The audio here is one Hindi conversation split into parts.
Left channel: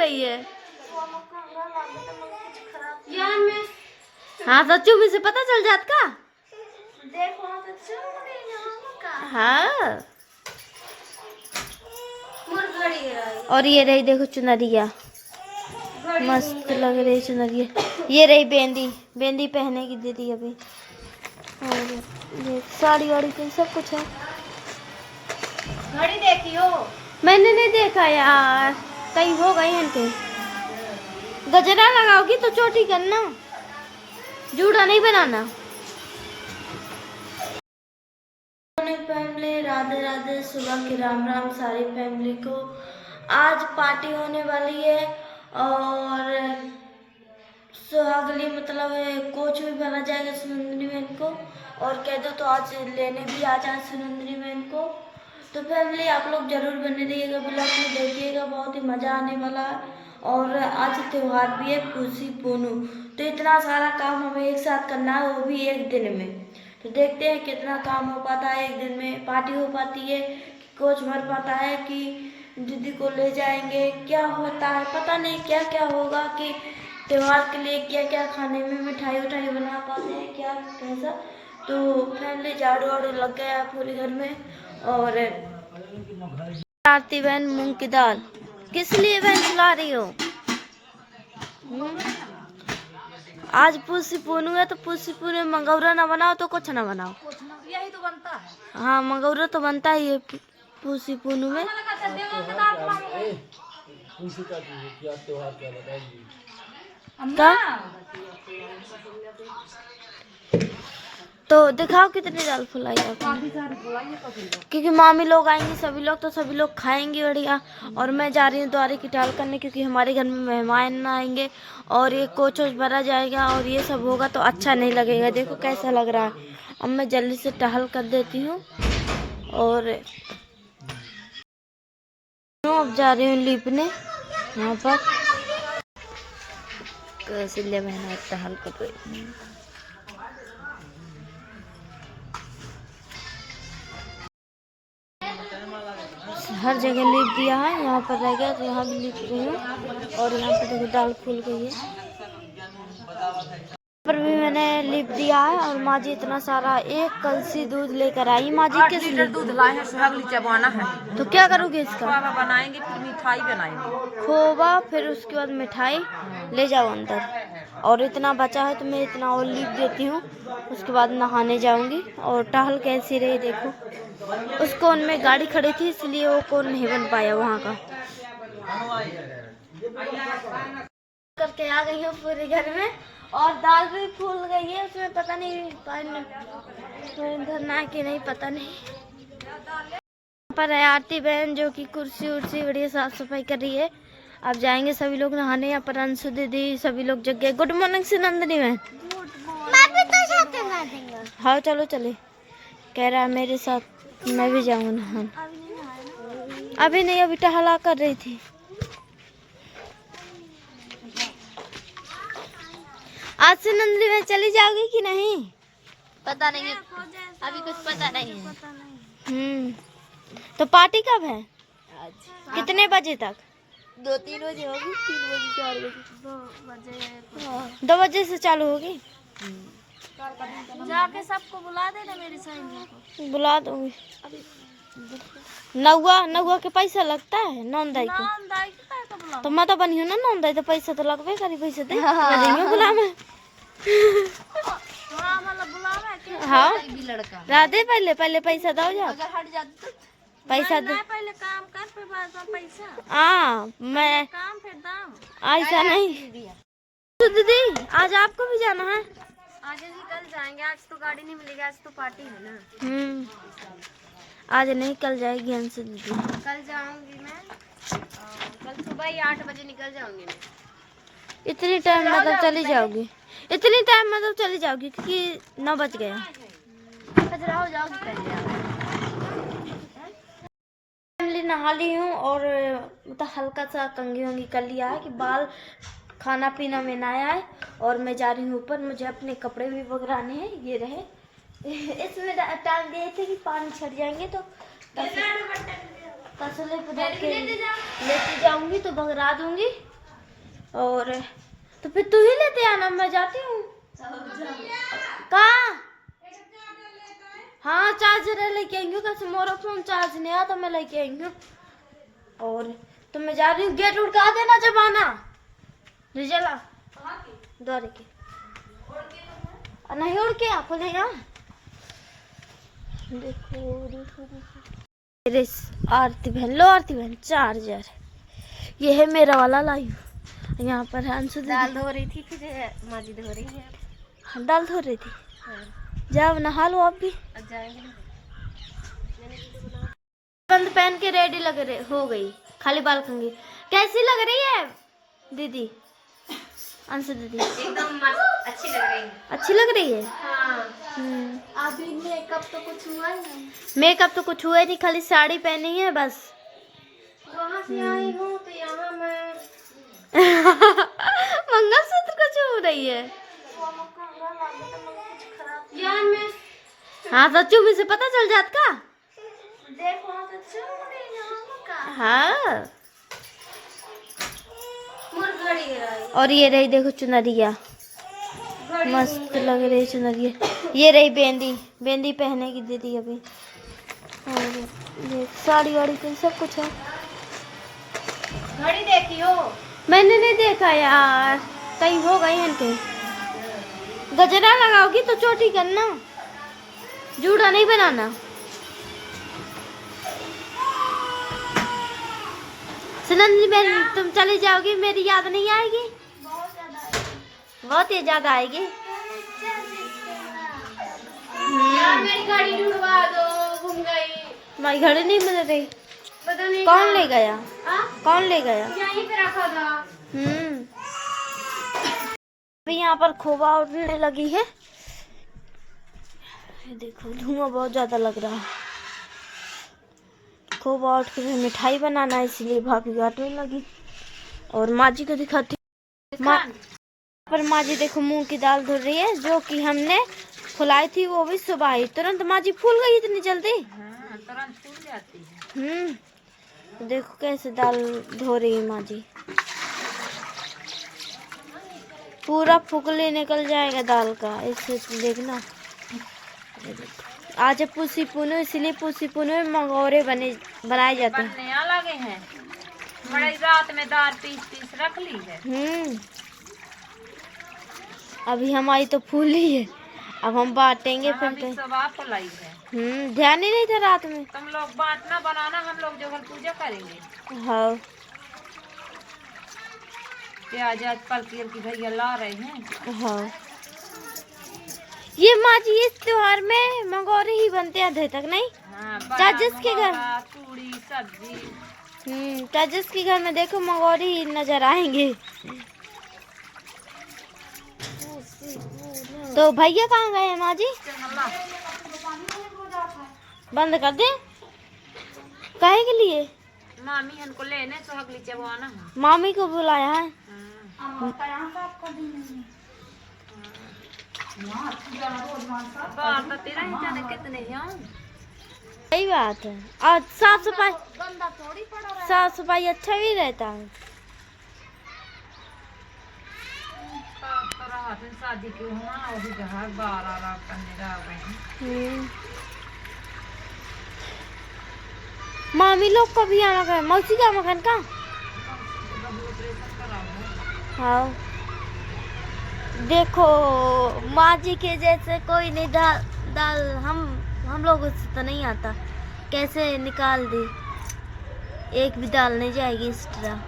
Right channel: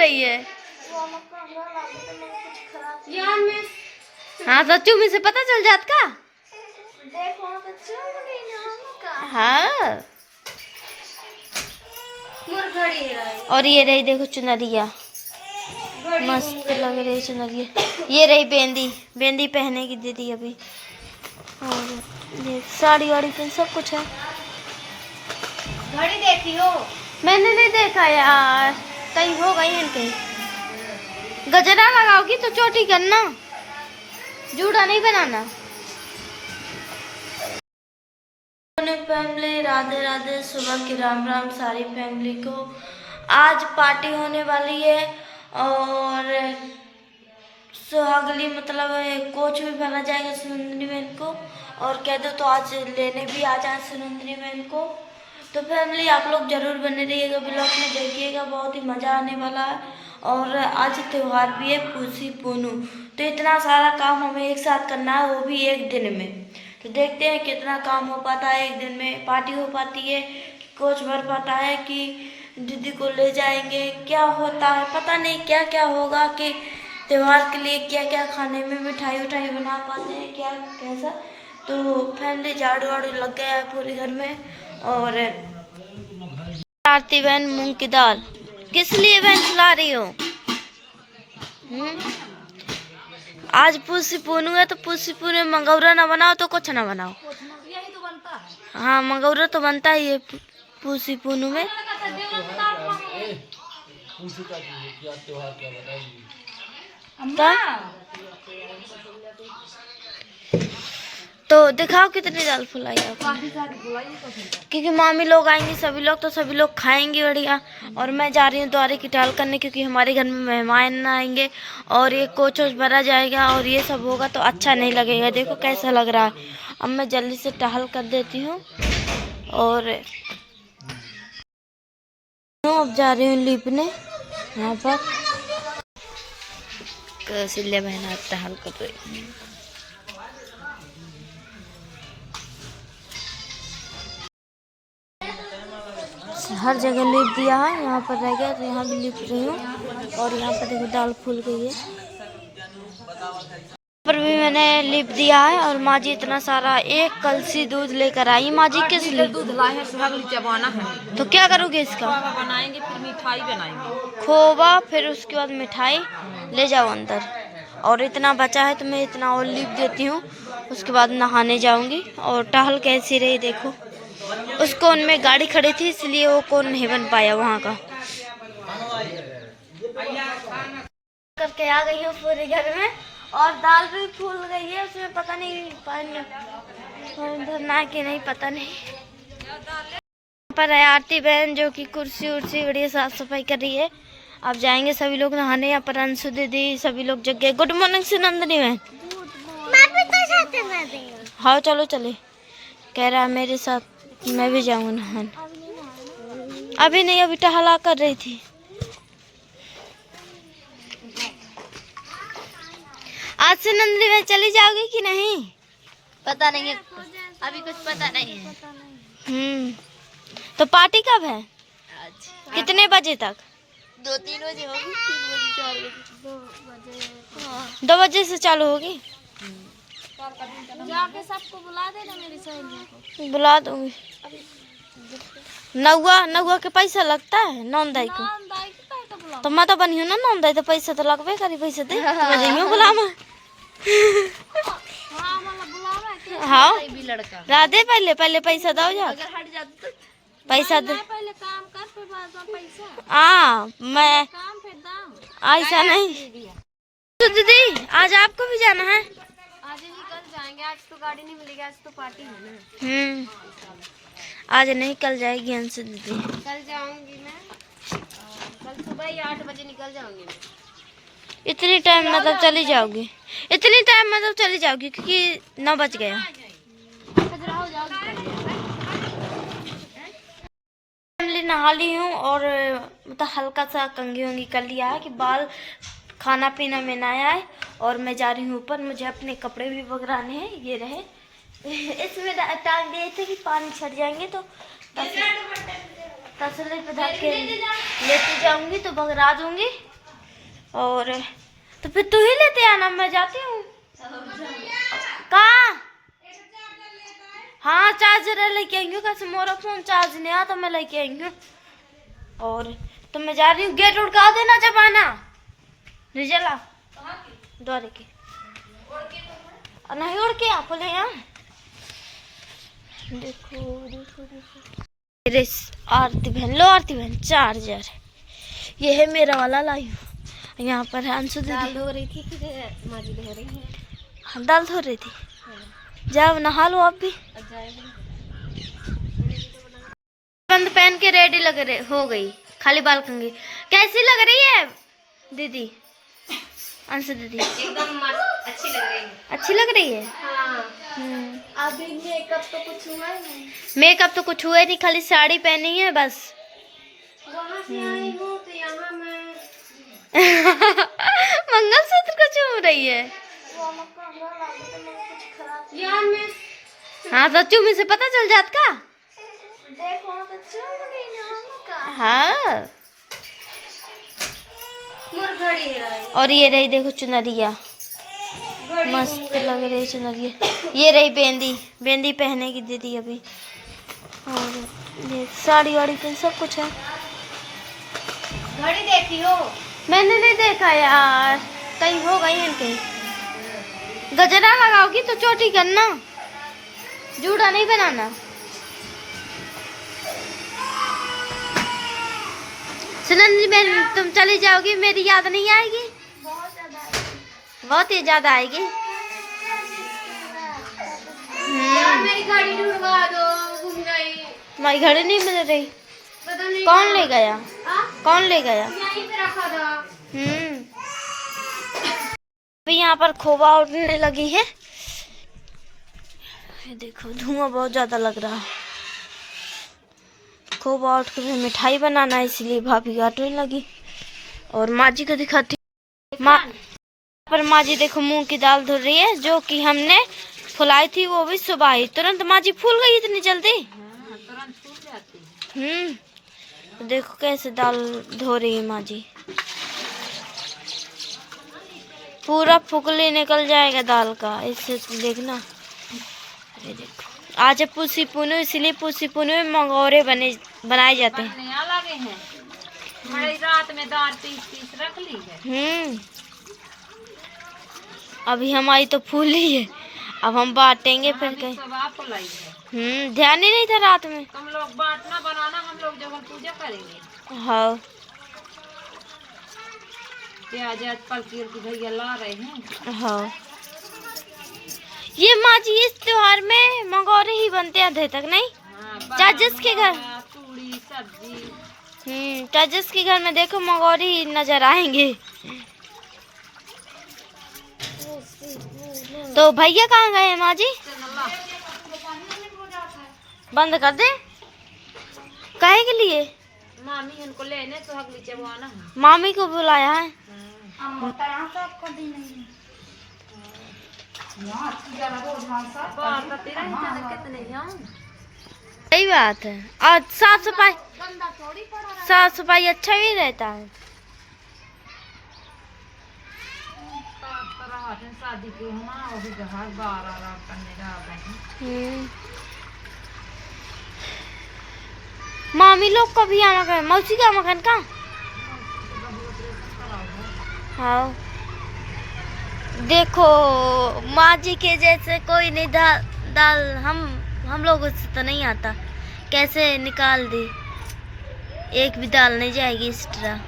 रही है। हाँ तो चुमी से पता चल जात का। हाँ और ये रही देखो चुनरिया, मस्त लग रही चुनरिया। ये रही बेंदी, बेंदी पहने की दीदी अभी। और ये साड़ी वाड़ी पे सब कुछ है। घड़ी देखी हो? मैंने नहीं देखा यार, कहीं हो गई इनके। गजरा लगाओगी तो चोटी करना, जूड़ा नहीं बनाना। फैमिली राधे राधे, सुबह की राम राम सारी फैमिली को। आज पार्टी होने वाली है और सुहागली मतलब कोच भी भरा जाएगा सुनंदनी बहन को, और कह दो तो आज लेने भी आ जाए सुनंदनी बहन को। तो फैमिली आप लोग जरूर बने रहिएगा, ब्लॉग में देखिएगा, बहुत ही मज़ा आने वाला है। और आज त्यौहार भी है पूसी पूनू, तो इतना सारा काम हमें एक साथ करना है, वो भी एक दिन में। तो देखते हैं कितना काम हो पाता है एक दिन में, पार्टी हो पाती है कि कोच भर पाता है कि दीदी को ले जाएंगे, क्या होता है पता नहीं, क्या क्या होगा कि त्यौहार के लिए क्या क्या खाने में मिठाई उठाई बना पाते हैं क्या कैसा। तो फैमिली झाड़ू वाड़ू लग गया है पूरे घर में। और आरती बहन मूंग की दाल किस लिए बहन खिला रही हो? आज पूसी पूनू है तो पूसी पूनू में मंगौरा ना बनाओ तो कुछ ना बनाओ, यही तो बनता है। हाँ मंगौरा तो बनता ही है पूसी पूनू में। क्या तो दिखाओ कितनी दाल फुलाई आपने, क्योंकि मामी लोग आएंगे सभी लोग, तो सभी लोग खाएंगे बढ़िया। और मैं जा रही हूँ द्वारे की टाल करने, क्योंकि हमारे घर में मेहमान आएंगे और ये कोच वोच भरा जाएगा और ये सब होगा तो अच्छा नहीं लगेगा। देखो कैसा लग रहा है। अब मैं जल्दी से टहल कर देती हूँ और अब जा रही हूँ लीपने यहाँ पर। कौशल्या बहन टहल कर रही, हर जगह लिप दिया है, यहाँ पर रह गया तो यहाँ भी लिप रही हूँ। और यहाँ पर देखो दाल फूल गई है, पर भी मैंने लिप दिया है। और माँ जी इतना सारा एक कलसी दूध लेकर आई। माँ जी किस लिए दूध लाए हैं? सुहागली चबाना है तो क्या करोगे इसका? खोवा बनाएंगे, फिर मिठाई बनाएंगे। खोवा फिर उसके बाद मिठाई ले जाओ अंदर। और इतना बचा है तो मैं इतना और लिप देती हूँ, उसके बाद नहाने जाऊंगी। और टहल कैसी रही देखो, उस कोन में गाड़ी खड़ी थी इसलिए वो कोन नहीं बन पाया वहाँ का। करके आ गई हूँ पूरे घर में, और दाल भी फूल गई है, उसमें पता नहीं पानी धरना कि नहीं पता नहीं। पर है आरती बहन जो कि कुर्सी उर्सी बढ़िया साफ सफाई कर रही है। अब जाएंगे सभी लोग नहाने। यहाँ पर अंशु दीदी सभी लोग जग गए। गुड मॉर्निंग सुनंदनी बहन। हाँ चलो चले, कह रहा है मेरे साथ, मैं भी जाऊंगा नहाने। अभी नहीं, अभी टहला कर रही थी। आज सुनंदनी बहन चली जाओगी कि नहीं पता नहीं है, अभी कुछ पता नहीं है। तो पार्टी कब है? आज कितने बजे तक? 2-3 बजे होगी, 3 बजे 4 बजे 2 बजे से चालू होगी। जाके सबको बुला देना, मेरी सहेलियों को बुला दूंगी। नौवा के पैसा लगता है नौंदाई को, तो मैं तो बनी हूँ ना नौंदाई, तो पैसा तो लगभग करी, पैसा दे तो मैं जाइयो बुलावा। हाँ राधे पहले पैसा दो जा, पैसा दे पहले काम कर फिर बाद में पैसा। हाँ मैं काम फिर दाम, ऐसा नहीं। तो दीदी आज आपको भी जाना है? आज ही कल जाएंगे, आज तो गाड़ी नहीं मिलेगी, आज तो पार्टी है ना। आज नहीं कल जाएगी अंशु दीदी। कल जाऊंगी मैं, कल सुबह ही 8 बजे निकल जाऊंगी मैं। इतनी टाइम मतलब चली जाओगी? इतनी टाइम मतलब चली जाओगी क्योंकि 9 बज गया। फैमिली नहा ली हूँ और मतलब हल्का सा कंघी वंगी कर लिया है कि बाल खाना पीना में ना आए। और मैं जा रही हूँ ऊपर, मुझे अपने कपड़े भी बगराने हैं। ये रहे इसमें टांग दिए थे कि पानी छट जाएंगे तो तसले पे धर के लेती जाऊंगी तो बगरा दूंगी। और तो फिर तू ही लेते आना, मैं जाती हूँ। कहाँ? हाँ चार्जर लेके आएंगे, कैसे मोरा फोन चार्ज नहीं आता, मैं लेके आएंगे। और तो मैं जा रही हूँ, गेट उड़का देना जब आना। रिजला द्वारे के नहीं उड़ के आप ले यहाँ। देखो देखो देखो मेरे आरती बहन, लो आरती बहन चार्जर ये है मेरा वाला लाई हूँ। यहाँ पर है अंशु दीदी धो रही थी, फिर माजी धो रही है। हाँ, दाल धो रही थी। जाओ नहा लो आप भी। बंद पहन के रेडी लग रहे हो गई, खाली बाल कंघी। कैसी लग रही है दीदी? अंशु दीदी एकदम अच्छी लग रही है। अच्छी लग रही है। हाँ। अभी मेकअप तो कुछ हुआ ही नहीं। मेकअप तो कुछ हुआ ही नहीं, खाली साड़ी पहनी है बस। वहाँ से आई हूँ तो यहाँ मैं मंगलसूत्र को चूम रही है। यार मैं हाँ तो चूमी से पता चल जात का। देखो तो चूम रही हूँ। हाँ घड़ी है। और ये रही देखो चुनरिया, मस्त लग रही चुनरिया। ये रही बेंदी, बेंदी पहने की दीदी अभी। और ये साड़ी वाड़ी पे सब कुछ है। घड़ी देखी हो? मैंने नहीं देखा यार, कहीं हो गई इनके। गजरा लगाओगी तो चोटी करना, जूड़ा नहीं बनाना। सुनंदनी बहन तुम चली जाओगी, मेरी याद नहीं आएगी? बहुत ही ज्यादा आएगी। मेरी घड़ी ढूंढवा दो, गुम गई। तुम्हारी घड़ी नहीं मिल रही? पता नहीं कौन ले गया? कौन ले गया? यहीं पे रखा था। अभी यहाँ पर खोवा उड़ने लगी है। ये देखो धुआं बहुत ज्यादा लग रहा है। खोवा उठ कर मिठाई बनाना है, इसलिए भाभी काटने लगी। और माँ जी को दिखाती माँ पर। माँ जी देखो मूंग की दाल धुल रही है, जो कि हमने फुलाई थी, वो भी सुबह ही तुरंत माँ जी फूल गई इतनी जल्दी। हाँ, तुरंत फूल जाती है। तो देखो कैसे दाल धो रही है माँ जी। पूरा फुकली निकल जाएगा दाल का, इससे देखना। ये देखो आज है पुसी पुनु, इसलिए पुसी पुनु में मंगोरे बनाए जाते हैं। नया लगे हैं। बड़ी रात में दाल पीस रख ली है। अभी हमारी तो फूली है, अब हम बांटेंगे फिर कहीं। फुलाई है। ध्यान ही नहीं था रात में। तुम लोग बांटना बनाना, हम लोग जो पूजा करेंगे। हाँ आज पलकीर की भैया ला रहे हैं। हाँ ये माँ जी इस त्योहार में मंगोरे ही बनते हैं अधे तक नहीं? चाचस के घर, पूरी सब्जी। चाचस के घर में देखो मंगोरे ही नजर आएंगे। तो भैया कहाँ गए हैं माँ जी? बंद कर दे। काहे के लिए? मामी इनको लेने तो अगली चबवाना है। मामी को बुलाया है। कितने सही बात है। और साफ सफाई अच्छा भी रहता है। शादी क्यों ना अभी जहाँ 12 लाख करने जा रहे हैं। मामी लोग को भी आना कर, मौसी का मकान का। हाँ देखो माँ जी के जैसे कोई नहीं दाल हम लोगों से तो नहीं आता। कैसे निकाल दी, एक भी दाल नहीं जाएगी इस तरह।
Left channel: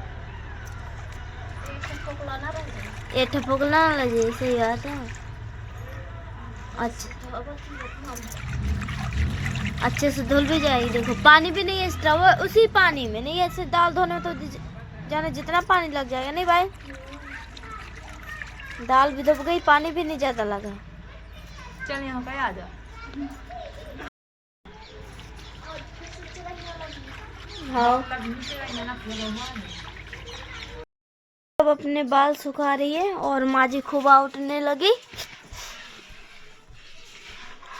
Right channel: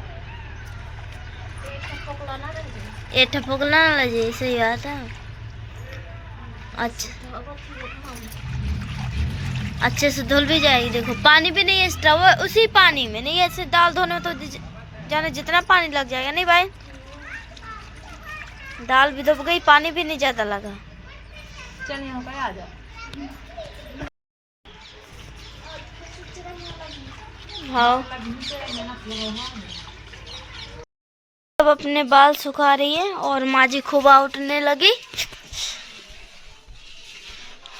ये ठपोकला ना लगे, सही बात है। अच्छा अच्छे से धुल भी जाएगी। देखो पानी भी नहीं है एक्स्ट्रा, वो उसी पानी में नहीं, ऐसे दाल धोने में तो जाने जितना पानी लग जाएगा। नहीं भाई, दाल भी दब गई, पानी भी नहीं ज्यादा लगा। चल यहाँ पे आ जा। हाँ अब अपने बाल सुखा रही है और माँ जी खुबा उठने लगी,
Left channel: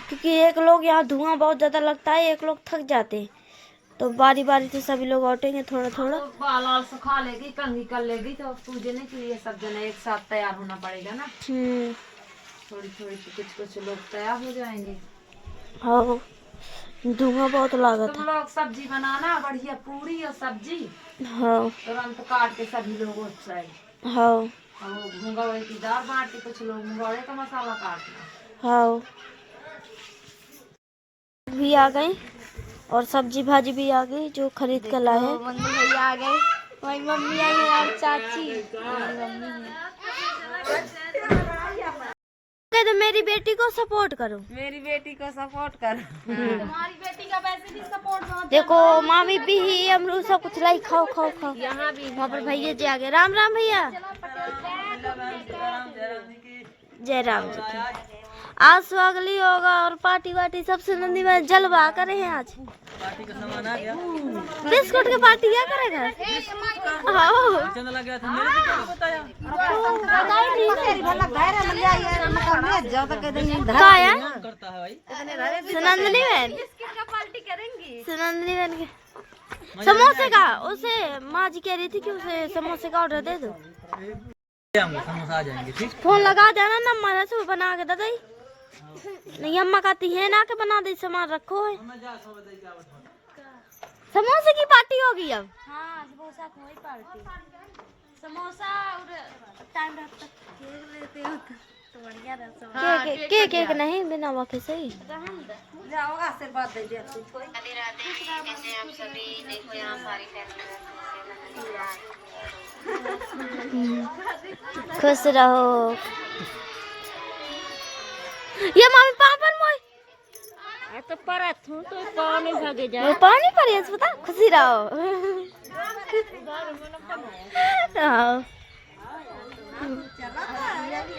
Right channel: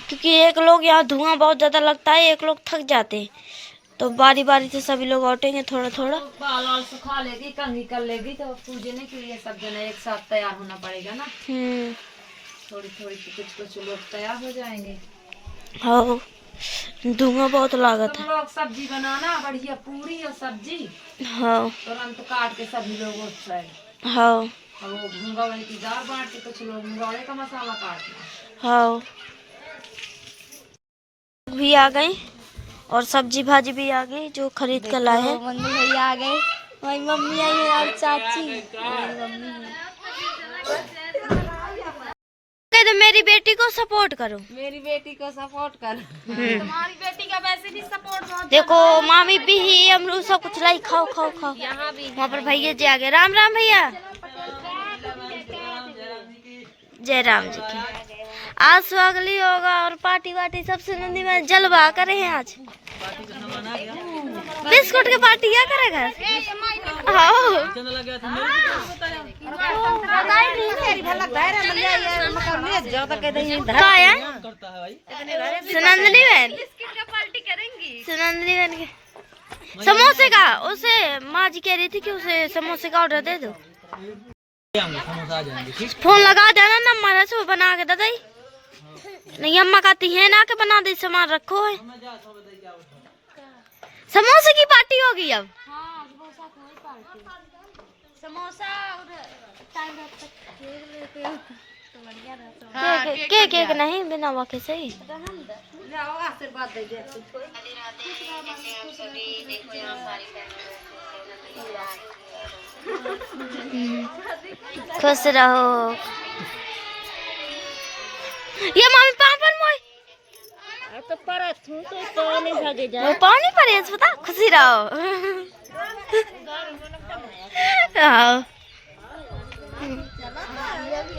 क्योंकि एक लोग यहाँ धुआं बहुत ज्यादा लगता है, एक लोग थक जाते हैं। तो बारी बारी से सभी लोग औटेंगे थोड़ा थोड़ा। बाल वाल सुखा लेगी, कंघी कर लेगी, तो पूजने के लिए सब जने एक साथ तैयार होना पड़ेगा ना। थोड़ी थोड़ी कुछ कुछ लोग तैयार हो जाएंगे। हाँ धुआं बहुत लागत तुम है। लोग सब्जी बनाना बढ़िया, पूरी और सब्जी हाँ तुरंत काट के सभी लोग उस साइड। हाँ और वो मुंगौड़े की दाल बांट के कुछ लोग मुंगौड़े का मसाला काटना। हाँ भी आ गई और सब्जी भाजी भी आ गई जो खरीद कर लाए हैं। मम्मी भैया आ गए, मेरी मम्मी आई है और चाची, मेरी मम्मी है। तो मेरी बेटी को सपोर्ट करो, मेरी बेटी को सपोर्ट कर। तुम्हारी बेटी का वैसे भी सपोर्ट बहुत। देखो मामी भी ही अमरूद सब कुछ लाई, खाओ खाओ खाओ। यहाँ भी वहाँ पर भैया जी आ गए। राम राम भैया। जय राम जी की। आज स्वागली होगा और पार्टी वार्टी सब सुनंदी में जलवा करे हैं आज। बिस्कुट के पार्टी क्या करेगा? सुनंदनी बहन, सुनंदनी बहन के समोसे का, उसे माँ जी कह रही थी कि उसे समोसे का ऑर्डर दे दो। फोन लगा देना ना हमारा से बना के दादा। नहीं अम्मा कहती है ना कि बना दे, सामान रखो है। समोसे की पार्टी होगी अब। हाँ समोसा की पार्टी, समोसा और टाइम तक केक लेते हो तो बढ़िया रहता। केक केक नहीं बिना वाके सही। जाओ आशीर्वाद दे दे तुझको। खुश रहो। ये मामी पापन मोई तो परत हूँ तो पानी भागे जा। वो पानी पर है पता। खुशी रहो। हाँ।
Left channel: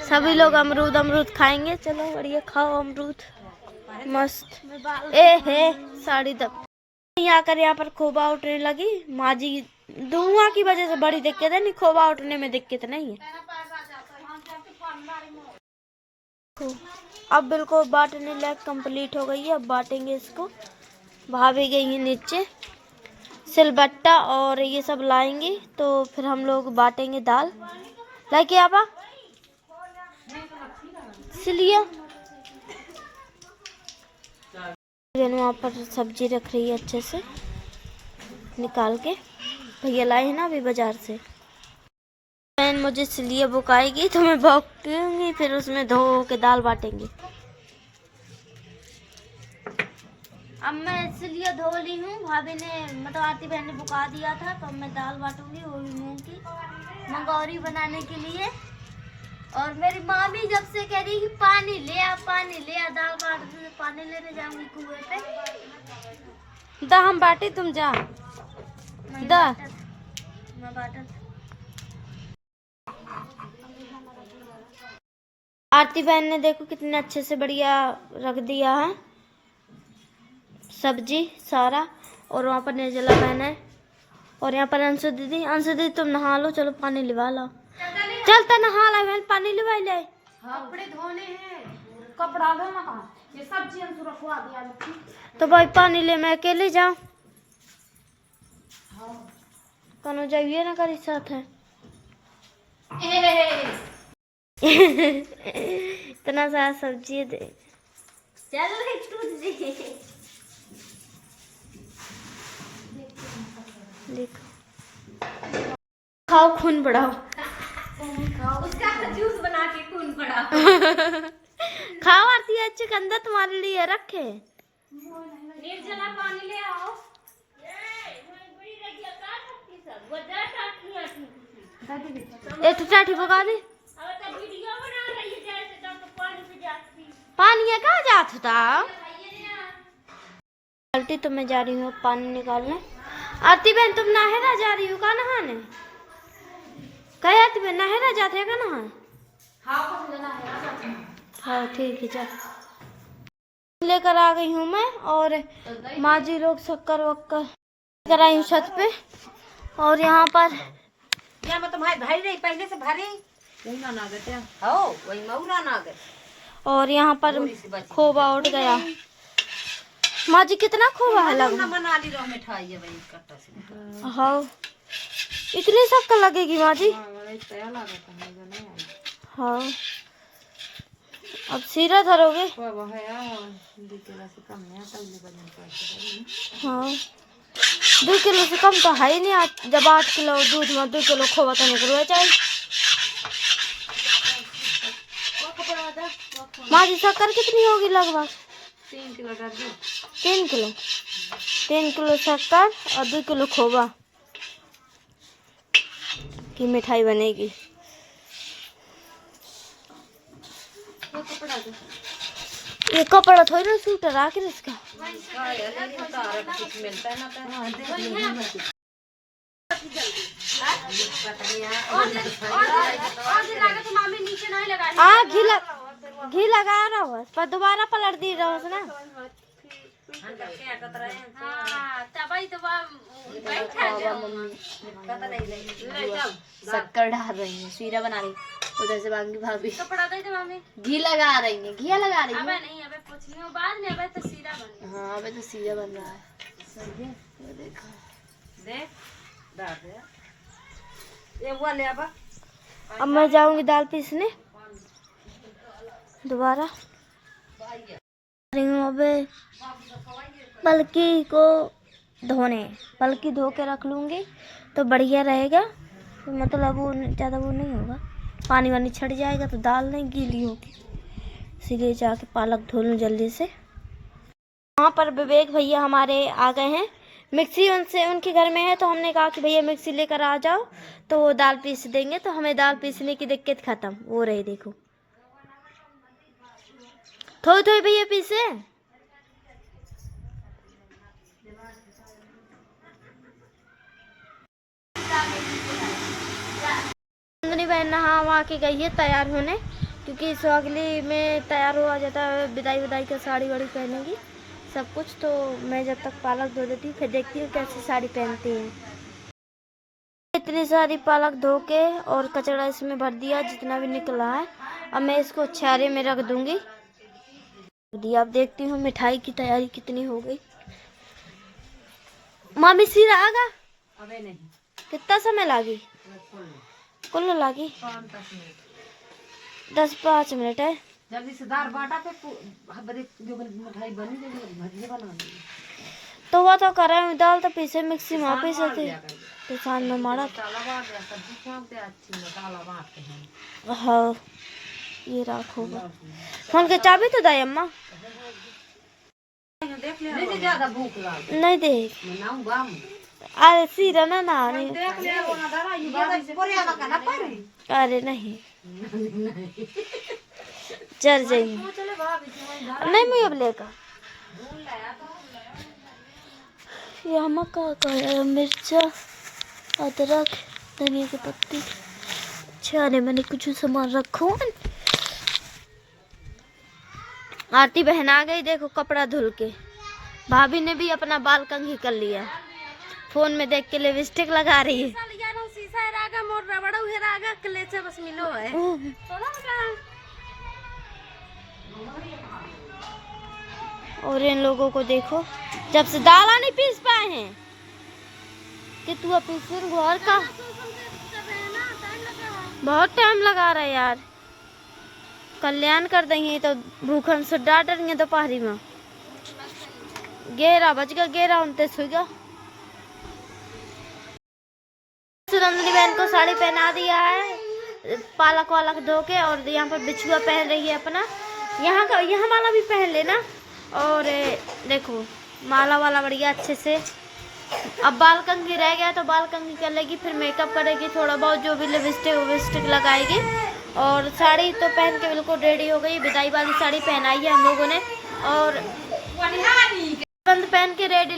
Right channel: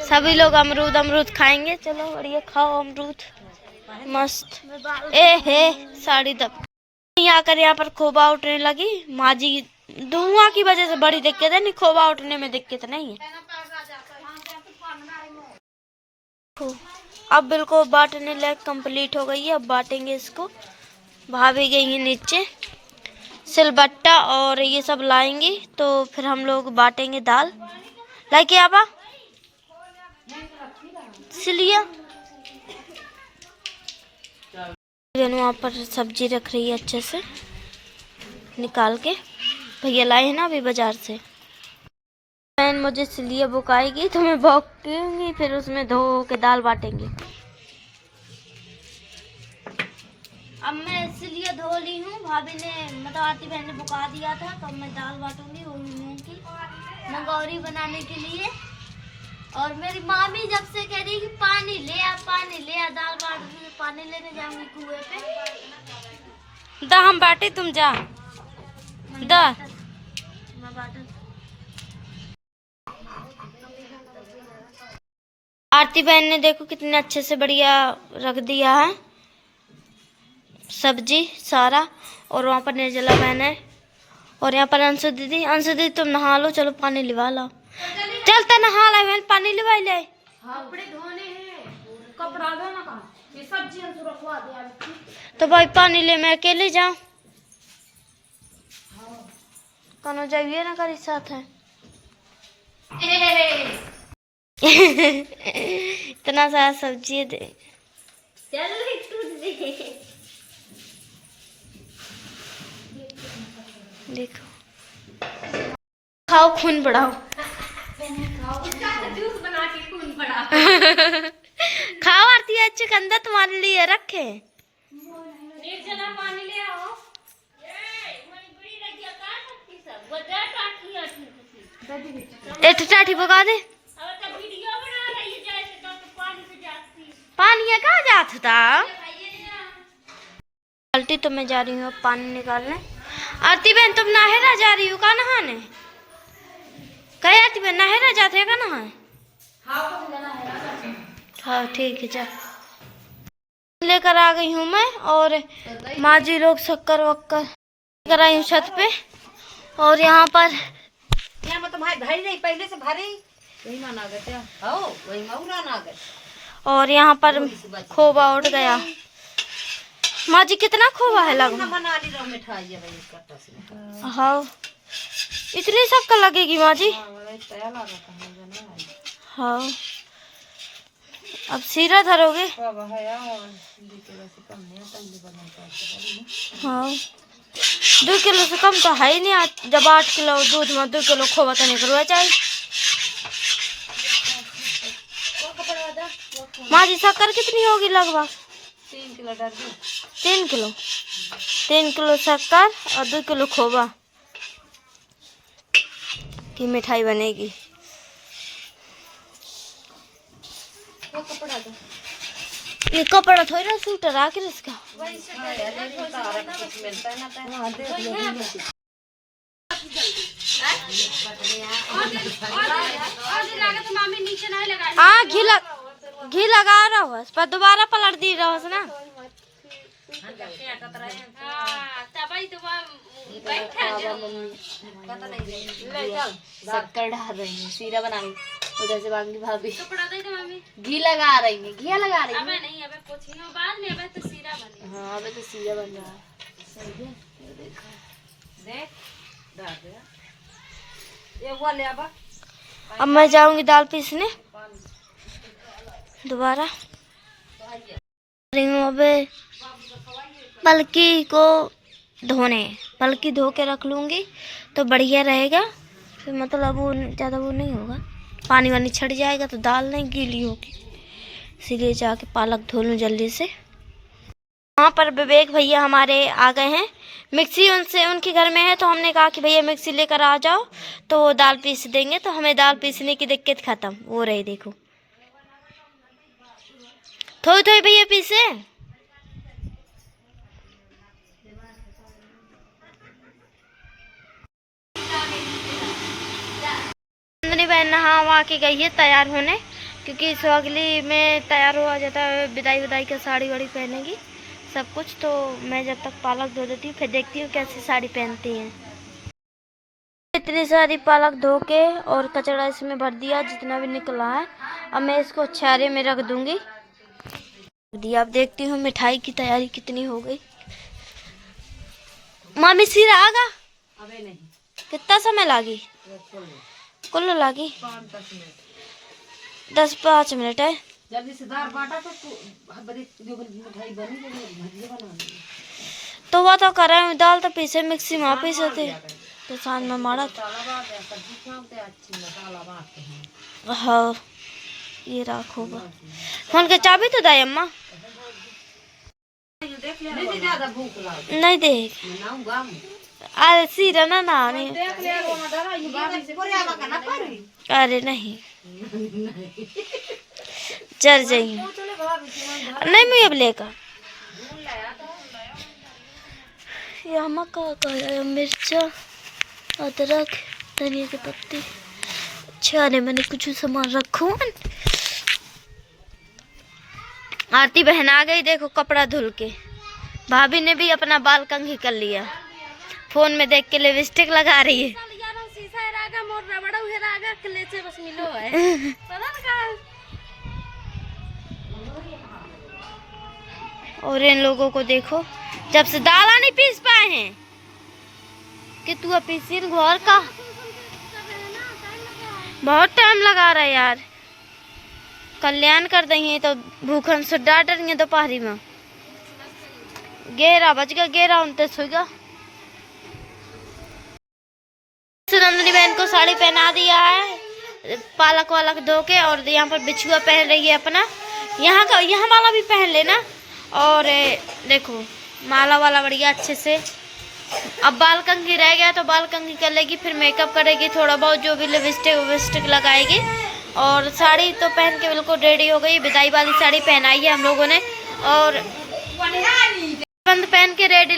सभी लोग अमरूद अमरूद खाएंगे। चलो बढ़िया खाओ अमरूद मस्त। ए हे साड़ी दब यहाँ कर, यहाँ पर खोबा उठने लगी। माँ जी धुआं की वजह से बड़ी दिक्कत है, नहीं खोबा उठने में दिक्कत नहीं है। अब बिल्कुल बांटने लायक कंप्लीट हो गई है। अब बांटेंगे इसको। भाभी गई है नीचे सिलबट्टा और ये सब लाएंगे, तो फिर हम लोग बांटेंगे दाल। लाइके आबा सिलिया वहाँ पर सब्जी रख रही है अच्छे से निकाल के। भैया लाए हैं ना अभी बाजार से। बहन मुझे सिलिया बुकाएगी तो मैं बुकूंगी, फिर उसमें धो के दाल बांटेंगे। अब मैं सिलिया धो ली हूँ। भाभी ने मतलब आरती बहन ने बुका दिया था, तो मैं दाल बांटूंगी वो भी मूंग की मंगौरी बनाने के लिए। और मेरी मामी जब से कह रही कि पानी ले आ दाल बांटने, पानी लेने जाऊंगी कुएं पे। दा हम बांटे तुम जा दा। मैं बांटा। आरती बहन ने देखो कितने अच्छे से बढ़िया रख दिया है सब्जी सारा। और वहाँ पर निर्जला बहन है और यहाँ पर अंशु दीदी। अंशु दीदी तुम नहा लो, चलो पानी लिवा लो। चलता नहा ला बहन, पानी लिवा ले। कपड़े धोने हैं, कपड़ा धोना कहाँ, ये सब्जी अंशु रखवा दिया। तो भाई पानी ले, मैं अकेले जाऊँ? कनो जाइए ना करी साथ है। इतना सारा सब्जी दे। चल देखो खाओ खून बढ़ाओ। जूस बना के खून बढ़ा। खाओ आरती है चुकंदर तुम्हारे लिए रखे। निर्जला पानी ले आओ। एक टाठी पका दे। पानी है कहाँ जात था? बाल्टी तो मैं जा रही हूँ पानी निकालने। आरती बहन तुम नाहेरा जा रही हो का नहाने? कहे आरती बहन नाहेरा जाते हैं का नहाए? हाँ ठीक है जा। लेकर आ गई हूँ मैं और माँ जी लोग शक्कर वक्कर लेकर आई हूँ छत पे। और यहाँ पर मैं तो भाई भाई रही पहले से भरे वही ना गए हो, वही मऊरा ना गए। और यहाँ पर खोबा उठ गया। माँ जी कितना खोवा है लगभग? बना ली रहो मिठाई है भाई कट्टा से। हाँ इतनी शक्कर लगेगी माँ जी? हाँ अब सीरा धरोगे? हाँ 2 किलो से कम तो है ही नहीं। जब 8 किलो दूध में 2 किलो खोवा तो निकलवा चाहिए। माँ जी शक्कर कितनी होगी लगभग? 3 किलो डाल दी। 3 किलो 3 किलो शक्कर और 2 किलो खोवा की मिठाई बनेगी। ये कपड़ा थोड़ी ना सूटर आखिर इसका। हाँ घी लगा रहा हो पर दोबारा पलट दी रहो ना। शक्कर डाल रही है, सीरा बना रही, उधर से बांगी भाभी घी लगा रही है। घी लगा रही है नहीं, अबे पोछियो बाद में, अबे तो सीरा बन। हाँ अबे तो सीरा बन रहा है। सही है, ये देखो देख डाल दे ये हुआ ले। अब मैं जाऊंगी दाल पीसने दोबारा। अबे पलकी को धोने, पलकी धो के रख लूँगी तो बढ़िया रहेगा। फिर मतलब वो ज़्यादा वो नहीं होगा, पानी वानी छड़ जाएगा तो दाल नहीं गीली होगी। इसीलिए जाके पालक धो लूँ जल्दी से। वहाँ पर विवेक भैया हमारे आ गए हैं। मिक्सी उनसे उनके घर में है तो हमने कहा कि भैया मिक्सी लेकर आ जाओ तो वो दाल पीस देंगे। तो हमें दाल पीसने की दिक्कत ख़त्म हो रही। देखो थोड़ी थोड़ी भैया पीसे। नंदनी बहन नहा वहा के गई है तैयार होने, क्योंकि सुहागली में तैयार हुआ जाता है। विदाई विदाई का साड़ी वाड़ी पहनेगी सब कुछ। तो मैं जब तक पालक धो देती हूँ फिर देखती हूँ कैसी साड़ी पहनती हैं। इतनी सारी पालक धो के और कचड़ा इसमें भर दिया जितना भी निकला है। अब मैं इसको छारे में रख दूंगी। दिया अब देखती हूँ मिठाई की तैयारी कितनी हो गई। मामी सीरा आगा? अबे नहीं। कितना समय लागी? कुल लागी 10-5 मिनट है। जल्दी से दाल बाटा तो जो मिठाई बनी भजिया बना दी। तो वो तो कर रहे हूँ, दाल तो पीसे मिक्सी में पीसे थे तो साथ में मारा था। हाँ ये रखोगा। फोन के चाबी तो दाई अम्मा नहीं देख। अरे सीरा ना ना नहीं। अरे नहीं चल जाइए नहीं मैं अब लेकर यहाँ मक्का मिर्चा अदरक धनिया की पत्ती। अच्छा नहीं मैंने कुछ सामान रखो। आरती बहन आ गई देखो कपड़ा धुल के। भाभी ने भी अपना बाल कंघी कर लिया, फोन में देख के लिपस्टिक लगा रही है। और इन लोगों को देखो जब से दाल नहीं पीस पाए हैं कि तू पीसी घर का बहुत टाइम लगा रहा है यार। कल्याण कर देंगे तो भूखन से डांट देंगे दोपहरी में। 11 बज गया, 11:29 होगा। नंदनी बहन को साड़ी पहना दिया है पालक वालक धो के, और यहाँ पर बिछुआ पहन रही है अपना। यहाँ वाला भी पहन लेना। और देखो माला वाला बढ़िया अच्छे से। अब बाल कंघी रह गया तो बाल कंघी कर लेगी, फिर मेकअप करेगी थोड़ा बहुत, जो भी लिपस्टिक लगाएगी। और साड़ी तो पहन के बिल्कुल रेडी हो गई। विदाई वाली साड़ी पहनाई है हम लोगों ने और बंद पहन के रेडी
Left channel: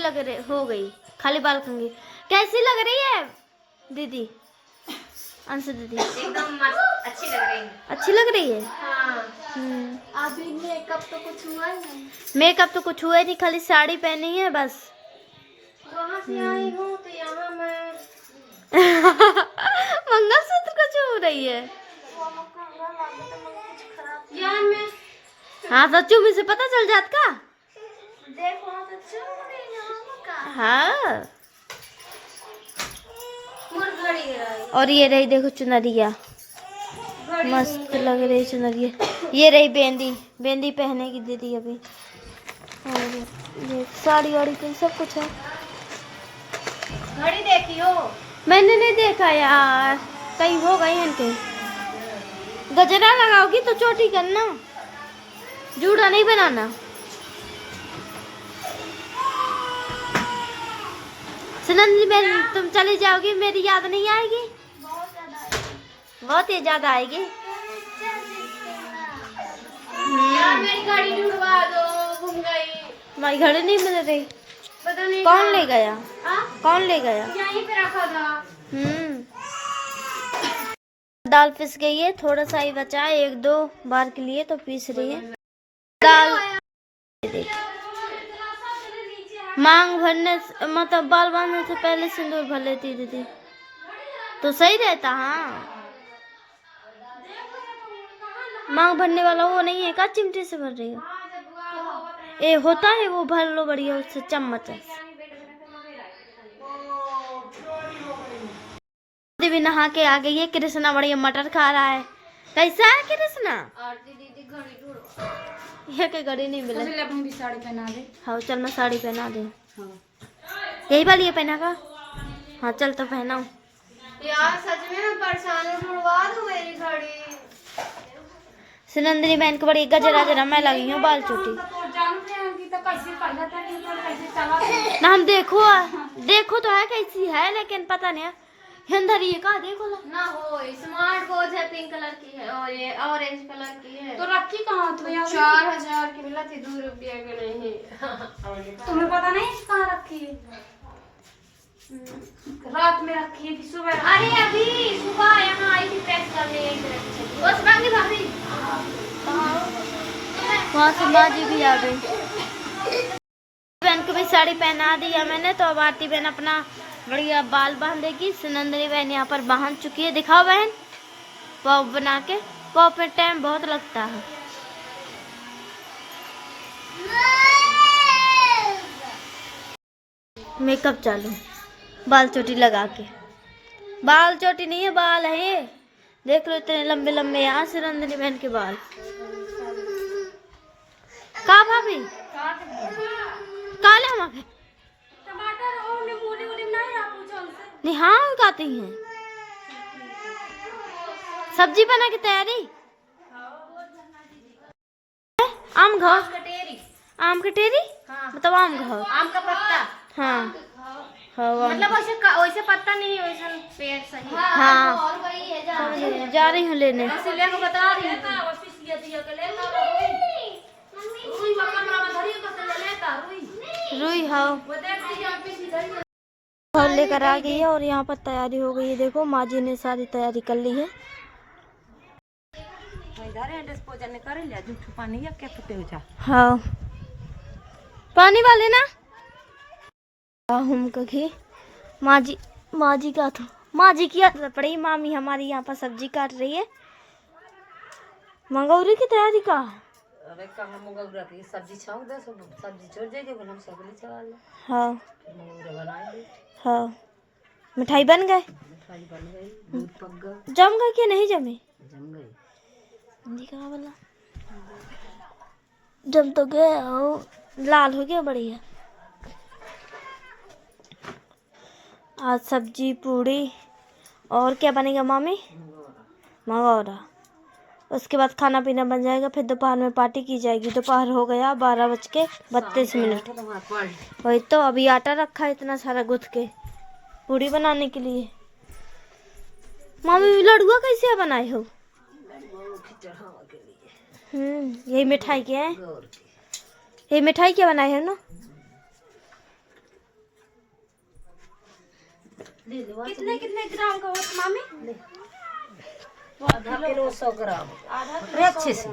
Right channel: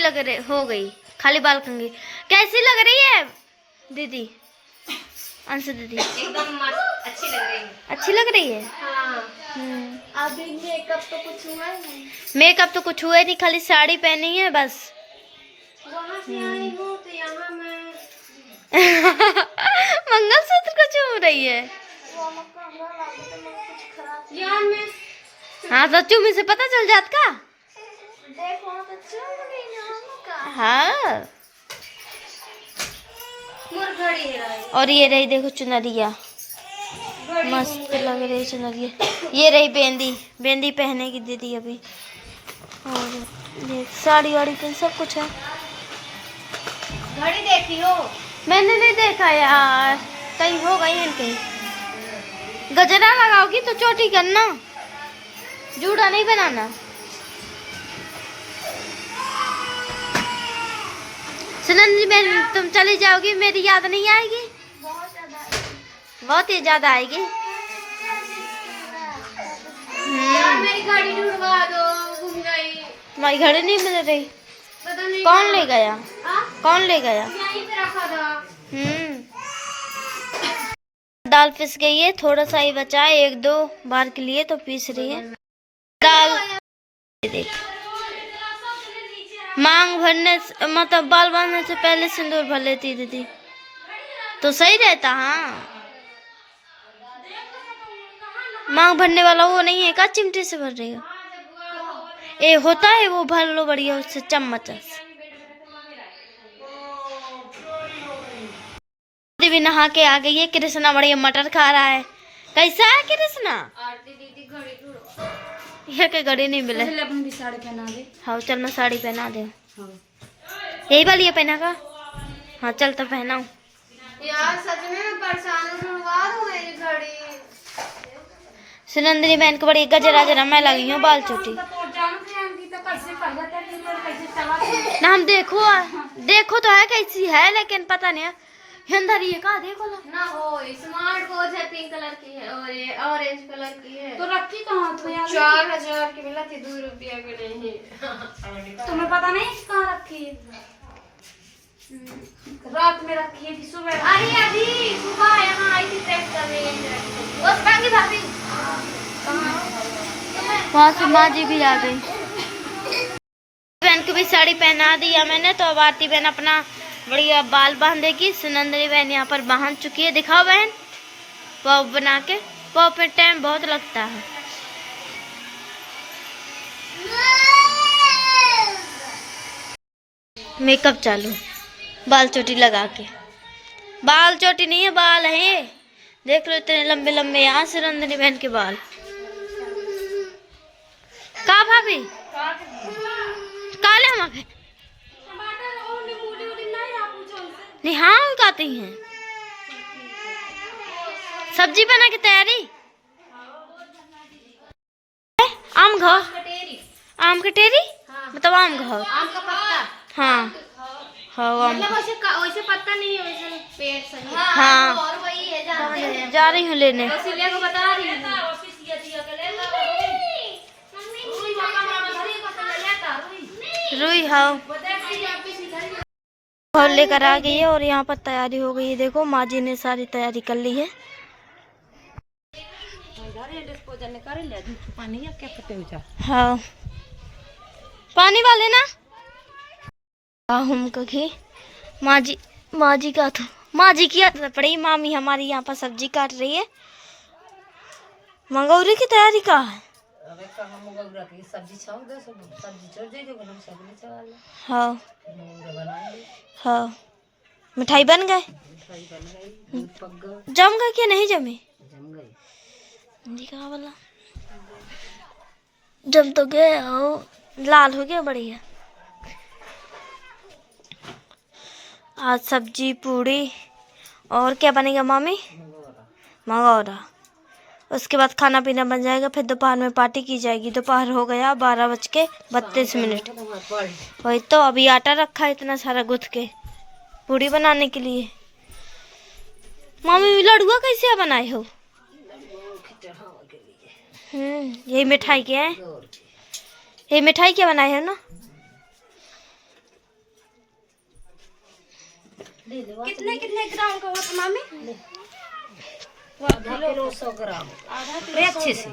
हो गई। खाली बाल कंघी कैसी लग रही है दीदी? अंशु दीदी एकदम मस्त अच्छी लग रही है। अच्छी लग रही है। हाँ। अभी मेकअप तो कुछ हुआ ही नहीं। मेकअप तो कुछ हुआ ही नहीं, खाली साड़ी पहनी है बस। वहाँ से आई हूँ तो यहाँ मैं मंगलसूत्र को चूम रही है यार। मैं हाँ तो चूमी से पता चल जात का। देखो तो हाँ। और ये रही देखो चुनरिया, मस्त लग रही चुनरिया। ये रही बेंदी, बेंदी पहने की दीदी अभी। और ये साड़ी वाड़ी पे सब कुछ है। घड़ी देखी हो? मैंने नहीं देखा यार, कहीं हो गई इनके। गजरा लगाओगी तो चोटी करना, जूड़ा नहीं बनाना। सुनंदी बहन तुम चली जाओगी, मेरी याद नहीं आएगी? बहुत ही ज्यादा आएगी। यार मेरी घड़ी ढूंढवा दो, गुम गई। तुम्हारी घड़ी नहीं मिल रही? पता नहीं कौन ले गया? कौन ले गया? यहीं पे रखा था। दाल पिस गई है, थोड़ा सा ही बचा है, 1-2 बार के लिए तो पीस रही है दाल। देख, मांग भरने मतलब बाल बांधने से पहले सिंदूर भर लेती दीदी तो सही रहता। हाँ, मांग भरने वाला वो नहीं है का, चिमटे से भर रही हो? ए होता है वो, भर लो बढ़िया उससे चम्मच से। दीदी भी नहा के आ गई है। कृष्णा बढ़िया मटर खा रहा है। कैसा है कृष्णा? ये के घड़ी नहीं मिले। भी साड़ी पहना दे। हाँ चल, मैं साड़ी पहना दे। यही वाली है पहना का? हाँ चल तो पहनाऊं। यार सच में मैं परेशान हूँ, ढूंढवा दो मेरी घड़ी। सुनंदनी बहन को बड़ी गजरा जरा मैं लगी हूँ बाल चोटी ना। हम देखो तो है कैसी है, लेकिन पता नहीं है अंदर ये का देखो ना हो। स्मार्ट वॉच है, पिंक कलर की है और ये ऑरेंज कलर की है। तो रखी कहाँ? तो 4000 की मिला थी, 2 रुपया के नहीं। तुम्हें पता नहीं कहाँ रखी है? रात में रखी है कि सुबह? अरे अभी सुबह यहाँ आई थी चेक करने। बस बाकी भाभी वहाँ से माँ जी भी आ गई। बहन को भी साड़ी पहना दिया मैंने, तो अब आरती बहन अपना बढ़िया बाल बांधेगी। सुनंदनी बहन यहाँ पर बांध चुकी है। दिखाओ बहन, पॉप बना के। पॉप में टाइम बहुत लगता है। मेकअप चालू, बाल चोटी लगा के। बाल चोटी नहीं है, बाल है। देख लो इतने लंबे लंबे यहाँ सुनंदनी बहन के बाल। का भाभी काले हम नहीं, हाँ उगाती हैं। सब्जी बना की तैयारी। आम घाव, आम कटेरी मतलब आम घाव, आम का पत्ता। हाँ हाँ मतलब वैसे पत्ता नहीं है, वैसे पेड़ सही। हाँ और वही है, जा रही हूँ लेने। वसीले को बता रही हूँ। रुई हाँ और लेकर आ गई है। और यहाँ पर तैयारी हो गई है। देखो माँ जी ने सारी तैयारी कर ली है। हाँ पानी वाले ना हम कभी माँ जी का तो माँ जी की आदत पड़ी। मामी हमारी यहाँ पर सब्जी काट रही है। मंगौरी की तैयारी का है। हाँ हाँ मिठाई बन गए, जम गए कि नहीं जमे? दिखा वाला जम तो गए, लाल हो गया बढ़िया। आज सब्जी पूड़ी और क्या बनेगा मामी? मंगौरा। उसके बाद खाना पीना बन जाएगा। फिर दोपहर में पार्टी की जाएगी। दोपहर हो गया 12:32। वही तो अभी आटा रखा है इतना सारा गुथ के पूड़ी बनाने के लिए। मामी लड़ुआ कैसे बनाए हो? यही मिठाई क्या है? ये मिठाई क्या बनाए हो ना? कितने ग्राम का होता मामी? 1/2 किलो 100 ग्राम अच्छे से।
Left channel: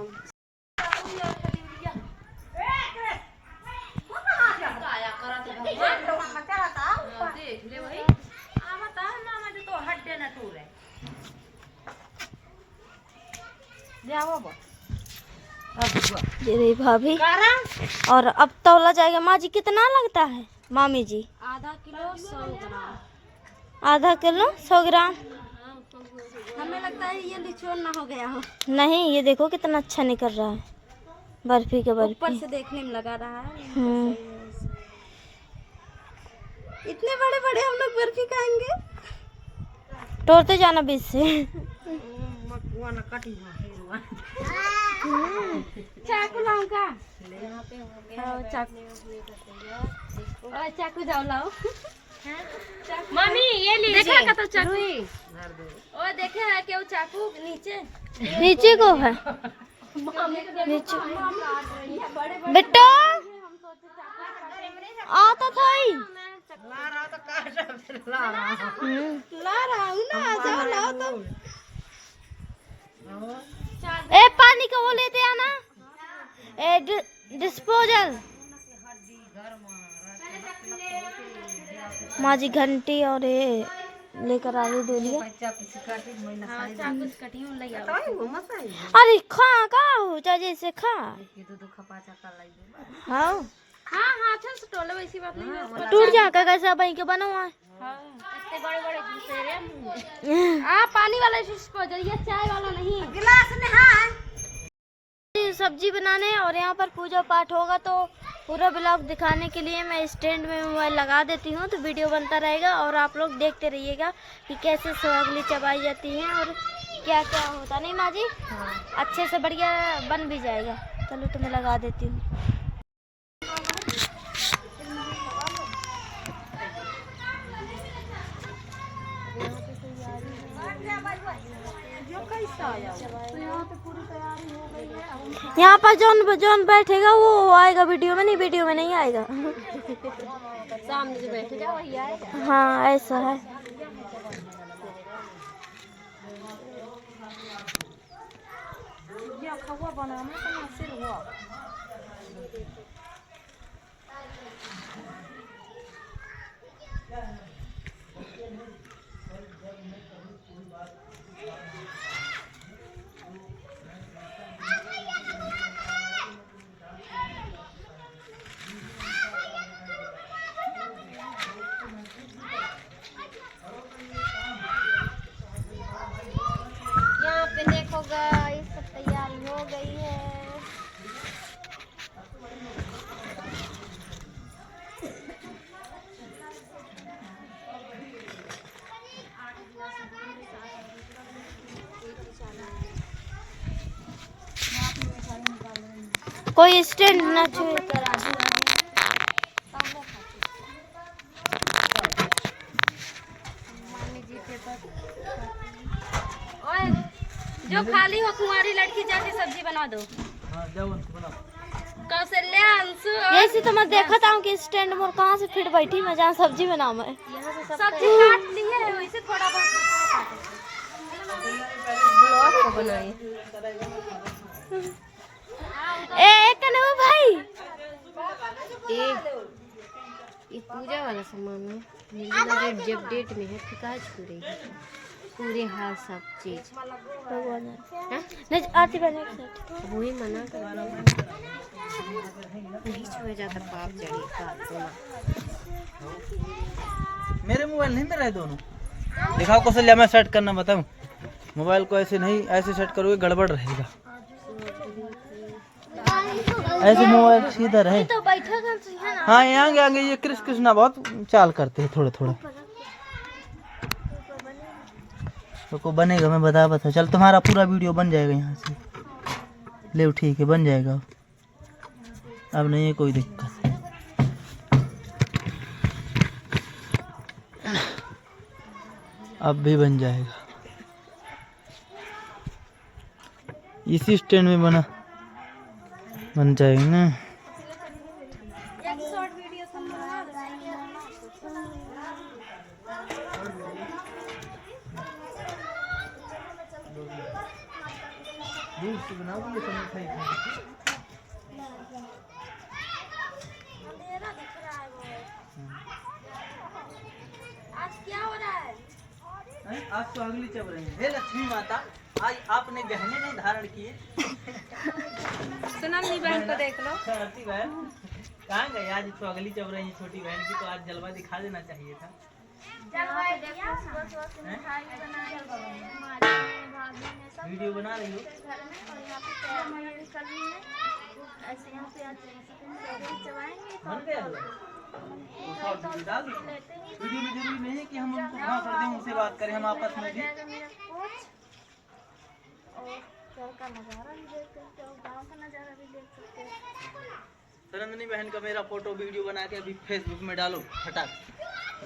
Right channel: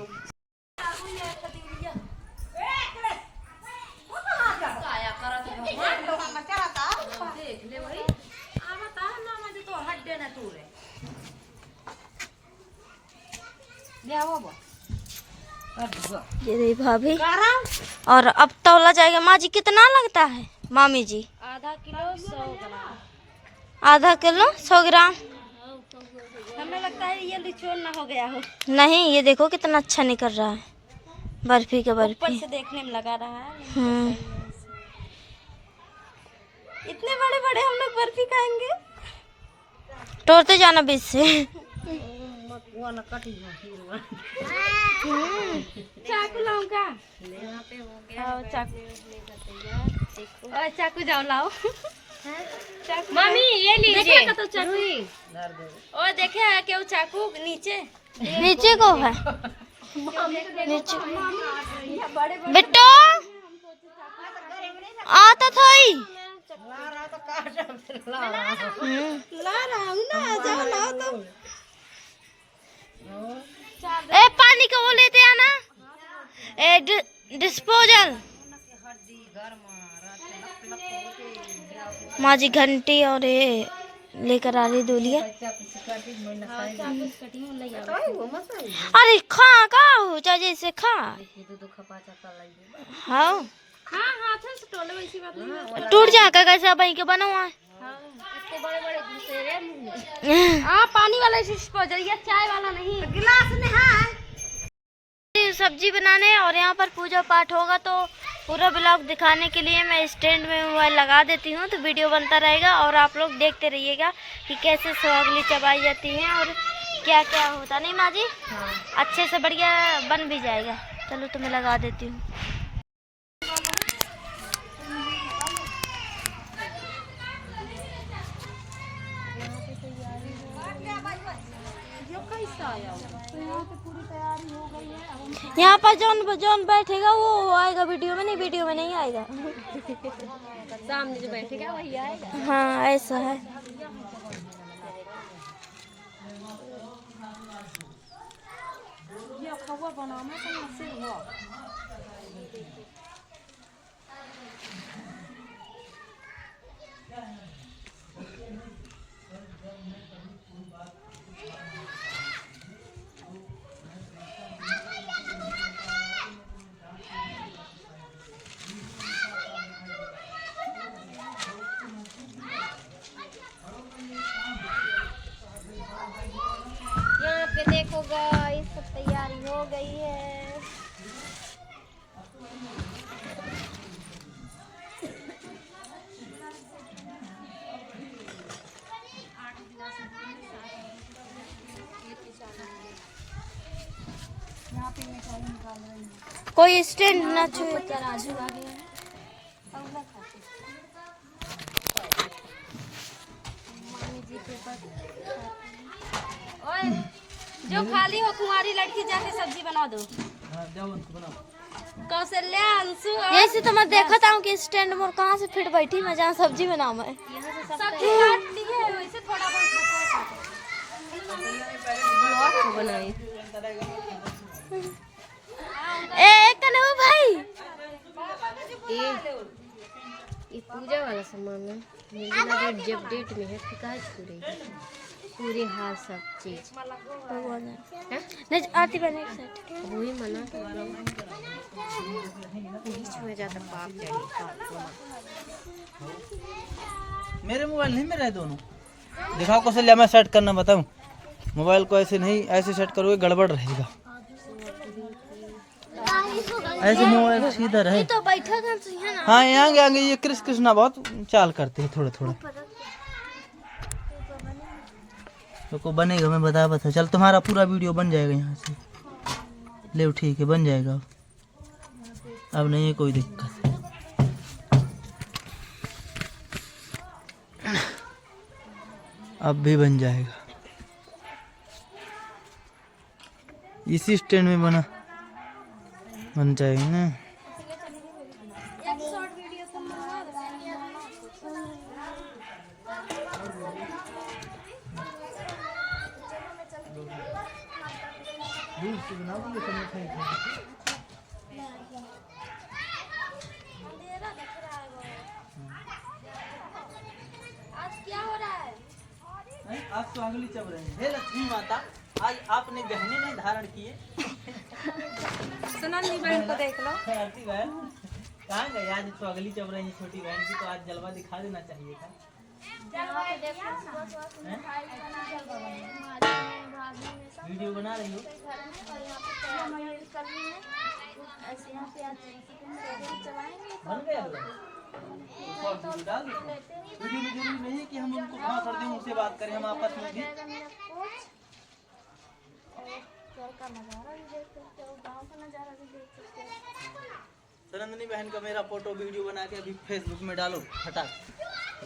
ये रही भाभी। और अब तौला जाएगा। माँ जी कितना लगता है मामी जी? आधा किलो 100 ग्राम। आधा किलो 100 ग्राम। हमें लगता है ये लिचोन ना हो गया हो। नहीं, ये देखो कितना अच्छा निकल रहा है। बर्फी के ऊपर बर्फी। से देखने में लगा रहा है। इतने बड़े बड़े हम लोग बर्फी खाएंगे। तोड़ते जाना बीच से। चाकू लाऊंगा। चाकू जाओ लाओ। मम्मी ये लीजिए। देखा तो चाकू। और देखे है क्या वो चाकू नीचे? नीचे को है। नीचे। बेटा आता था ही। ला रहा हूँ ना, जाओ लाओ तो। ए पानी का वो लेते आना। डिस्पोजल। माँ जी घंटी और ये लेकर आ रही दूल्हे। अरे खा का हो चाहे जैसे खा। हाँ टूट जा का कैसा बही के बना हुआ है। पानी वाला डिस्पोजल, ये चाय वाला नहीं। गिलास सब्जी बनाने और यहाँ पर पूजा पाठ होगा तो पूरा ब्लॉग दिखाने के लिए मैं स्टैंड में मोबाइल लगा देती हूँ, तो वीडियो बनता रहेगा और आप लोग देखते रहिएगा कि कैसे सोगली चबाई जाती हैं और क्या क्या होता। नहीं माँ जी? हाँ। अच्छे से बढ़िया बन भी जाएगा। चलो तो मैं लगा देती हूँ। यहाँ पर जौन बैठेगा वो आएगा वीडियो में, नहीं वीडियो में नहीं आएगा। सामने जो बैठेगा वही आएगा। हाँ ऐसा है। यहाँ पे देखो गाइस, सब तैयारी हो गई है। कोई स्टैंड ना छू। जो खाली हो कुंवारी लड़की जाके सब्जी बना दो। कौशल्या अंशु यही तो मैं देखा था कि स्टैंड में कहाँ से फिट बैठी मैं जहाँ सब्जी बनाऊँ मैं। सब्जी काट ली है, वैसे थोड़ा बहुत बनाई। ए कन्हू भाई, ये पूजा वाला सामान है। मुझे लगा जब डेट में है शिकायत करेगी पूरी हार सब चीज। भगवान नहीं आती बने एक सेट वही मना कर नहीं छोड़ जाता पाप जाए। मेरे मोबाइल नहीं में रहे दोनों। दिखाओ कौशल्या, मैं सेट करना बताऊं। मोबाइल को ऐसे नहीं, ऐसे सेट करोगे गड़बड़ रहेगा। ऐसे मोबाइल सीधा रहे तो बैठा है ना। हाँ यहाँ आगे ये कृष्णा बहुत चाल करते हैं थोड़े थोड़े। तो बनेगा, मैं बता चल तुम्हारा पूरा वीडियो बन जाएगा यहाँ से। ले ठीक है, बन जाएगा। अब नहीं है कोई दिक्कत। अब भी बन जाएगा। इसी स्टैंड में बन जाएगा ना। दूर से बनाओगे ये सब मिठाई आज क्या हो रहा है? आज तो अगली चब रही है। हे लक्ष्मी माता। आज आपने गहने नहीं धारण किए। सुनंदी बहन को देख लो। आरती बहन कहाँ गई? आज तो अगली चल रही है छोटी बहन की, तो आज जलवा दिखा देना चाहिए था। वीडियो बना रही हो? बन गया वीडियो में जरूरी नहीं है कि हम उनको कहाँ कर दें, उनसे बात करें हम आपस में भी। सरंदनी बहन का मेरा फोटो वीडियो बना के अभी फेसबुक में डालो फटाक।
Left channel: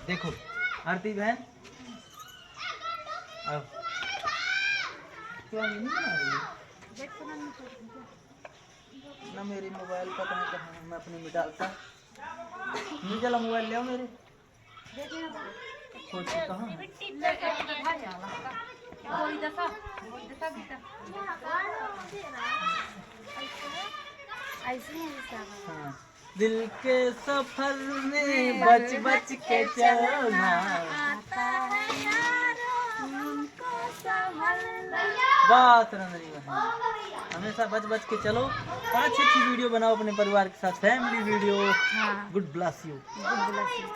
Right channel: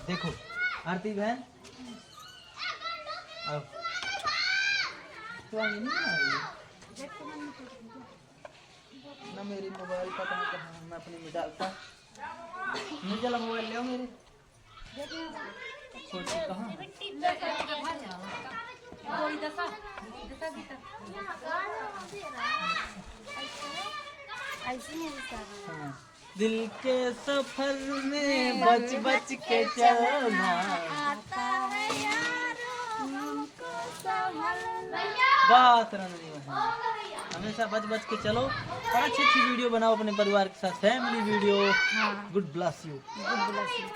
देखो आरती बहन आओ। तो नहीं बना रही है ना, मेरी मोबाइल पता नहीं कहाँ मैं अपनी में डालता। नहीं चला मोबाइल ले आओ मेरे। फोटो कहाँ? हाँ। दिल के सफर में बच बच के चलना, बात रंजनी बहन हमेशा बच बच के चलो और अच्छी अच्छी वीडियो बनाओ अपने परिवार के साथ, family video. Good bless you. Good bless you.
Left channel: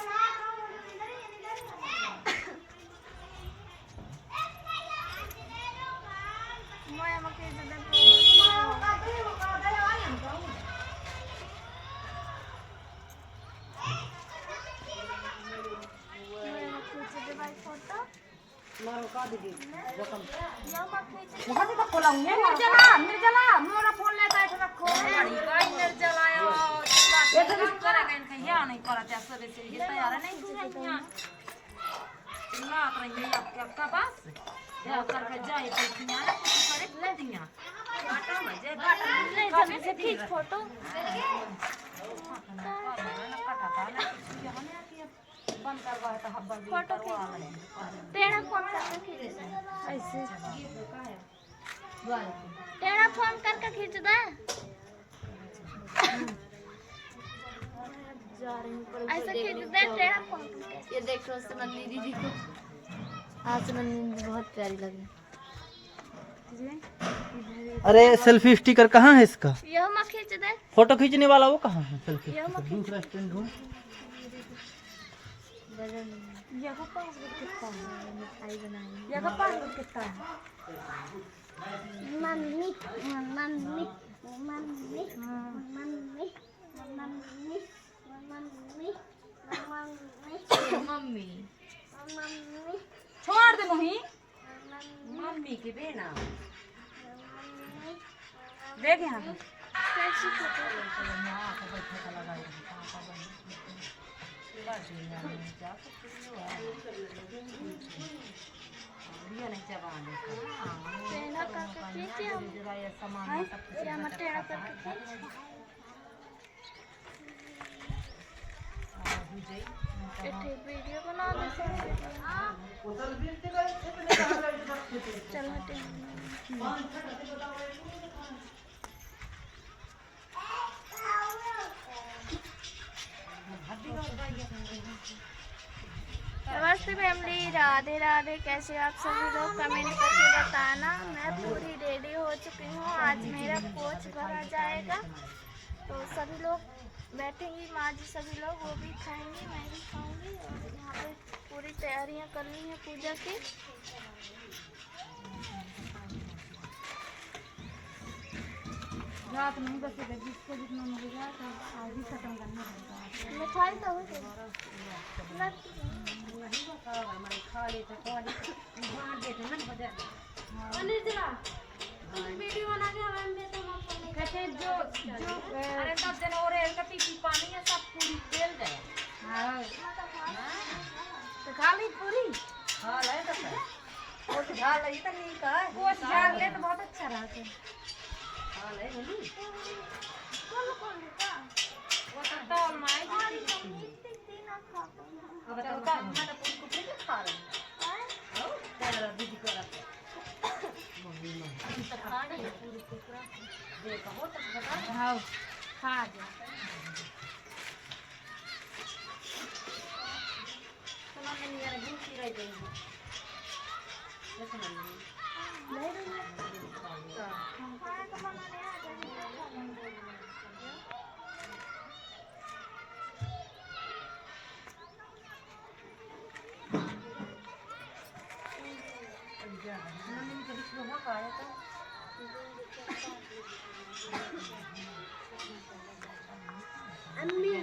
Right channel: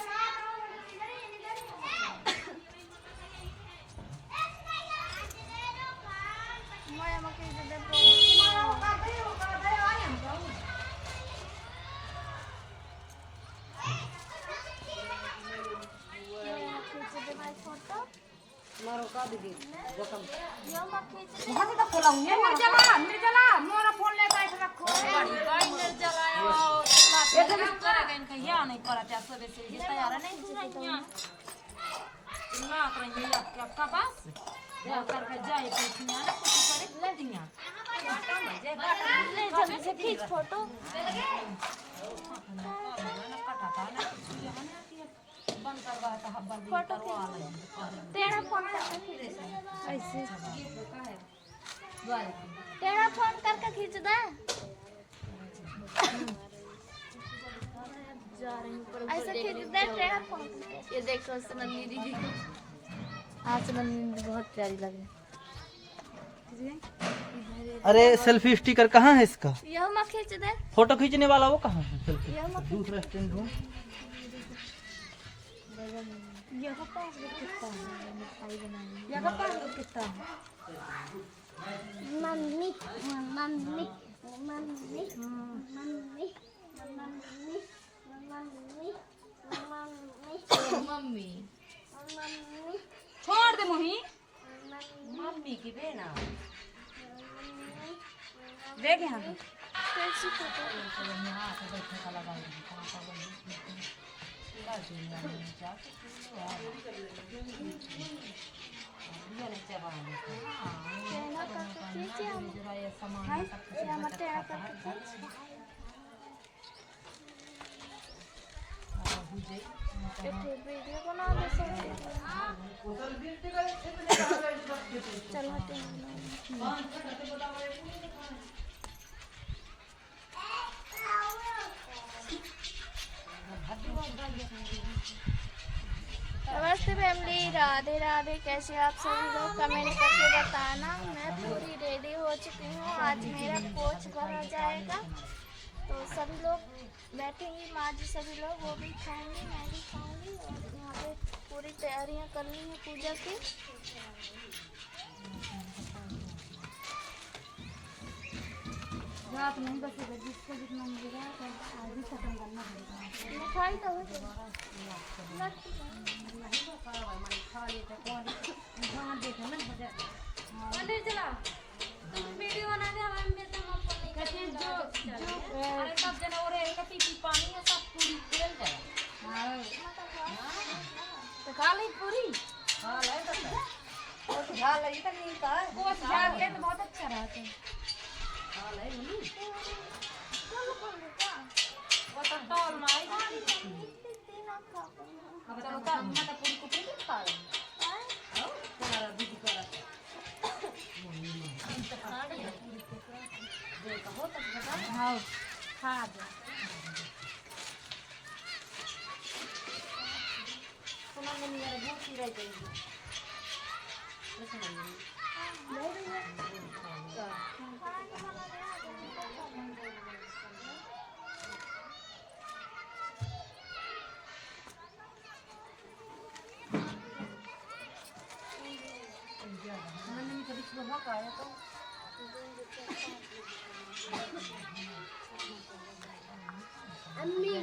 तेरा फोन करके खींच दे। ऐसे खींच दे तेरा फोन। ये देखो सुनंदी दीदी को। हाँ सुनंदी दीदी बहुत प्यारी लग रही। अरे सेल्फी स्टिकर कहाँ है इसका? यह मत खींच दे। फोटो खींचने वाला वो कहाँ है? सेल्फी यह मत दूसरा स्टैंड ढूंढ। यह का पासवर्ड कितना है? मिठाई बनाएंगे। यह का पासवर्ड कितना है? Mummy mummy mummy mummy mummy mummy mummy mummy mummy छोड़ दे मोही। मम्मी की बेना देख यहाँ पे। वीडियो बना दे। चलो नमस्ते फैमिली, राधे राधे। कैसे आप सभी लोग कमेंट करके बताना। मैं पूरी रेडी हो चुकी हूँ। आज मेरा कोच भरा जाएगा तो सभी लोग बैठेंगी, माँ जी सभी लोग, वो भी खाएंगे, मैं भी खाऊंगी। और यहाँ पे पूरी तैयारियाँ करनी है पूजा की। रात नहीं बचेगा, जिसको जितना मिलेगा आज ही खत्म करना पड़ेगा। मिठाई तो हो कहते जो जो अरे सब जन और टीपी पानी है सब पूरी तेल गया। हाँ तो खा ली पूरी। हाँ ले तो वो झाड़ लगी तो नहीं का है। वो झाड़ ले तो बहुत अच्छा रहता है। हाँ ले बोली वो तो तौल माई अब चलो का मैं तो पूरी कुपड़ी के खा रही हूं। आओ तेरा दीदी को रख मम्मी मां तो खा रही है पूरी कुपड़ा दे कहो तो बता। हां खा जा सुना नहीं यार भूखी रह गई है। नंदिनी के बीच में हो का आया तो अम्मी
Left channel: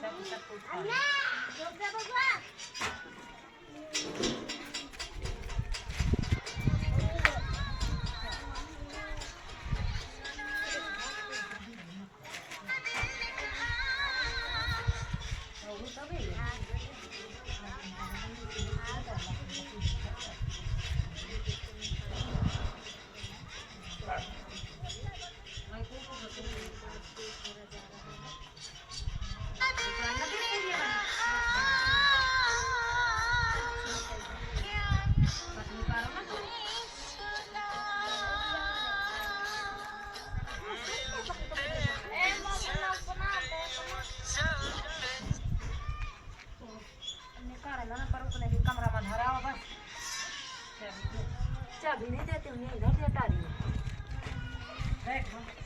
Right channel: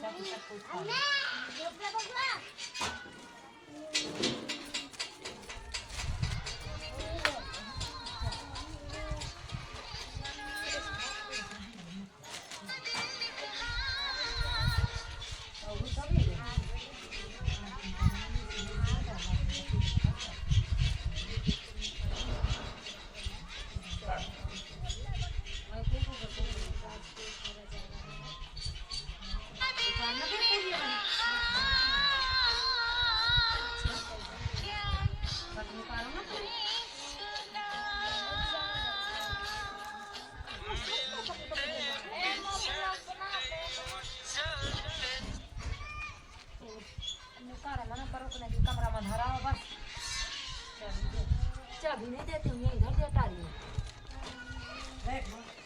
सब कमरा में धरा हो बस चाबी नहीं देती हूँ इधर से टारी में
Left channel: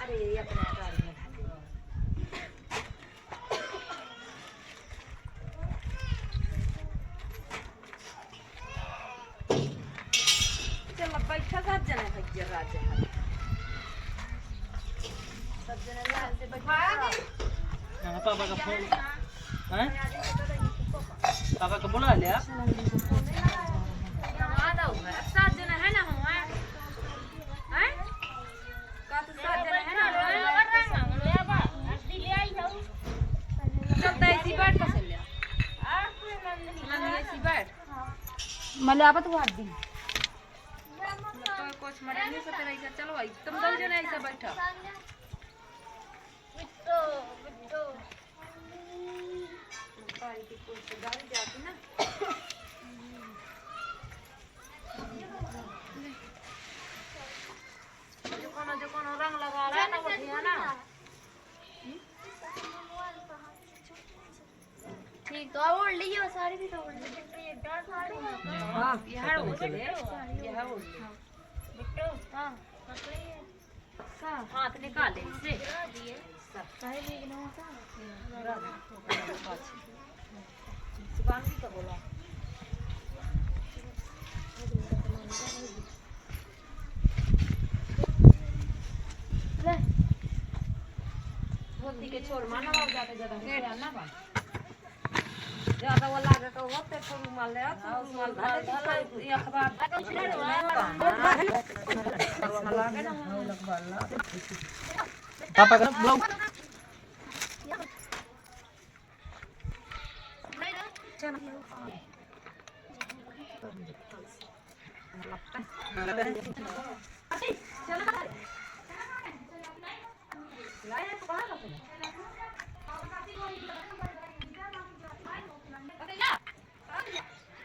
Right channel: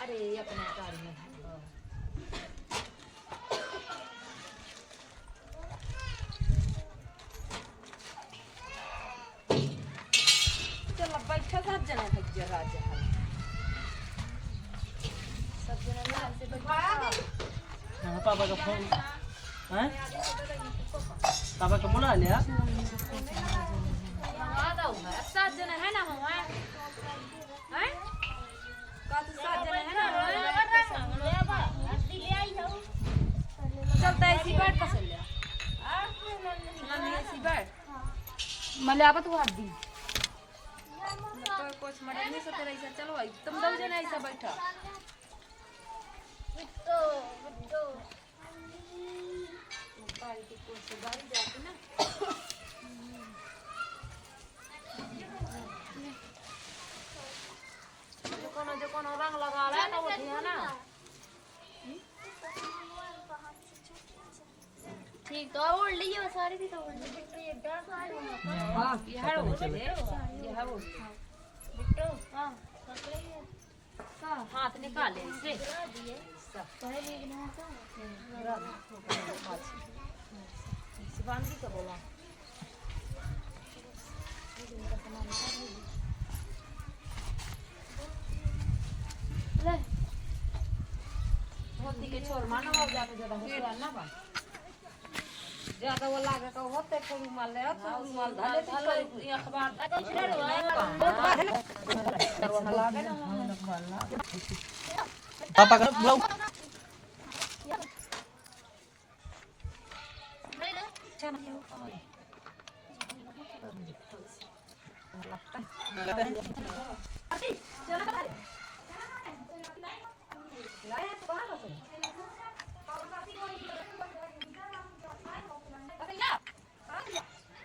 अरे अपने टारी में चलो बैठा सब जने भज्जर राजा सब जने लाल से बैठा पापा का फोन हैं? पापा को बुला लिया सात जने है ना हम हैं का तो सात जने है ना चलता ऐसी बैठ पसंद ले ऐसी बैठ मले आवे तो हाथ दी तो कुछ मरे नहीं सकते ऐसा चलो भाई तुम दो जने ऐसा बैठा गाड़ी की कोई से गाड़ी जाती ना जो कोनो रंग लगा रहा है ना वो ठियाना ठीक तो ओढ़ लीजिए साड़ी भी तो ओढ़ लीजिए हां ये है वो बुट्टो हां का हाथ निकाल ले इसे काहे बिगनो का सिवान की तो बोला ले मोती के छोर माना हो जाते ज्यादा है ना बा ज्यादा वो लागे तो होते थोड़ी माल ले तो माल धाले तो ये अखबार लागे ना पापा का बुलाओ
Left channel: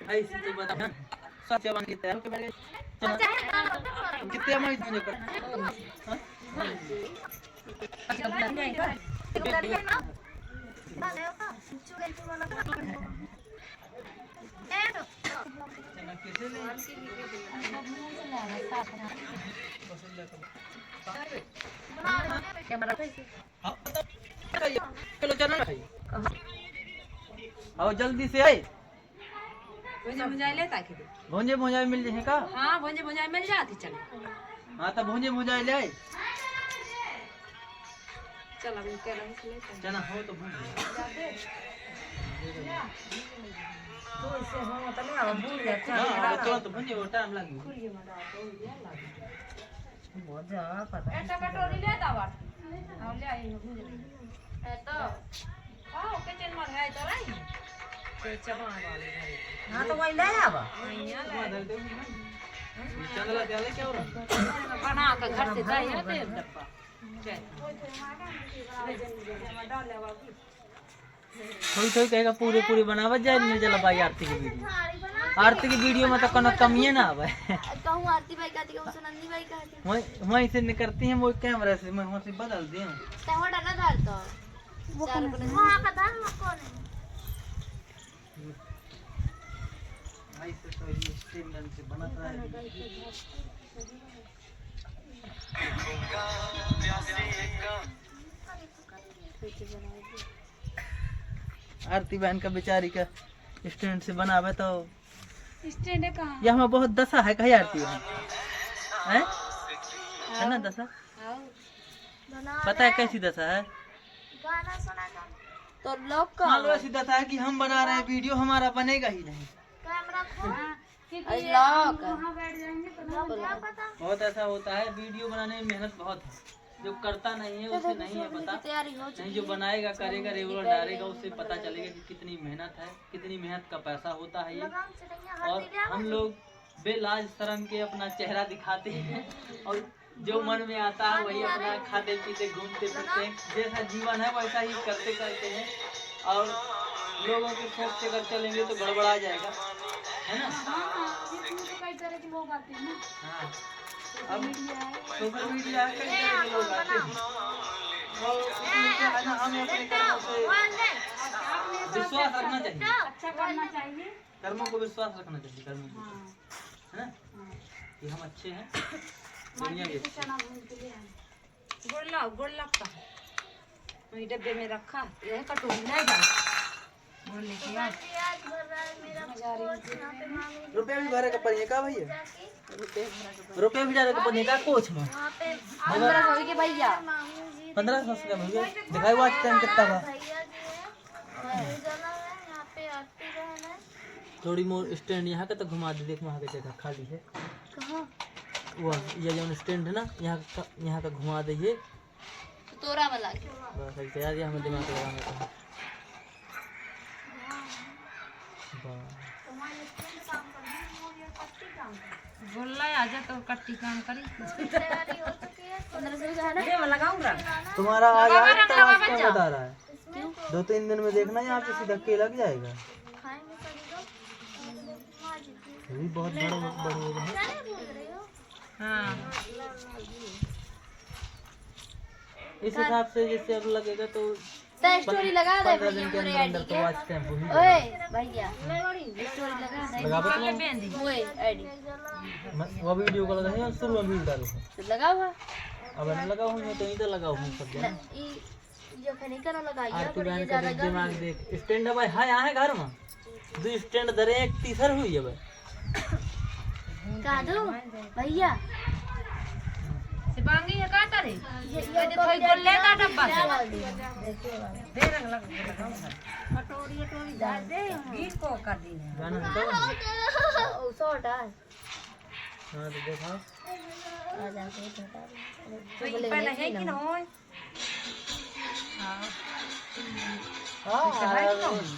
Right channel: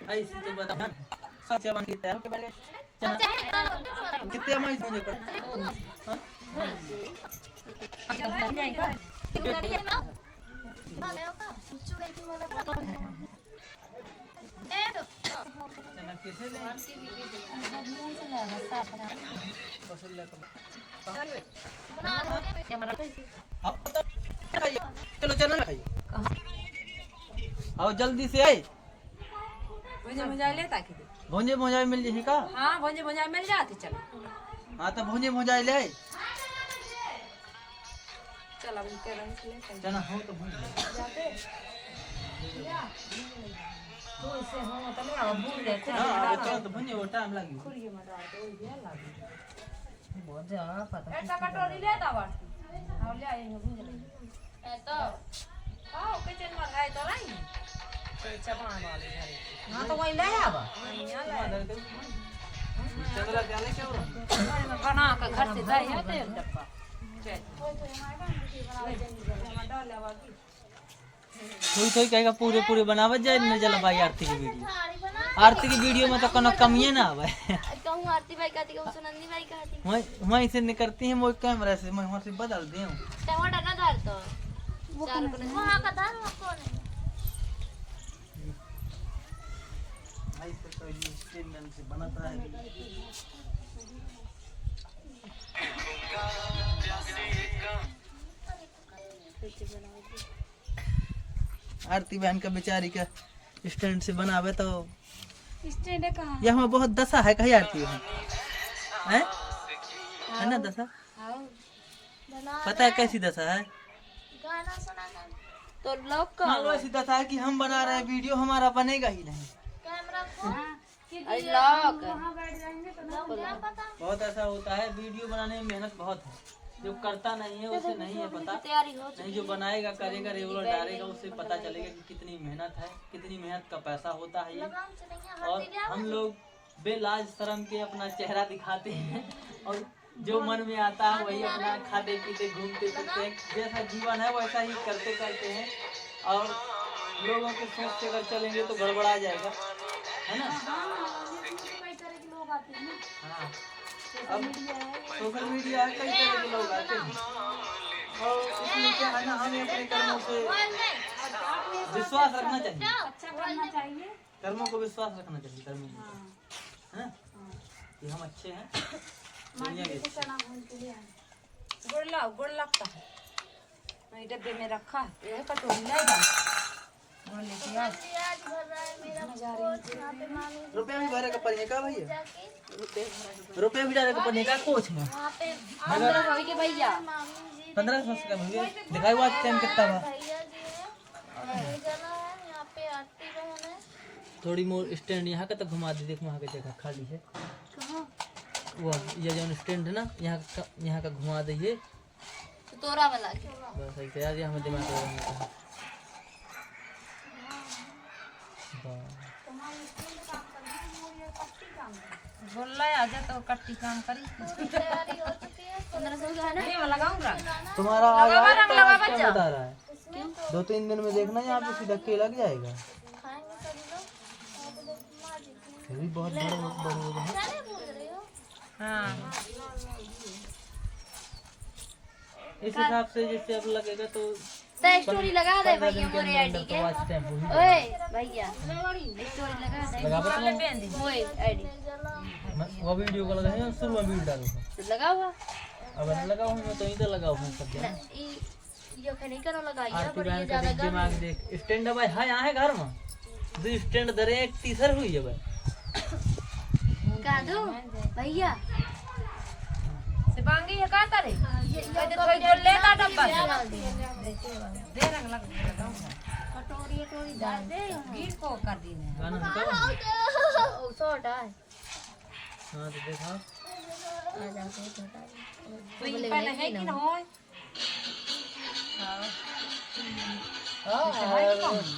ऐसे तो बता सच जवान कितने हैं कितने में मुझे पर चलो चना खाइए आओ जल्दी से आए भुंजे भुंजाई लेता कि भुंजे भुंजाई मिल जाए का हां भुंजे भुंजाई मिल जाती चलो हां तो भुंजे भुंजाई ले चल अब इनके रंग से लेते चना हो तो भुंजे तो इसे हो तो नहीं अब भूल जाते हैं चलो तो भुंजे वो टाइम लगी मजा पता है एक कटोरी ले दा बात और ले आई भूल गई ए तो आओ किचन में गए तो नहीं चबान वाले हां तो वही ले आवा चंदला जाले से बना के घर से जाइए तेल डब्बा थोड़ी थोड़ी कहेगा पूरे पूरे बनावत जाए न चला भाई आरती की वीडियो में तो कोनो कमिए ना आवे कहूं आरती भाई कहती कहूं सुनंदी भाई कहती वहीं से निकलती हैं वो कैमरा से मैं वहां से बदल दिए तवा डाला धार तो वो कौन वहाँ का दान वो कौन है? ऐसे तो ये स्टील से बनता है आरती बहन का बेचारी का स्टैंड से बनावे तो स्टैंड है कहाँ? ये हमें बहुत दशा है कही आती है ना दशा? बना पता है कैसी दशा है? गाना सुना गाना तो ब्लॉग का मान लो ऐसी दशा है कि हम बना रहे हैं वीडियो, हमारा बनेगा ही नहीं। कैमरा खोल ब्लॉग लोग क्या पता बहुत ऐसा होता है, वीडियो बनाने में मेहनत बहुत है, जो करता नहीं है उसे नहीं है पता। तैयारी हो नहीं, जो बनाएगा करेगा रेगुलर डालेगा उसे पता चलेगा कि कितनी मेहनत है, कितनी मेहनत का पैसा होता है ये। लगाम चढ़ेंगे और हम लोग बेलाज शर्म के अपना चेहरा दिखाते हैं और जो मन में आता है वही अपना खाते पीते घूमते फिरते हैं। जैसा जीवन है वैसा ही करते करते हैं और लोगों के सोच से अगर चलेंगे तो गड़बड़ा जाएगा, है ना? हाँ, अब सोशल मीडिया कई तरह के लोग आते हैं और इसमें क्या है ना, हमें अपने कर्मों से विश्वास रखना चाहिए। कर्मों को विश्वास रखना चाहिए, कर्मों को, है ना, कि हम अच्छे हैं, दुनिया भी अच्छी है। गुड़ लगता है वही डब्बे में रखा, यह कटोरी नहीं डाल गुड़ लेके आ। आज भर रहा है मेरा कोच यहाँ पे मामी रुपया भी भरे का पड़ने का भैया, जाके रुपया भी डाले का पड़ने का कोच में वहाँ पे भैया मामी जी 1500 का भैया दिखाई बात टाइम कितना था। भैया जी है और जला है यहाँ पे आरती बहन है। थोड़ी मोर स्टैंड यहाँ के तो घुमा दे, देख वहाँ के जगह खाली है वो, ये जो स्टैंड है ना यहाँ का घुमा दीजिए तोरा वाला बस ऐसे यार, ये हमें दिमाग लगाना गोल्ला आ जा तो कट्टी काम करी तैयारी हो चुकी है थोड़े लगाऊंगा। तुम्हारा बता रहा है 2-3 दिन में देखना यहाँ पे सीधा के लग जाएगा। खाएंगे सभी लोग और तो देखो माँ जी थी। ये भी बहुत बड़े हो गए हैं। चने भून रही हो हाँ इस हिसाब से जैसे अब लगेगा तो स्टोरी लगा दे 15 दिन के भैया अंदर तो वॉच टाइम हो ही ओए जाएगा। भैया स्टोरी लगा दे लगा पता ओए आईडी वो वीडियो को लगा है शुरू में भी डालूंगा। तो लगा हुआ अब मैं लगा हूँ तो ही तो लगा हूँ सब जगह। ये नहीं करो लगाइए आरती पर ये बहन का ज्यादा देख दिमाग देख, स्टैंड भाई हाँ यहाँ है घर में 2 स्टैंड दरे एक तीसर हुई है भाई। का दो भैया सिपांगी ये का तारे ये देखो गोल्ले का डब्बा दे रंग लगाऊंगा कटोरी कटोरी डाल दे गिर को कर दी है गाना हटाओ ओ शॉर्ट है हाँ तो देखो तो ये पहले है कि ना हो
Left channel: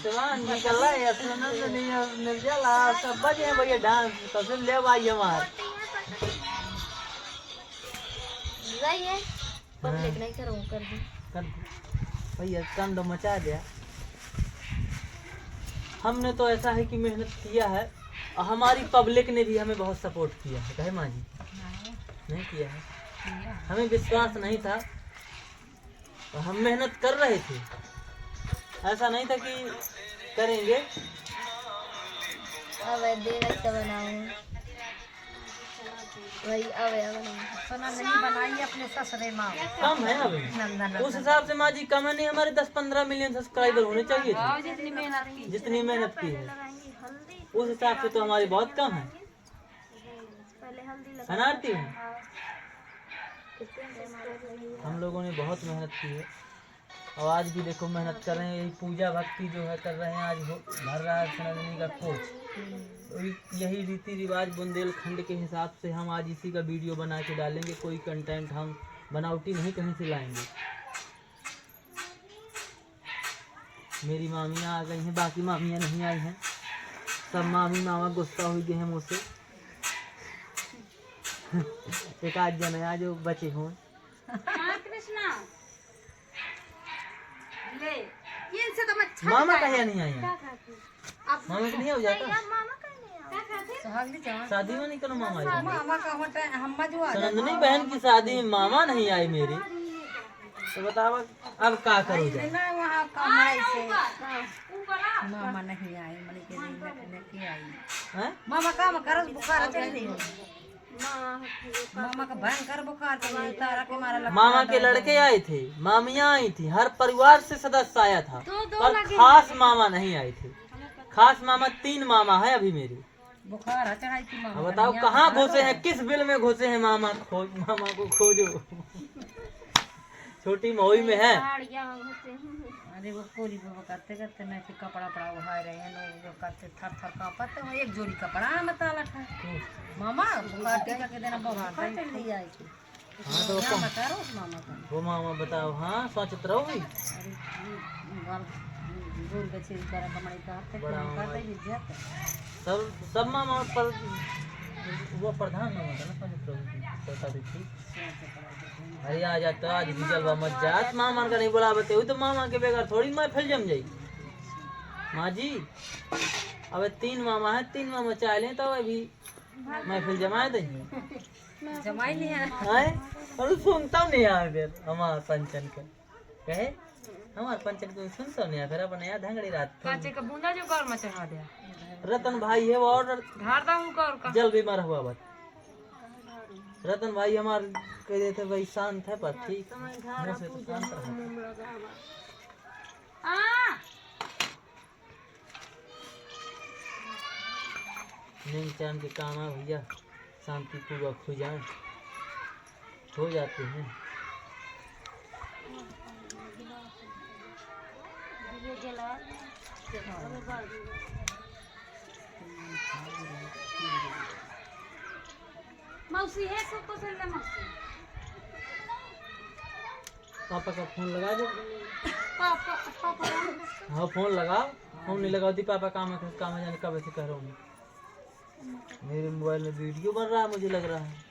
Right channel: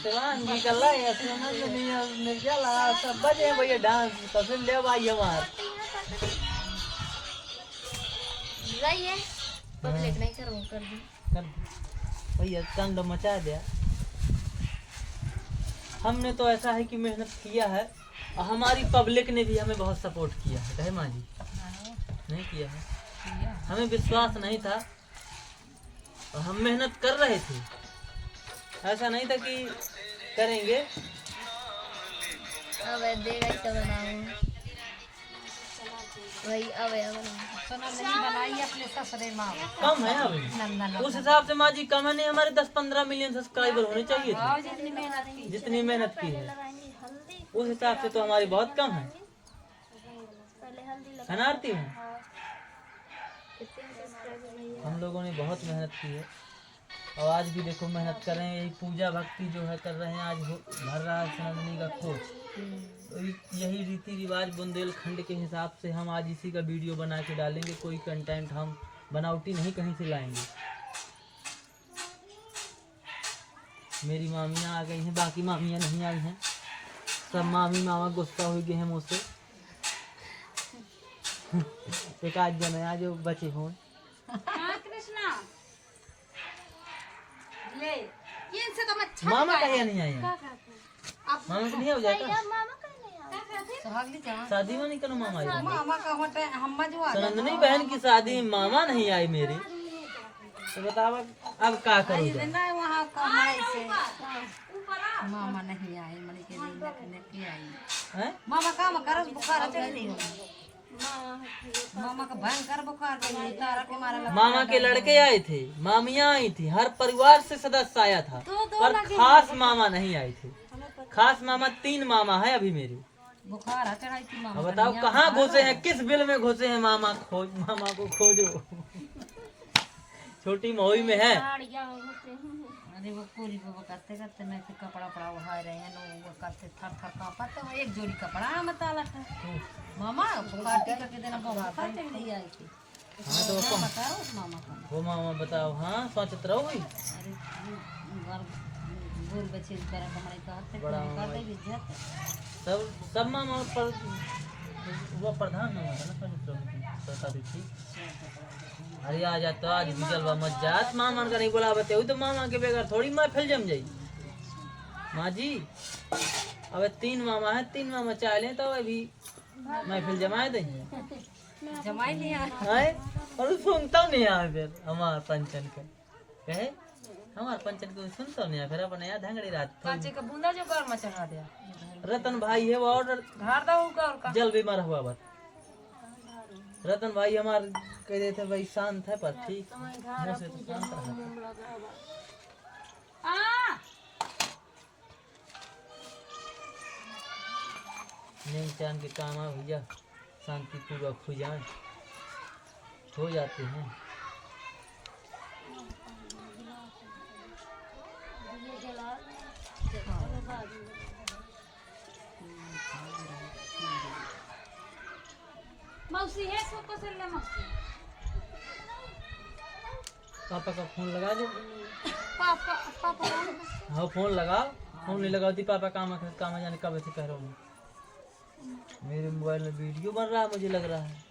जवान निकल रहा है सुना तो नहीं निर्जला सब बजे भैया डांस कसम ले भाई हमार रही है पब्लिक नहीं करूं कर दूं कर दो भैया कांड मचा दिया। हमने तो ऐसा है कि मेहनत किया है और हमारी पब्लिक ने भी हमें बहुत सपोर्ट किया है, कहे माँ जी नहीं किया है, हमें विश्वास नहीं था और हम मेहनत कर रहे थे, ऐसा नहीं था कि करेंगे। अब देख तो बनाऊं वही अब सोना नहीं बनाई अपने ससुरे माँ कम है अभी नंदन उस हिसाब से माँ जी कम है नहीं, हमारे 10-15 मिलियन सब्सक्राइबर होने चाहिए थे जितनी मेहनत की जितनी मेहनत की है लगाएंगे हल्दी उस हिसाब से तो हमारी बहुत कम है। पहले हल्दी लगा अनारती है हम लोगों ने बहुत मेहनत की है और आज भी देखो मेहनत कर रहे हैं, यही पूजा भक्ति जो है कर रहे हैं। आज भर रहा है सनातनी का कोच, तो यही रीति रिवाज बुंदेलखंड के हिसाब से हम आज इसी का वीडियो बना के डालेंगे। कोई कंटेंट हम बनावटी नहीं कहीं से लाएंगे। मेरी मामियाँ आ गई हैं, बाकी मामियाँ नहीं आई हैं, सब मामी मामा गुस्सा हो गए हैं मुझसे। एक आज जन है आज बचे हों कृष्णा ये इनसे तो अच्छा मामा कहीं नहीं आए हैं, मामा को नहीं हो जाता मामा का नहीं सुहागली जवान शादी में नहीं करो मामा आई। मामा का होता है हम जो सनंदनी बहन की शादी में मामा नहीं आए मेरी, तो बताओ अब क्या करूँ जाए? नहीं वहाँ कमाई से मामा नहीं आए मनी के नहीं आई हैं? मामा काम करो बुखार चढ़ी रही हो मामा का भयंकर बुखार चढ़ी तारा के मारा लगा मामा के लड़के आए थे, मामियाँ आई थी, हर परिवार से सदस्य आया था, पर खास मामा नहीं आए थे। खास मामा 3 मामा है अभी मेरे, बुखार आ चढ़ाई थी मामा अब बताओ कहाँ घुसे हैं, किस बिल में घुसे हैं? मामा को खोजो। छोटी महुई में है। अरे वो कोरी वो करते करते मैं फिर कपड़ा पड़ा उठाए रहे हैं लोग वो करते थर थर कांपते वो एक जोड़ी कपड़ा में ताला था मामा बुखार टीका के देना बुखार चढ़ रही आई थी। हाँ तो क्या बता रहा हूँ मामा का वो मामा बताओ। हाँ सोचत रहो भाई। अरे घर दूर बचे कर कमरे का हफ्ते बड़ा कर मामा। दे इज्जत सब मामा पर वो प्रधान मामा था ना सोचत रहो बता दी थी। अरे आ जाता आज जलवा मत जात मामा का नहीं बुला बते तो मामा के बगैर थोड़ी महफिल जम जाई। माँ जी अब 3 मामा है, 3 मामा चाह लें तो अभी महफिल जमाए देंगे। जमाई नहीं है हाय पर सुनता नहीं है फिर हमार पंचन का कहे हमार पंचन को सुनता नहीं है फिर अपन यहाँ धंगड़ी रात कांचे का बूंदा जो घर में चढ़ा दिया रतन भाई है वो ऑर्डर धार दा हूँ कर का जल बीमार हुआ बात। रतन भाई हमार कह देते भाई शांत है पर ठीक मुँह से तो शांत रहा। नींद चैन के काम है भैया, शांति पूर्वक हो जाए हो जाते हैं। मौसी है सबको से ले मौसी पापा का फोन लगा दो। पापा पापा हाँ फोन लगा, फोन नहीं लगा दी पापा काम है जाने कब ऐसे कह रहा हूँ। मेरे मोबाइल में वीडियो बन रहा है मुझे लग रहा है।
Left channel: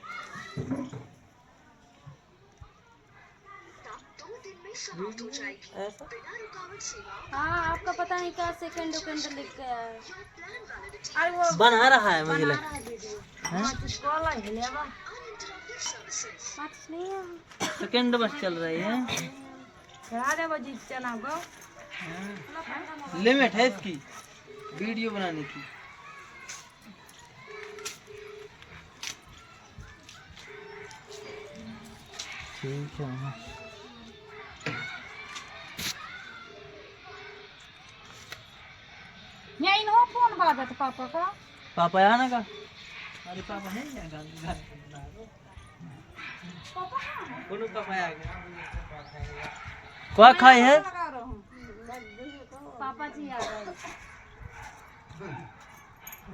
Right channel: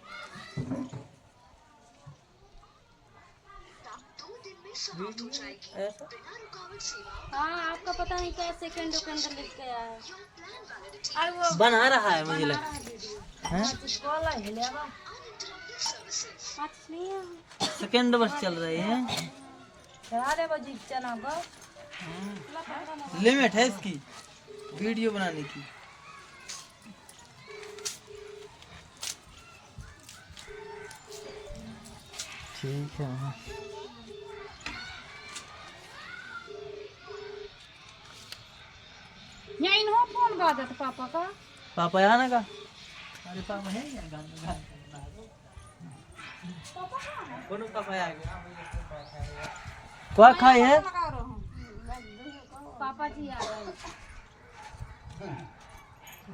ऐसा हाँ आपका पता नहीं क्या सेकंड लिख के आया है। बना रहा है मुझे लग हाँ? सेकंड बस चल रही है। लिमिट है इसकी वीडियो बनाने की। ठीक है यही नो फोन बाजत पापा का पापा आना का। अरे पापा है क्या घर दोनों पापा आ गए। क्या खाए है पापा जी आ गए।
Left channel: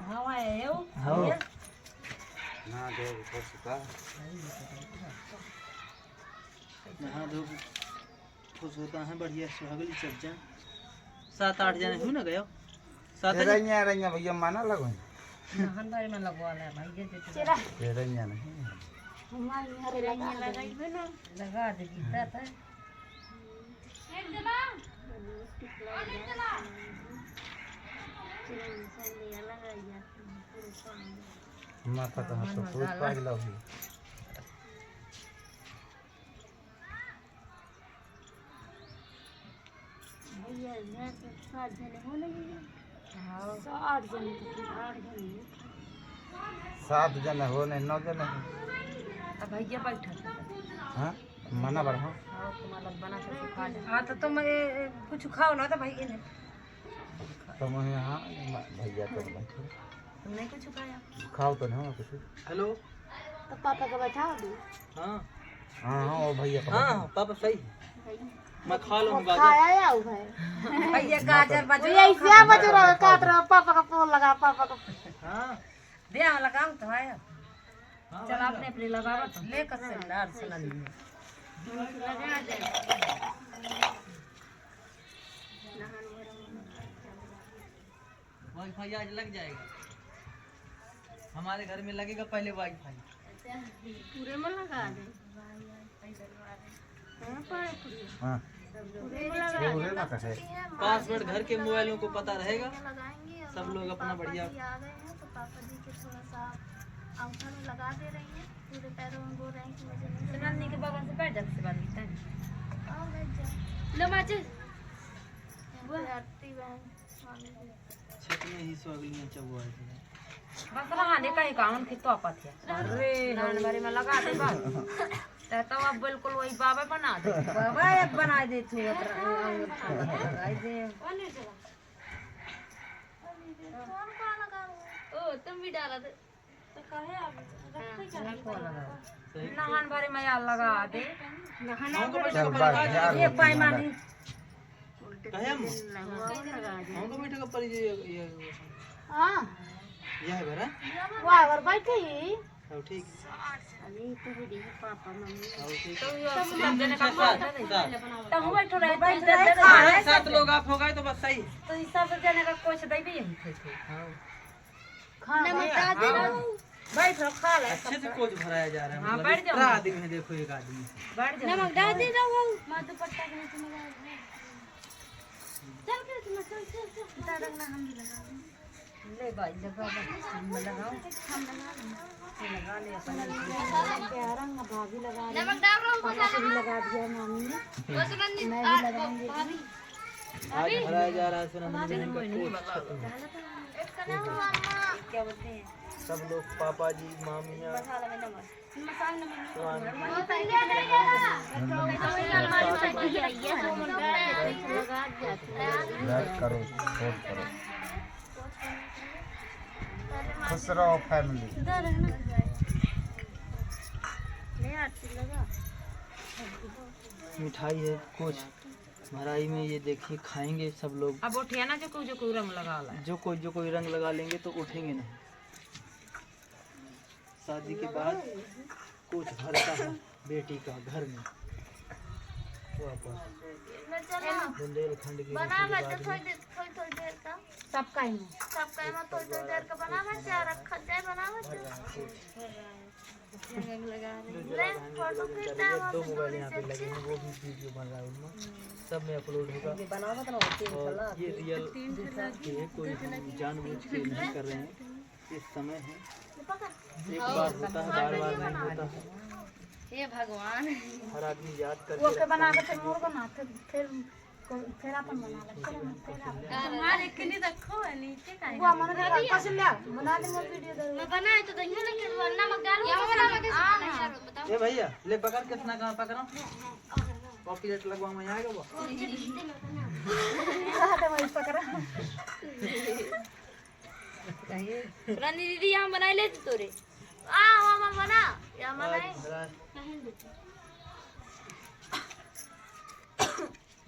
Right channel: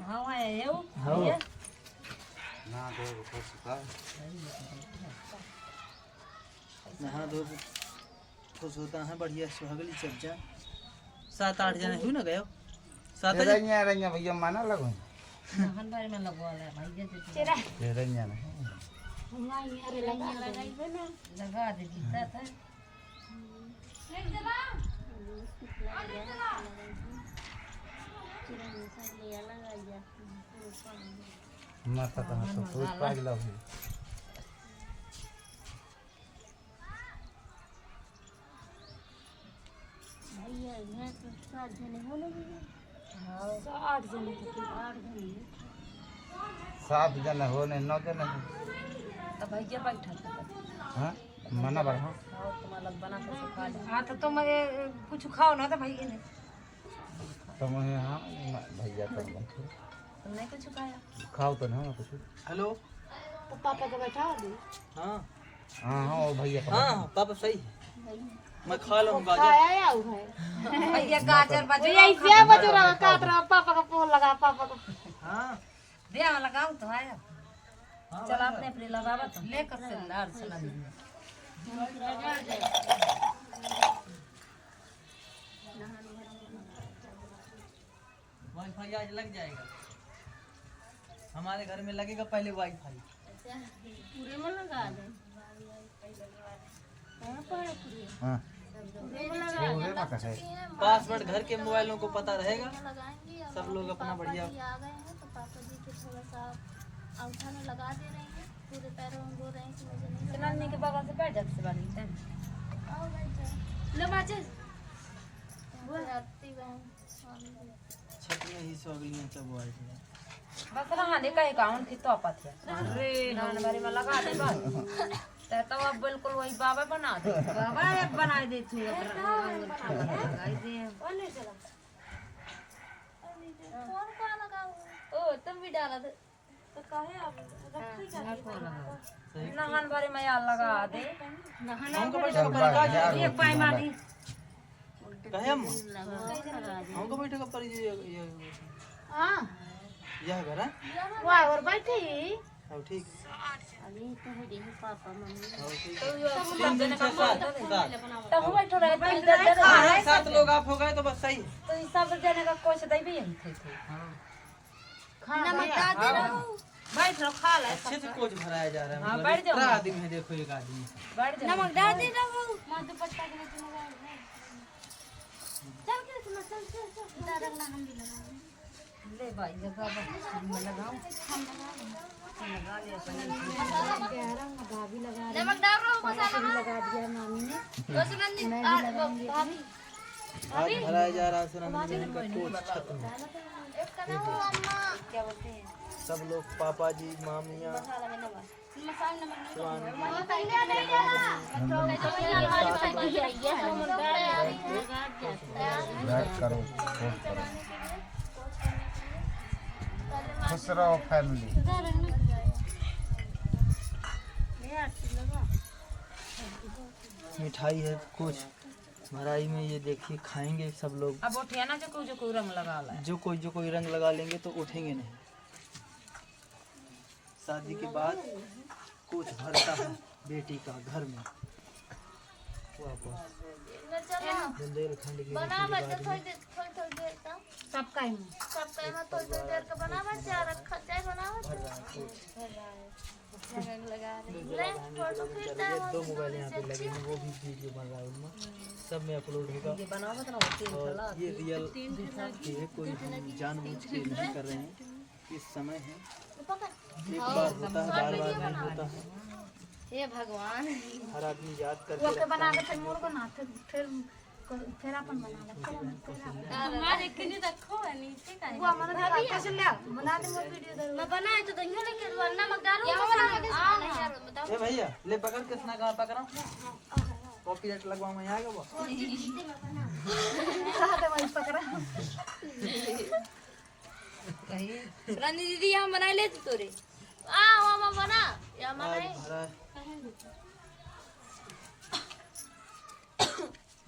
हाँ है वो हाँ नहा धो खुश होता है बढ़िया सुहागली चर्चा। 7-8 जने क्यों ना गए 7 भैया माना लगो नहन बारे में लगवा ले भाई के लगा दे गीता था माता का पूरा पागल हो सात जने हो लगे। हाँ 8 जने थे 8 जने 7 जने हो नहीं 9 जने अब भैया बैठा था हाँ मना बढ़ा हाँ तुम्हारा बना था खा ले हाँ तो तुम कुछ खाओ ना तो भैया ने तुम यहाँ भैया तुमने कुछ खाया खाओ तो नहीं कुछ। हेलो तो पापा को बैठा दो। हाँ हाँ हाँ वो भैया हाँ पापा सही मैं खा लूँगा। खाया या है भैया गाजर बज ये क्या बज रहा है काट रहा पापा का फोन लगा पापा का हाँ दे हम लगाओ तो आया चल आपने अपने लगावा तो लेकर सिलेंडर से लगा दे। वाईफाई आज लग जाएगा हमारे घर में लगेगा पहले वाईफाई। पूरे में लगा दे। कहाँ पर है पूरे? हाँ पूरे में लगा दे। ना कैसे पासवर्ड घर के मोबाइलों को पता रहेगा लगाएंगे और सब लोग अपना बढ़िया। आ गए हैं तो पापा जी के थोड़ा सा अंगूठा में लगा दे रही हैं। पूरे पैरों में बोल रहे हैं कि मुझे नहीं लगा। नन्नी के बगल से बैठ जग से बांधते हैं आओ बैठ जाओ। ले माचिस आरती बहन स्वामी जी। क्षेत्र में ही स्वागली में चबुआ है। बस नहाने का ही काम खी तो पाथे अरे नान बारे में लगा दे भाई तो अब बिल्कुल वही बाबा बना दे बाबा एक बना दे तू लगाई दे कौन कौन लगा हुआ है? तुम भी डाला तो सही नहान भरे में यार लगा दे चल बाहर ये पैमानी कहे हमको बैठे का परिचय ये हां यह घर है वाह और बैठी अब ठीक अभी तो भी पापा मम्मी और ठीक सब जने का साथ तो हम बैठो रहे बैठ सात लोग आप हो गए तो बस सही है तो ये सब जने का कुछ दे भी हम थे हाँ बैठ लो खा ले अच्छे से कोच भराया जा रहा है हाँ, मतलब बैठ जाओ। इतना आदमी है देखो एक आदमी बैठ जाओ नमक डाल दे रहा हूं मां दुपट्टा के नीचे लगा चल चल चल रखना हम भी लगा ले भाई जगह मैं लगाऊं लगा ले अपना भाभी लगा नमक डाल रहा हूं पापा भी लगा दिया मामी ने उसमें मैं भी लगाऊंगी भाभी आज भराया जा रहा है सुनंदनी का कोच एक का नाम अम्मा क्या बोलते हैं सब लोग पापा जी मामियाँ मसाला में नमक मसाला नमक स्वामी बात करो खुश रहो फैमिली मिठाई है कुछ भराई में ये देखिए खाएंगे सब लोग अब उठे ना जो कोई रंग लगा ला जो कोई रंग लगा लेंगे तो उठेंगे नहीं शादी के बाद कुछ भरता है बेटी का घर में वापस बुंदेलखंड की बना रीति बच्चा रिवाज में थोड़ी देर का सबका ही मुंह सबका एमा थोड़ी देर का बना बच्चा रखा जाए बना बच्चा ले फोटो खींचता है दो वहाँ से मोबाइल दूरी यहाँ से पे लगे हैं वो भी वीडियो बन रहा है उनमें सब में अपलोड होगा और ये रियल है कोई हम जानबूझ के नहीं कर रहे हैं इस समय है एक बार होता है बार बार नहीं होता है हे भगवान हर आदमी याद वो करके के बना के फिर मोर बना फिर अपन बना ले हमारे के लिए रखो है नीचे का वो मन में कैसे ले बना दे मोर वीडियो दे मैं बनाए तो दहिया ना के वरना मत डालूं क्या वाला बताओ ए भैया ले पकड़ के सुना कहाँ पकड़ा कॉपीराइट लगवा में आएगा वो दे वही पकड़ा रानी दीदी हम बनाए ले तोरे आ मामा बना या बनाए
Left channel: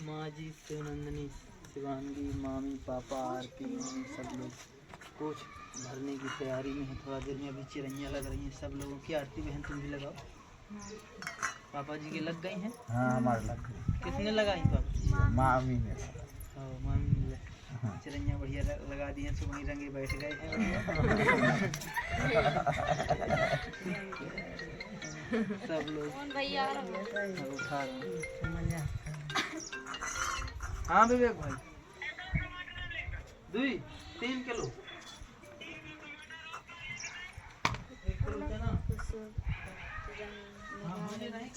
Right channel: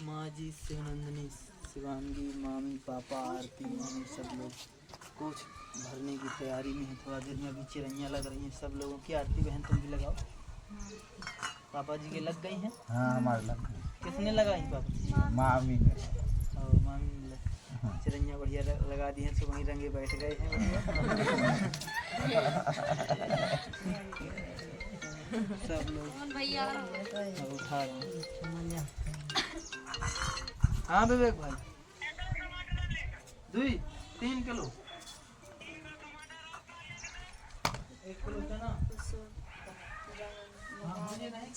माँ जी सुनंदनी शिवांगी मामी पापा आरती मम्मी सब लोग कुछ भरने की तैयारी में है थोड़ा देर में अभी चिरैयाँ लग रही हैं सब लोगों की आरती बहन तुम भी लगाओ पापा जी के लग गई हैं हाँ हमारे लग किसने लगाई पापा मामी ने और मामी ने चिरैयाँ बढ़िया लगा दी हैं तो वहीं रंगे बैठ गए हैं सब लोग भैया अब उठा रहे हैं हाँ विवेक भाई 2-3 किलो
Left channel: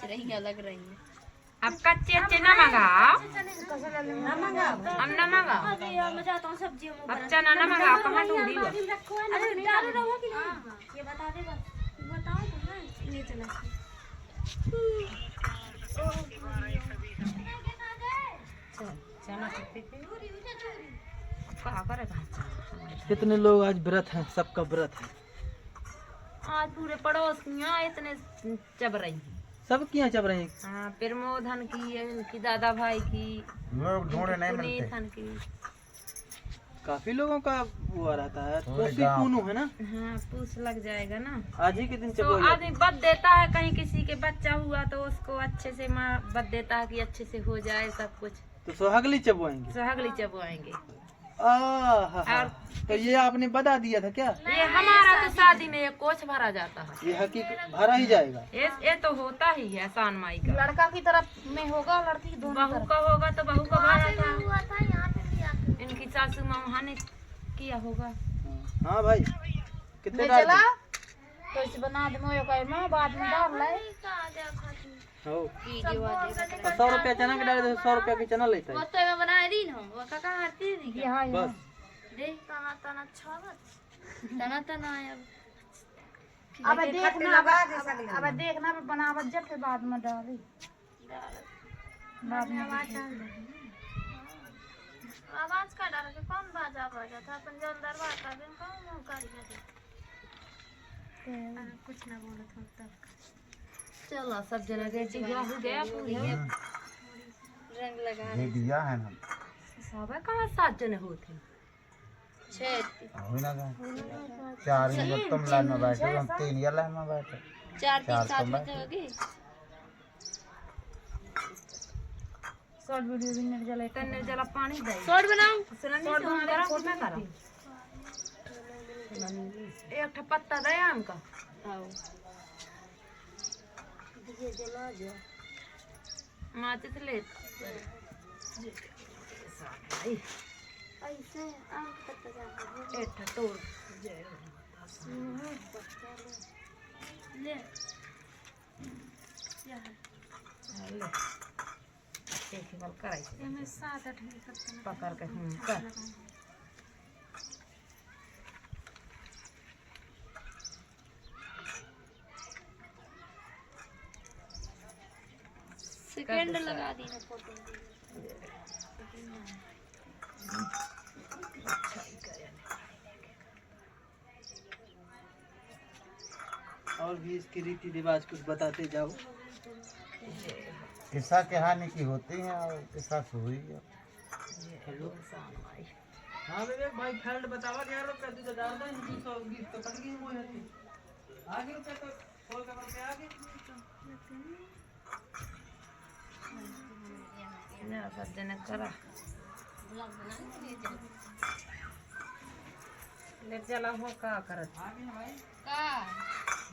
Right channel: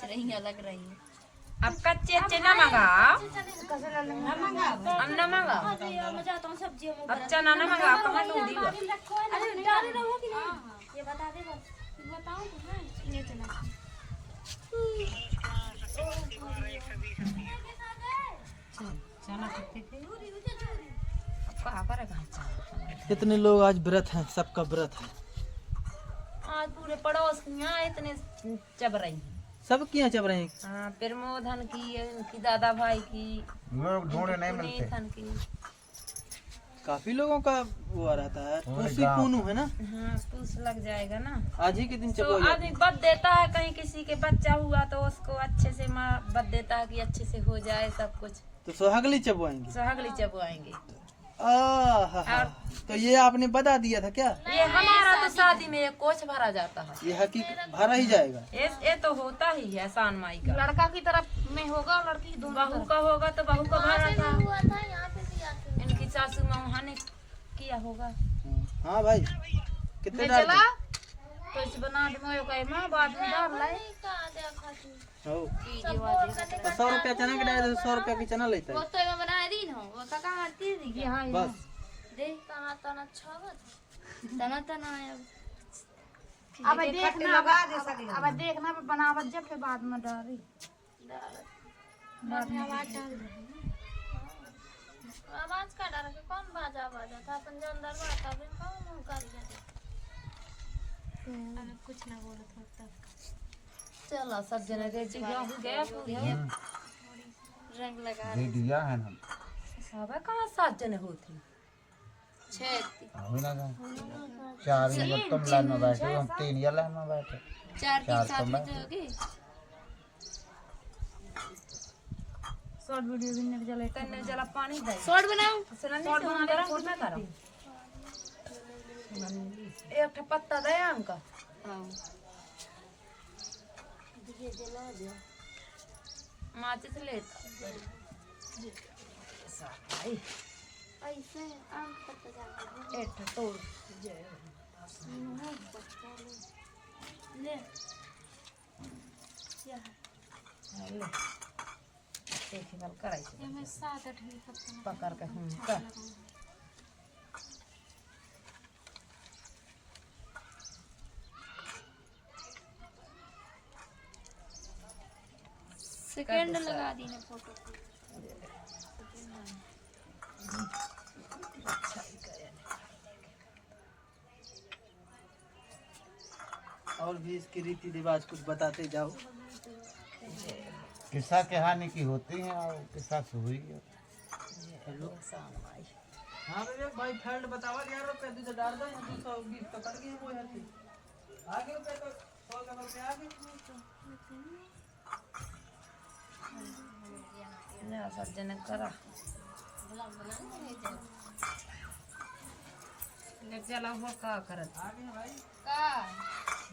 चिरैया लग रही है अब कच्चे अच्छे ना मंगाओ हम ना मंगाओ मैं चाहता हूँ सब्जी अब चना ना मंगाओ कहाँ तोड़ी हुआ अरे डालू रहो कि नहीं ये बता दे बस बताओ तो हाँ ये चला चना कितने के अब कहाँ करेगा चना कितने लोग आज व्रत हैं सबका व्रत है आज पूरे पड़ोस की यहाँ इतने चब रही हैं। सब किया चब रहे हैं हाँ प्रमोदन की इनकी दादा भाई की लोग ढूंढे नहीं मिलते पुनीतन की काफी लोगों का वो रहता है हो कोसी जाओ। पूनू है ना हाँ पूछ लग जाएगा ना आज ही के दिन तो चबो आदमी बद देता है कहीं किसी के बच्चा हुआ तो उसको अच्छे से माँ बद देता है कि अच्छे से हो जाए सब कुछ तो सुहागली चबवाएंगे सुहागली चबवाएंगे आहा तो ये आपने बता दिया था क्या ये हमारा तो शादी में एक कोच भरा जाता है ये हकीकत भरा ही जाएगा ये तो होता ही है शान माई का लड़का की तरफ में होगा और लड़की की बहू का होगा तो बहू का भरा था हुआ था यहाँ पे भी आके इनकी सासू माँ वहाँ ने किया होगा हाँ भाई कितने डाल चला तो इसे बना दे मोयो का माँ बाद में डाल लाए हो 100 रुपया चना के डाले 100 रुपया की चना लेता है तो मैं बना रही ना वो काका हरती थी ये हाँ बस देख तना तना छावत तना तना आया अब देखना अब देखना बनावत जब फिर बाद में डाली बाद में आवाज डाल दे आवाज का डर के कौन बाजा बाजा था अपन जो अंदर बाता दिन कौन मुंह करिया दे अगर कुछ ना बोलो तो तब चलो सब जने रेडी हो गया पूरी रंग लगा रेडिया है ना सब कहाँ 7 जने होते हो ना का 4 जने तुम लाइन में बैठे हम 3 ये लाइन में बैठे 4 3 7 में जाओगे शॉर्ट वीडियो भी नहीं जले तन्ने जला पानी दे शॉर्ट बनाऊं शॉर्ट बना करा खुद में करा एक ठा पत्ता दे हमका आओ ये जला दे माचिस ले ऐसे आम का पत्ता डाल एक ठा तोड़ ले ले देखी बल कराई ये में 7 8 पत्ता पकड़ के कर सेकंड लगा दी ना फोटो और भी इसकी रीति रिवाज कुछ बताते जाओ। किस्सा कहानी की होती है और किस्सा से हुई है। हाँ भैया भाई फील्ड बतावा 11 रुपये दे डाल दो 220 तो कर गई वो है आगे रुपये तो खोल के आगे ना सज्जन करा ले चला हो का करत का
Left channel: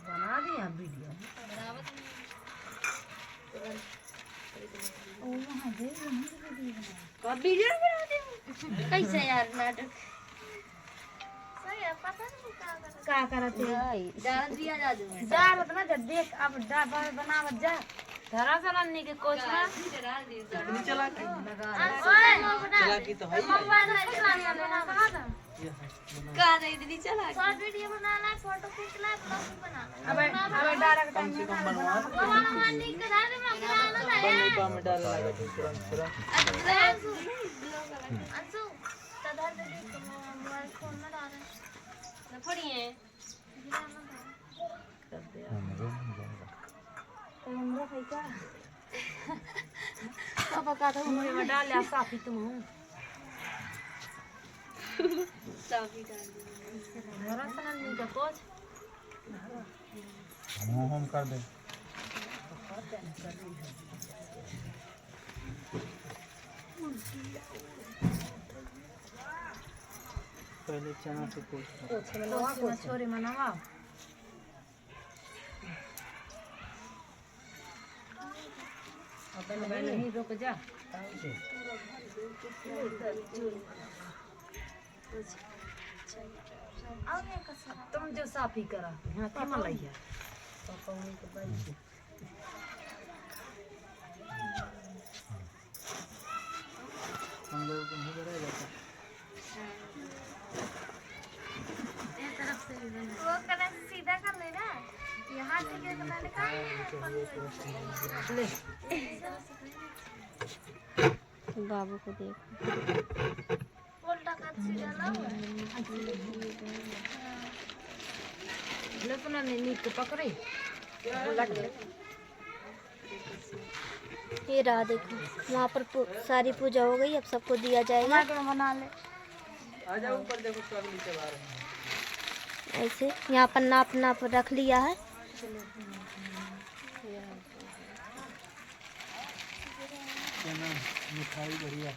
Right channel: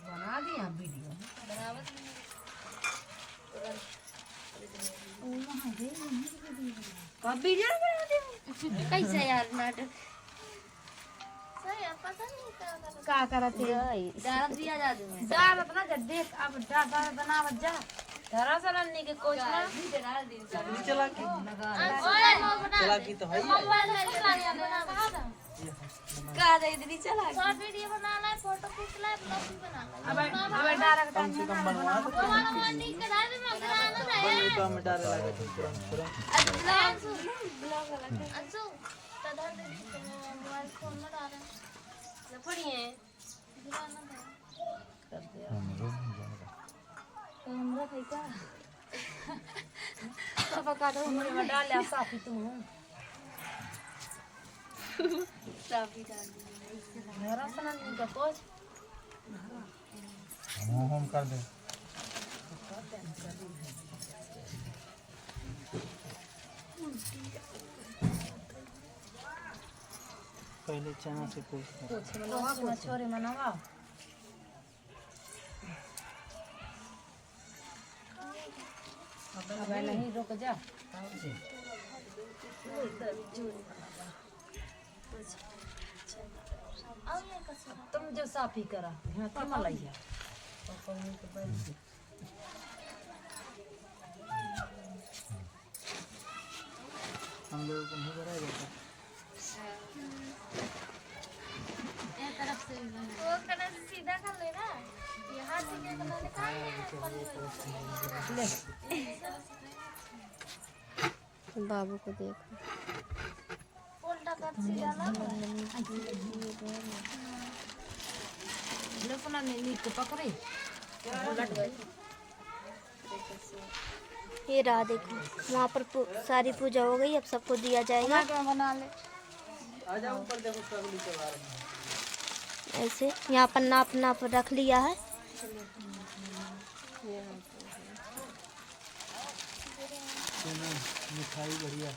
बना दिया वीडियो का वीडियो बना दे कैसे यार नाटक सही है पता नहीं का करत है डाल दिया जादू में डालत ना जब देख अब डाबा बनावत जा धरा सनन्नी के कोच ना चटनी चला की बना चला की तो है मोबाइल है चला बना था का दे दीदी चला शॉर्ट वीडियो बनाना है फोटो खींच ला ब्लॉग भी बनाना है अब डायरेक्ट कम से कम बनवा वो वाला मंडी के धार में बनाना ना है में डाल लगा दीजिए अंशु अंशु तो धर दे दी तो मोबाइल फोन ना डाल ना पड़िए गिराना था हमरो नहीं जाएगा। कैमरा है क्या पापा का तो मुझे में डाल लिया साफी तुम हूं साफी डाल दी धरा सनन्नी का कोच हम कर दे पहले चना से कोच छोरी मनावा अब नहीं रुक जा तुम जो साफी करा हाँ तुम लइया हम लोग को नहीं करेगा तरफ से भी बना वो करने से सीधा कर लेना यहाँ से क्या करना निकाल ले बाबू को देखो उल्टा कर सीधा ला हुआ ले सुना नीट के पकड़े उलट ले ये रहा देखो वहाँ पर सारी पूजा हो गई। अब सबको दिया जाएगा। बना ले आ जाओ ऊपर देखो सब नीचे बाहर है। ऐसे यहाँ पर नाप नाप रख लिया है। मिठाई बढ़िया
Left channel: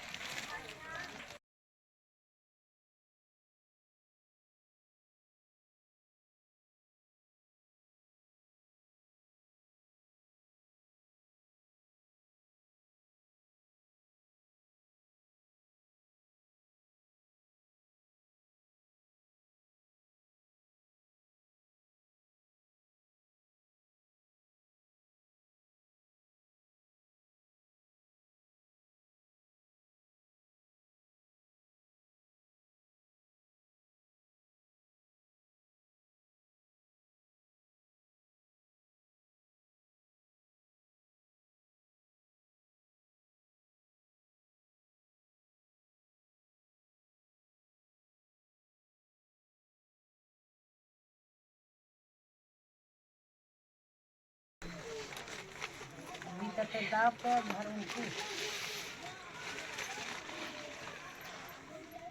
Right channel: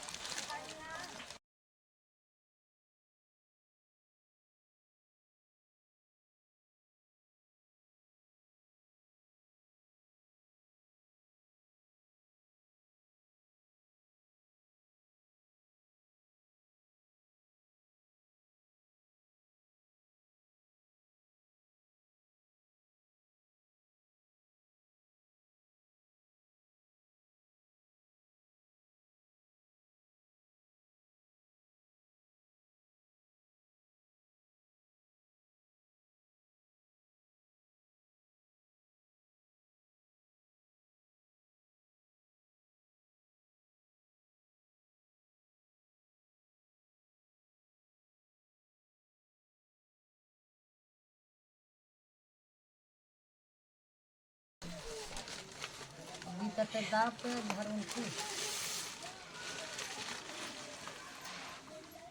करते दाब के घर उनकी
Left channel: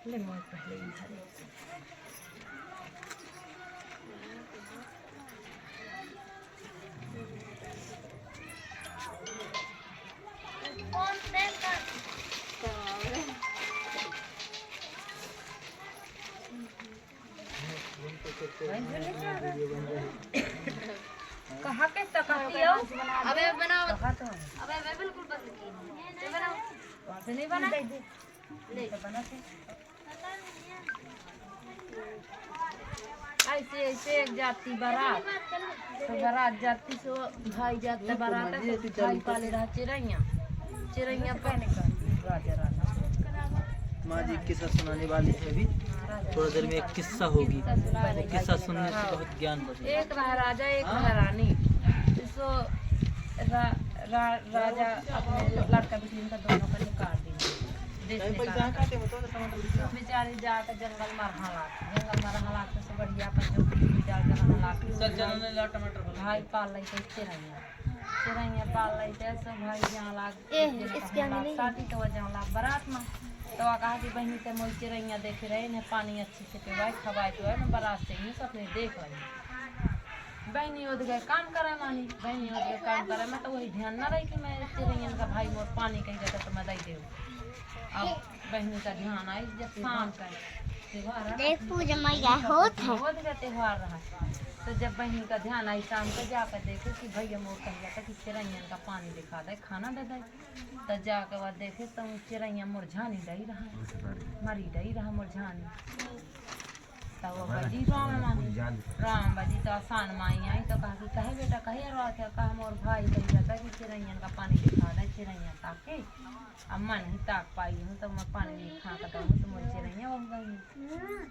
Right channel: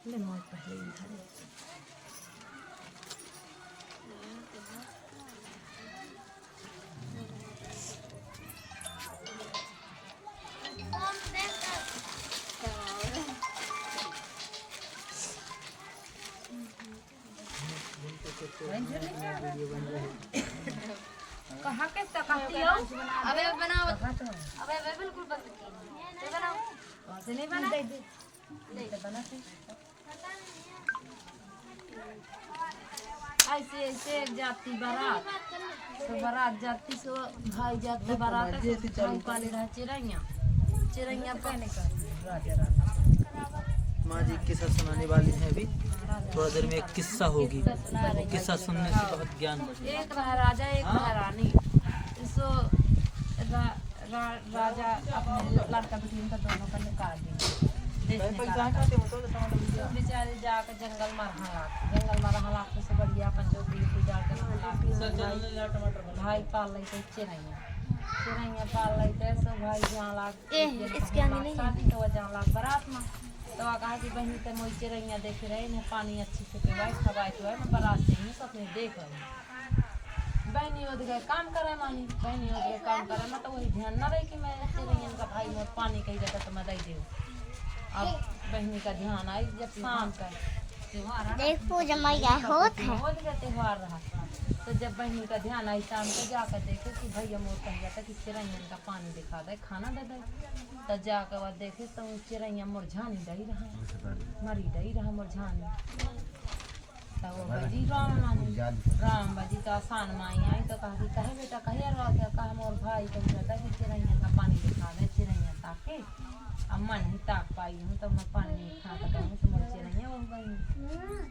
ले मोर पहले ही घर कहाँ पे तकाती हो अबे बनाओ कहाँ तो है अबे बिल्कुल बंद की बनाओ वहाँ से नहीं बना तो बना थे ऐसे ऐसे एक जाती बारात तो बारात जाती सो भाई जाते बारात से भाई पाले रहा चिरैया पहने का राजा रानी माँ जी किस्सा सुनाने वाली है अभी थोड़ा देर में एक किस्सा होगी किस्सा सुनने से बहुत ज्ञान एक रहा राजा एक रहा रानी सो राजा अपने लड़का बिटिन का दोनों का निकाल दी देश निकाला तो बेचारे जाकर जंगल में रहा लाख से बढ़िया अपन जो भी जाकर टमाटर भाई पाल रही थे चिरैया पाल रही थे सब भाई जहाँ लाग शादी तो जहाँ लाग बारात में तो कहा कि बहनी ते मोई चिरैया देखे रहे ने पानी अच्छी से पिवाए खवाए पिवाए मैं बारात से नहीं सब देख रही बहनी उठ गए काम करे मानी बहनी उठ गए काम करे मैं तो वही ध्यान ना रही कि मैं चिरैया का भाई मोर पानी कही जाता तो मैं दे दे अब बहनी का ध्यान आई जब शाम का त्योहार रहा तो जब बहनी का ध्यान आई शाम को जाकर देखे कि भैया मोर कह जाता कि चिरैया का पानी दिखा दे खाना दे दे तो जाकर बाद देखे तो चिरैया मुरझानी दही रहा मरी दही रहा मुरझानी तो वो बजी राम बजी तो आसान माई आई तो कहा कि कहे बेटा कहे रो क्या कहा मोर भाई कही जाता कि चिरैया का पानी दिखा दे चिरैया ताके अब मैं नहीं ताक पाई हूँ तो मैं पानी नहीं खा कर हूँ तो मुझे चिरैया बन गई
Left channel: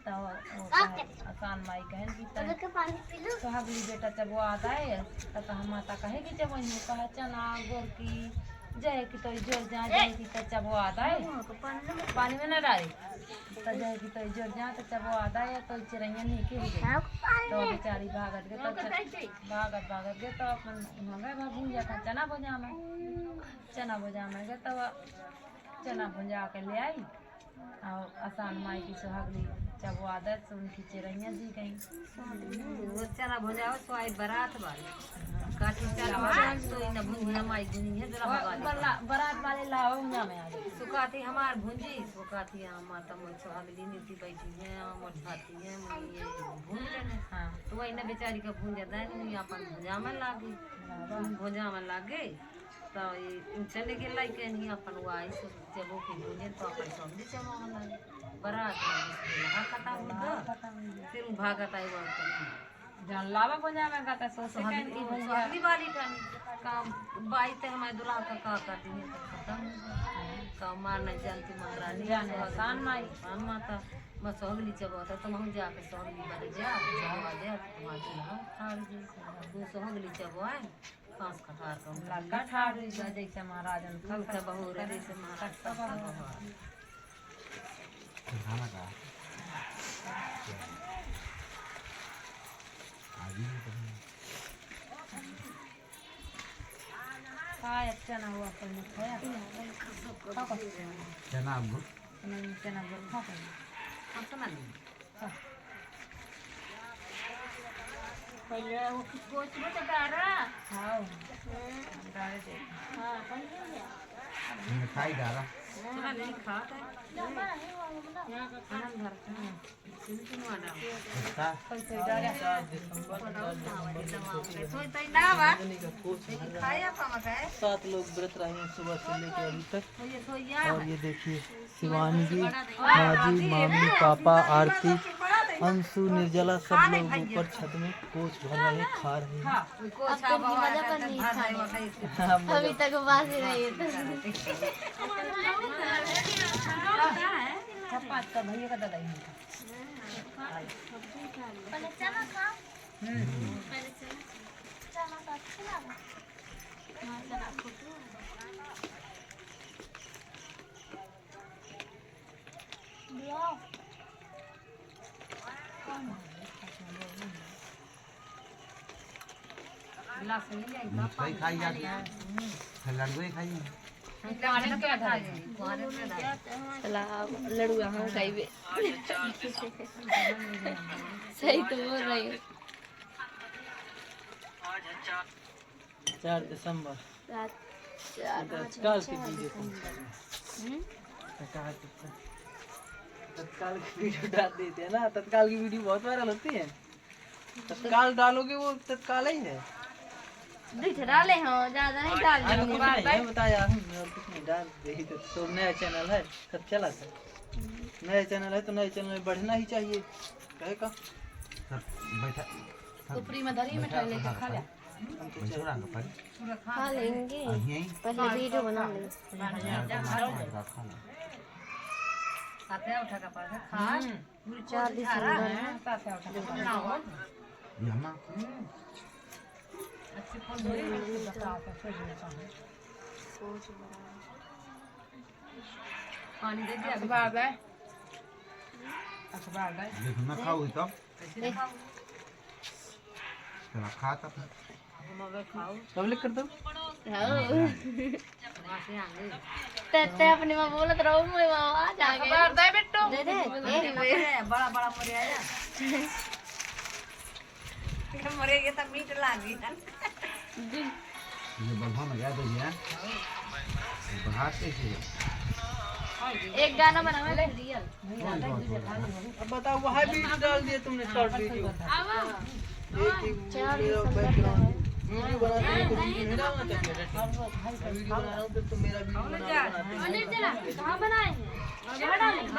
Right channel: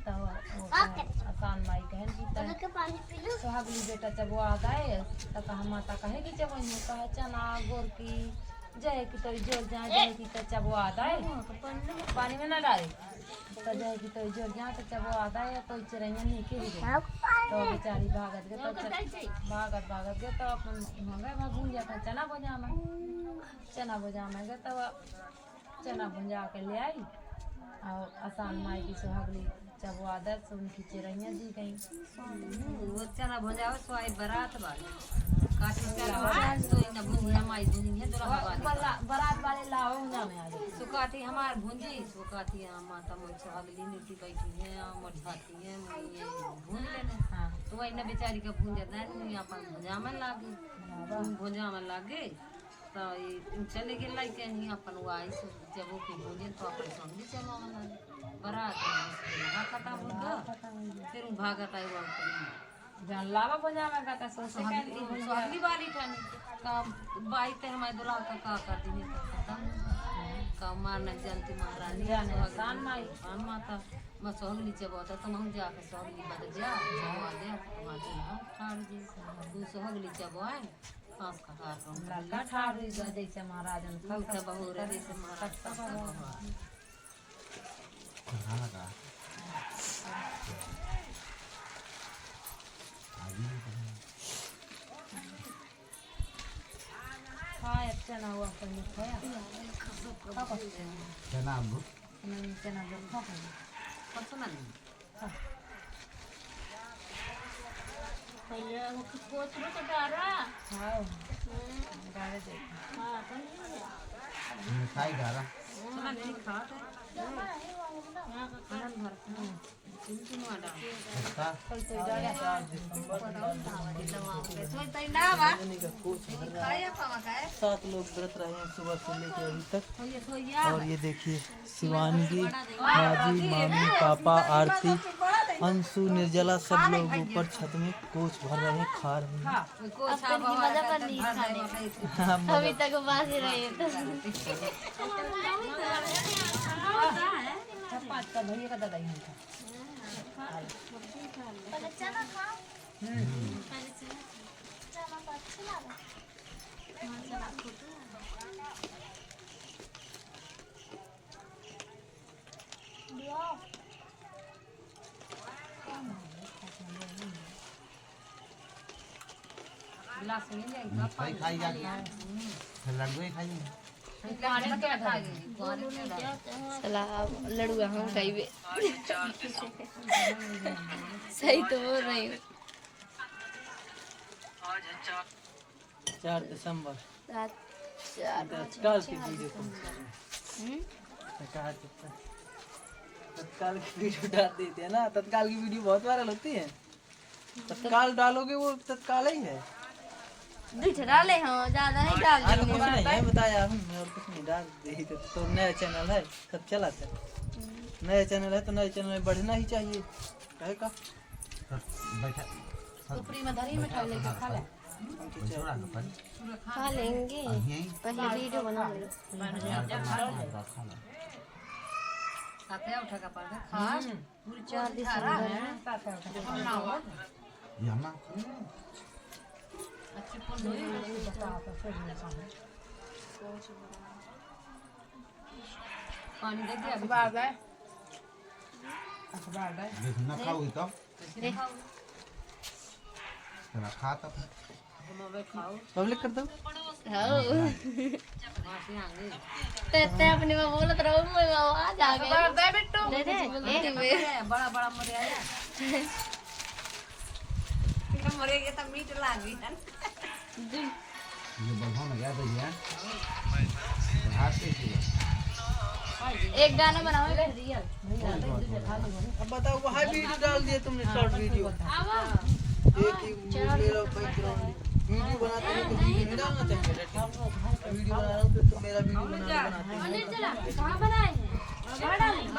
तो वो आसान माई कहे सुहागली बेटा जब वो आ गए तो कहा माता कहेगी जब वही कहा चना गोरकी जय की तो जोर जा जय की तो जब वो आता है पानी में ना डाले तो जय की तो जोर जा तो जब वो आता है तो चिरैया नीचे ही गई तो बेचारी भागत गए तो भागत गए तो अपन वहाँ गए भूल जाता चना भुजा में गए तो चना भुजा के ले आई और आसान माई की सुहागली जब वो आदत से उनकी चिरैया दी गई वो चना भुजा स्वाई बारात वाली काटी चलवा तो इन भुंजिया माई भुंजिया जरा बारात वाले लाओ में आ गई सुकाती हमार भुंजी सुकाती माता मोर सुहागली नीति बैठी है मोर झाती है ये भून लेने हाँ तो वही ना बेचारी का भुंजा देनी अपन भुजा में लागे भुजा में लागे तो ये चले गए लाइक नहीं अपन वो आई जब वो की भुजे तो अपन समझी चलो में लागे बारात में लगा खत्म हो गया फिर भागत आई वहाँ जान लावा बजा में गाता सो सुहागली वाली ठानी काम बाई ते हमारे दुल्हा का कर दी तो खत्म का मारना जानती महारानी सुहागन माई मान माता मैं सुहागली जब होता तो हम जाकर सुहागली बद जा जब आ जाए तो तुम्हारे दुल्हा ठाड़ जी तू सुहागली जब आए खास खटार का लड़का ठाड़ जी जैसे महाराजन फल से बहू रे जैसे महाराज का बहू खाना का खाया चना हुआ पहले खाया चना चना खा कब सुना पहले वो कोच में तो डारा हाँ डाले दे हाँ पहले खाई डारा सुना नहीं खा खाना भर चिंतन वाला अच्छा कोई तो डाला खाया पामा का 7 लोग व्रत रहे हैं सुबह से लेकर अभी तक और ये देखिए शिवानगी माजी मामी पापा आरती अंशु निर्जला सब लोग ऊपर छत में कोच भर रहे खा रहे हैं अभी तक बात ही रही पाँच का भैया का दादा ही था पहले चना खा पहले चना का अच्छा लगा हाँ चना फोटो दिया ला मिठाई खाई जाती है, फिर लड्डू ही खाइए। चला लड़ुआ हम खाइबे। सही तो बोल रही हूँ। 4 दिसंबर रात 4 तत्काल की वीडियो तत्काल की वीडियो डाल देते हैं ना। तत्काल की वीडियो बहुत वायरल होती है। तत्काल डालोगे वो तत्काल ही है। डाले हम ज्यादा नहीं डाल कुछ नहीं बता यार, और कुछ नहीं डाल दे। तो नया चैनल है कब चला था, नया चैनल है तो नए चैनल में बढ़ना ही चाहिए। कहे का बैठा ऊपरी में धरी मिठाई लेके खा ले। बैठो रहा पर खा लेंगे, यहीं पहले वीडियो बना लेंगे। खा लो। साथे उठा का पड़ खा। पूरी 4 दिसंबर साथे उठा के पड़ हो। यमा अच्छी फोन दो बता के फिर पानी दे दिया अखबार दे। अखबार दे। देखो ना खाओ तो चला खा तब हम अब खाओ। पब्लिक कर दो। वहां से आगे ते अपने में बोलत रहो मैं आ जागे। अखबार दे बेटो। दे बड़ा बड़ा मरे आया। मरे ये तो मीट लागी है। ये बल्हा में याद है यार बाहर से एक गाना बनाओ रियल। अब बताओ वहाँ वीडियो डाल दिया तुमने, शॉर्ट वीडियो। एक मेरा बैकग्राउंड वीडियो बनाते हो तो वीडियो नहीं डालना चाहिए। वीडियो बना रहा हूँ तो मेरा वीडियो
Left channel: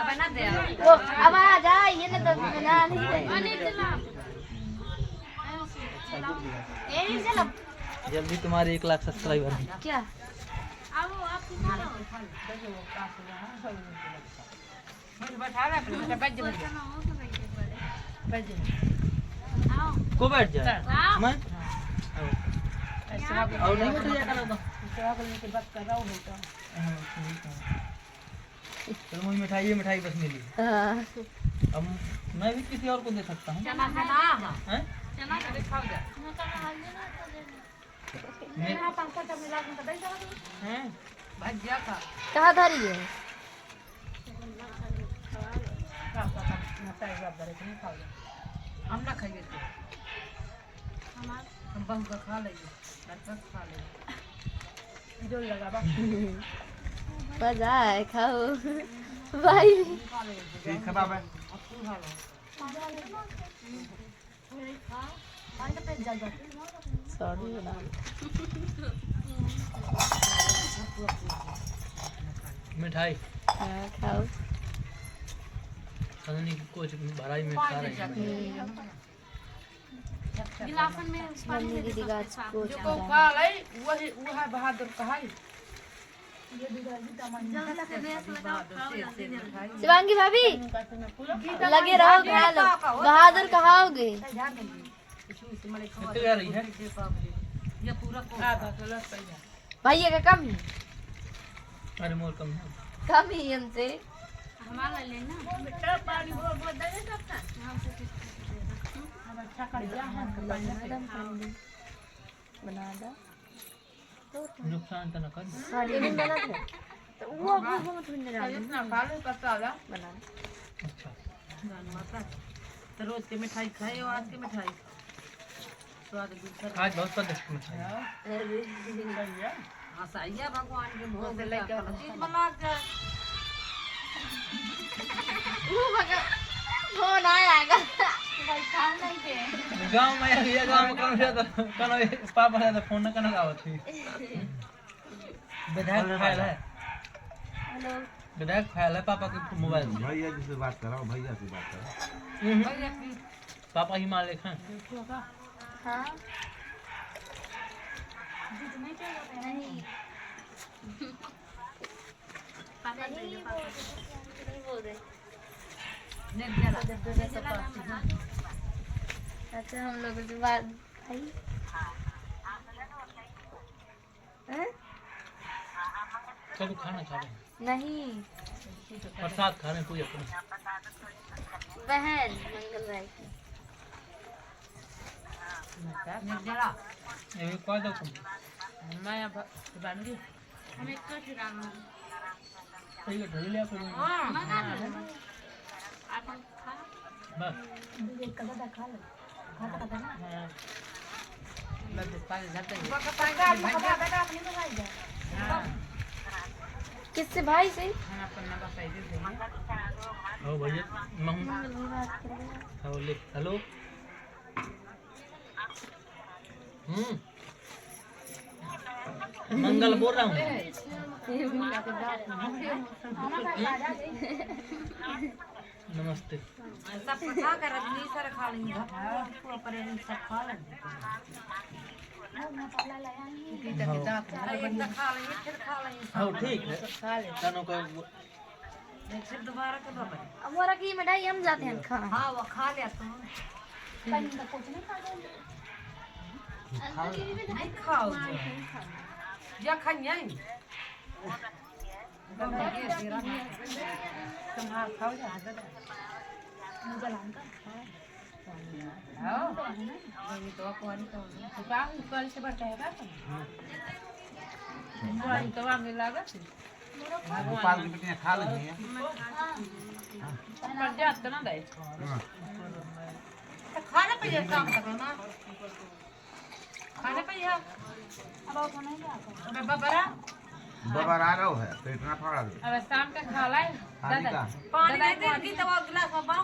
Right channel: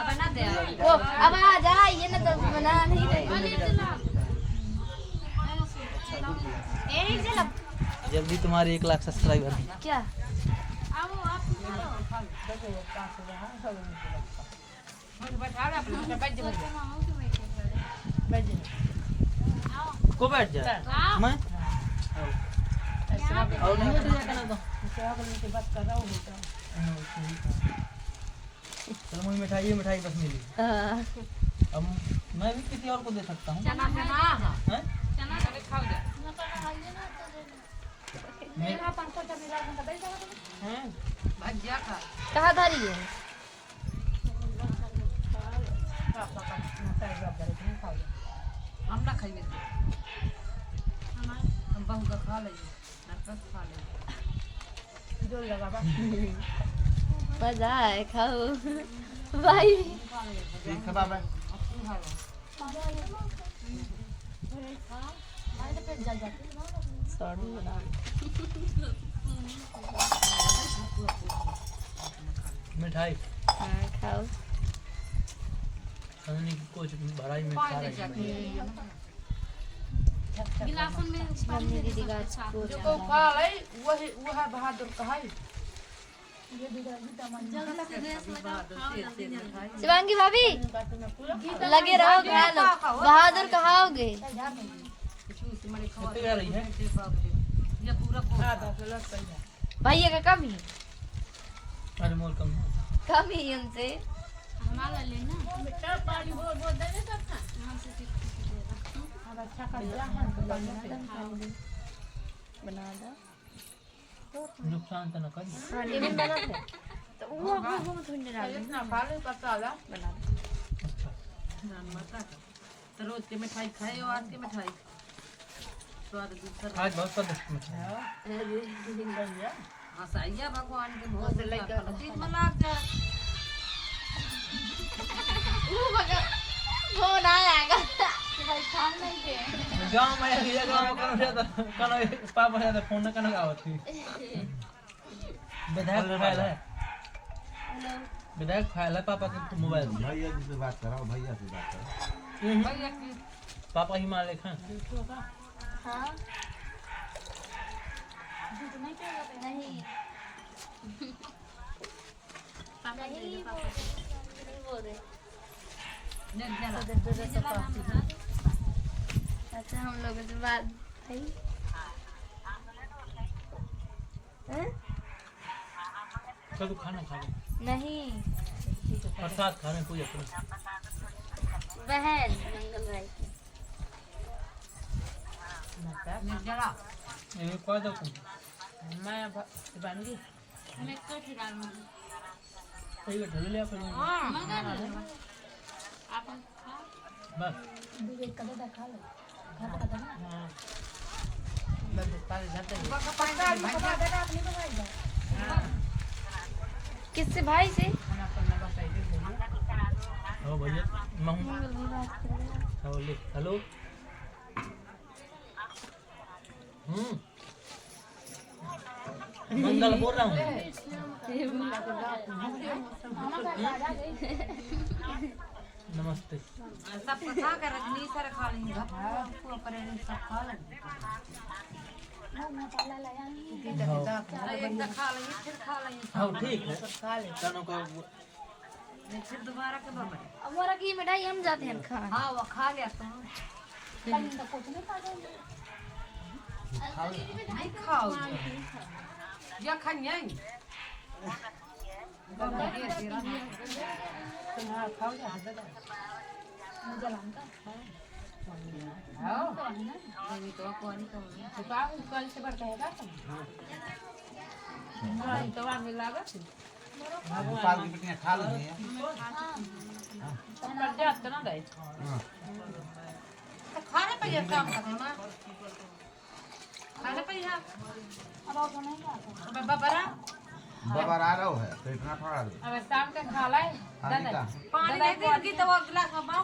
बना दे। वो अब आ जा, ये ना तो बना नहीं जल्दी तुम्हारे 1 लाख सब्सक्राइबर हैं। क्या बैठा रहा अपने बैठ को बैठ जाए मैं और नहीं बैठ जाएगा ना तो बात कर रहा हूँ बेटा। चलो मुझे मिठाई बस मिली। अब मैं भी किसी और को दे सकता हूँ। चना हैं? चना खाओ जा। मैं भजिया खा। कहाँ धरी है? हम ना खाइए तो हम बहू का खा लेंगे, नरकस खा लेंगे। जो लगा बा मजा है, खाओ भाई। ठीक है बाबा मिठाई खाओ। खाने की कुछ भराई में खा रहे हैं। गिलासन में मम्मी दीदी का को जो खा ले वही वह बहादुर का है। शिवांगी भाभी लगे रहो, बहादुर कहाओगे। कितने आ रही है? ये पूरा भैया का कम ही अरे मोर कम है। कम ही हमसे। हमारा लेना बेटा पानी बोल बोल दे सकता अब अच्छा कर दिया है बना दो। नुकसान तो न कर। खाली में डाल दे तो वो डाल दे। इतना पाले पता ला बना अच्छा जान माता तो रोज के मिठाई खाए और आज के मिठाई स्वाद दूसरा आज बहुत स्वादिष्ट मिठाई है। हाँ सही है भगवान के भोग से लेकर चीज बना के फोन आएगा भाई खान नहीं के गांव में ये गांव में कनो पापा ने फोन न कनो आवत थी। विधायक फाइल है। हेलो विधायक फाइल है पापा के मोबाइल में। भैया जी से बात कराओ, भैया से बात कराओ। भैया की पापा ही मान लेखा हाँ नहीं नहीं बोल रहे। नेट जला अच्छा हम लोग के बाद भाई चलो खाना खा लो। नहीं प्रसाद खा रहे कोई अपने। बहन मंगल भाई की नेट जला ये कोई दो तुम मैं बांगी हम एक तो डालूंगी सही है ढल लिया फिर आप खा बस एक कदा खा ले खाता ना हां बंद पानी जाते हैं भाई बेटा अपनी तो भाई जा किससे भाई से हम अपन ना बसाई दे आओ भैया महू मंगल भाई बात कर रहे हैं आओ ले हेलो मंगल बोल रहा हूँ नमस्ते सब खा कर रजनी सर खा लेंगे पूरा परेशान सब खा लेंगे एक खा लेंगे फिर खा लेंगे हाँ ठीक है खा ले दोनों का फिर दोबारा के बाबा अब मोरा की मिठाई हम जाते हैं खाने हाँ वो खा लिया तुम नहीं खाओ या खाएं तुम्हारा खाओ जा मुझे लाऊंगा हाँ नहीं तो कौन तो बाप कल से बढ़ता है बात कौन तो आगे लगा गोपाल की बेटियां खा लेंगे पर जात ना दे हां खाना पे काम करना मां खाना पे अब वो नहीं आता अब बबरा बबर आ रहा है पेट ना फाड़ा दे अब शाम का खा ले दादा पानी दे देगी तो वो गिलास में पाओ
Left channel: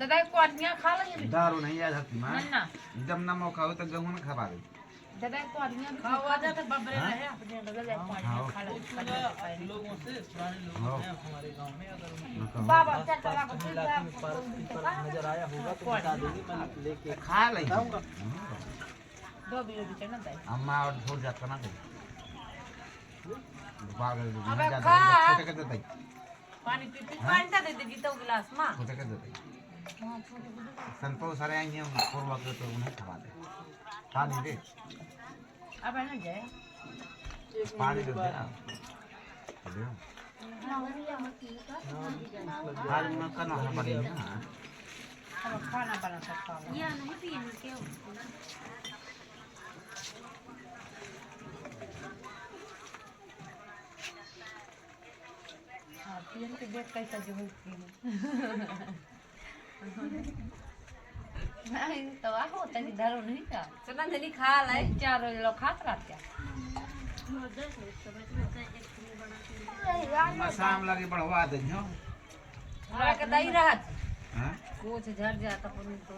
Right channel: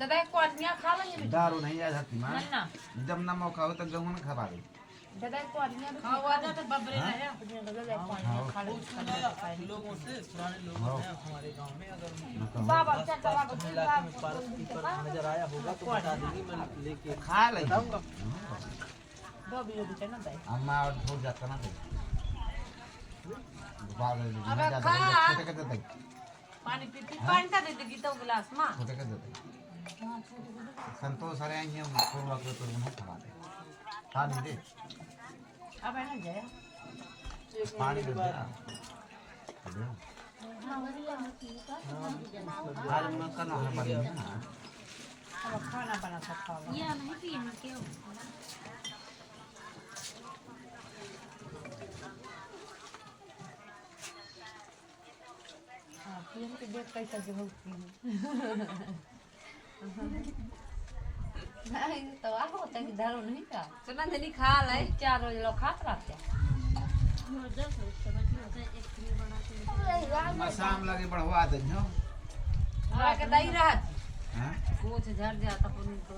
दादा कोटियां खा लेंगे दारू नहीं आ सकती मां ना जब ना मौका हो तो गेहूं ना खा दे दादा कोटियां भी खाओ आजा तो बबरे रहे अपने दादा कोटियां खा ले बाबा चल चला को नजर आया होगा तो बता देगी मैं लेके खा ले दो भी चढ़ना दे अम्मा और छोड़ जाता ना दे गोपाल के अबे ज्यादा खा। छोटे के दे पानी पी पी पानी तो दे देगी तो गिलास में छोटे के दे संतोष सारे आएंगे हम पूर्वा के तो उन्हें खा दे पानी दे अब है ना जय पानी दे दे आज मैं करना है बड़ी ना अब खाना बना सकता हूं या नहीं तो यहाँ क्या हो हां पीएम के देख कैसा जो होती है नहीं तो आ होता कि दारू नहीं का सुना नहीं खा ले चार रोज लोग खात रहते मैं शाम लगे बढ़वा दे हो हैं के दई रहत हां कुछ झड़ जाता पुनी तो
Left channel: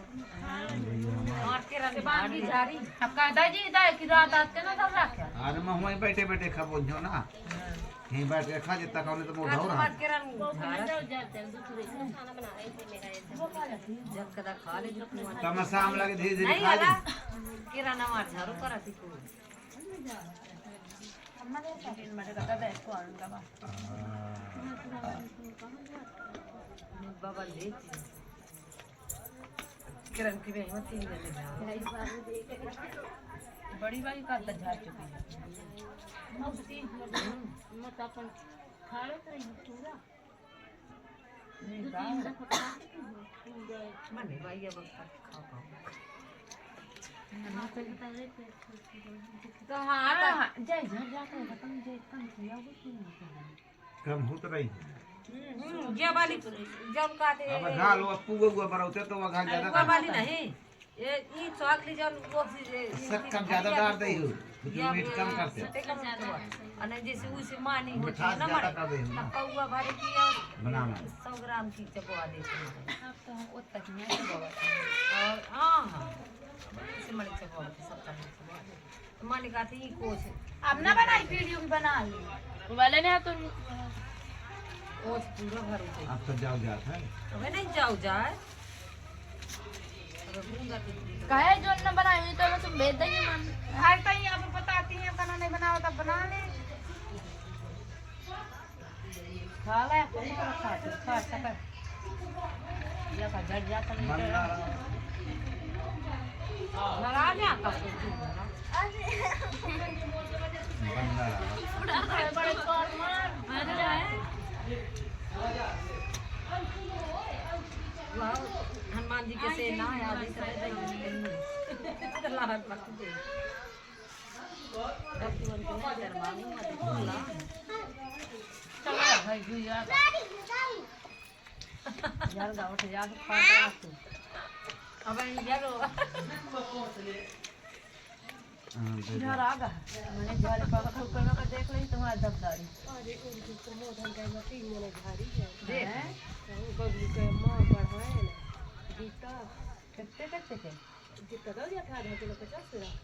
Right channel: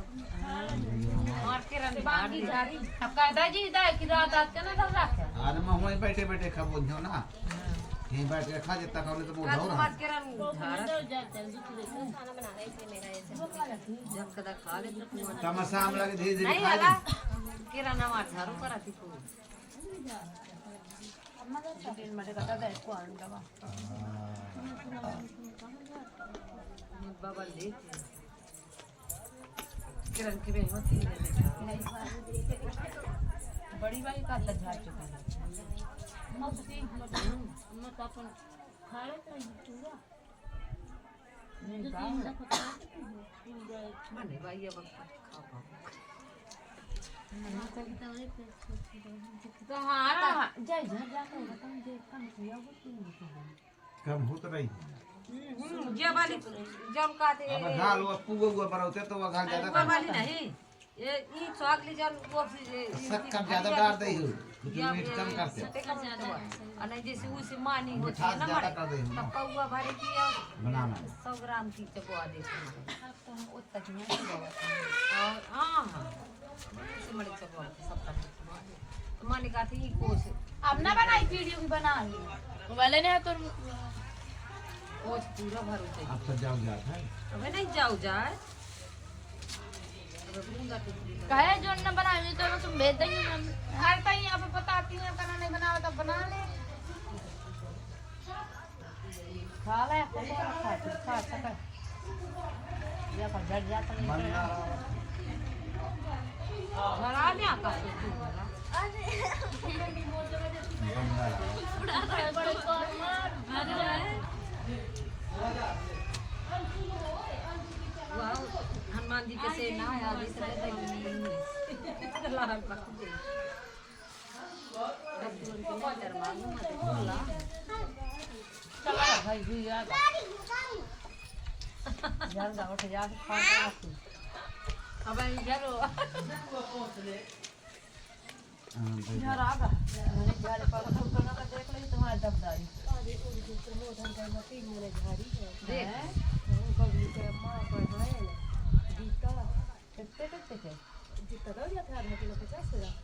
मार के रन बाकी जारी अब का दादी दाई की रात आते ना धर रखे अरे मैं वहीं बैठे बैठे खा बोझो ना यहीं बैठ के खा जितना खाओ तो मुंह धो रहा मार के रन जब कदा खा ले जो तो मैं शाम लगे धीरे धीरे नहीं खा वाला ले किराना मार झाड़ू करा थी को हमारे दिन में कदा दे को आन का बाबा ले किरण की बहन होती है बड़ी वाली का झाड़ चुकी है मत अपन खा लो तो पूरा मने भाई अब खा पाओ तो हाँ जय झड़ जाता है खत्म जय कम किया वो क्यों कम होत रही ये वाली जब काटे अब घाल वो पुगो गो बरौते तो वो घाल ज्यादा वो वाली नहीं ये ई चॉकली जन वो सब कम ज्यादा डाल दे हो जो मीठ कम करते और जैसे उसे मानी होती मिठास है ना ज्यादा मारे कर दे हो ना तब पौवा भरे की बनाना 100 ग्राम की चबवा देते मारे तो उतना ही नहीं चबवा और हां हां उसे मड़ी चबवा 70 चबवा दे तो माने का थी कोस अब ना बनाई वीडियो भी बना ली वाले ने तो कोस पूरा भरो चाहिए अब तो जाओ जात है अबे नहीं जाओ जाए अबे बूंदा टिकरी कहे जो न बनाई तो तुम भेज देंगे मम्मी हर तई अब बताती हैं खाना नहीं बनाओ तब बना ले खा ले अपन को रखा तू खा सके या का जड़ जाता नहीं बंदा झरा नहीं आता सोचू बंदा बड़े कौन मार वाह हनुमान जी के से ना है आदि से दे लाहट पक दे चला भाई भैया यार गाँव से याद फाटा तू अब इधर घर आ गया मैंने घर पर करना का देख ली तुम्हारा दबदारी देख बबली के मां बढ़ाए ना जीता कितने के जीता दो या था आधा किलो 50 ग्राम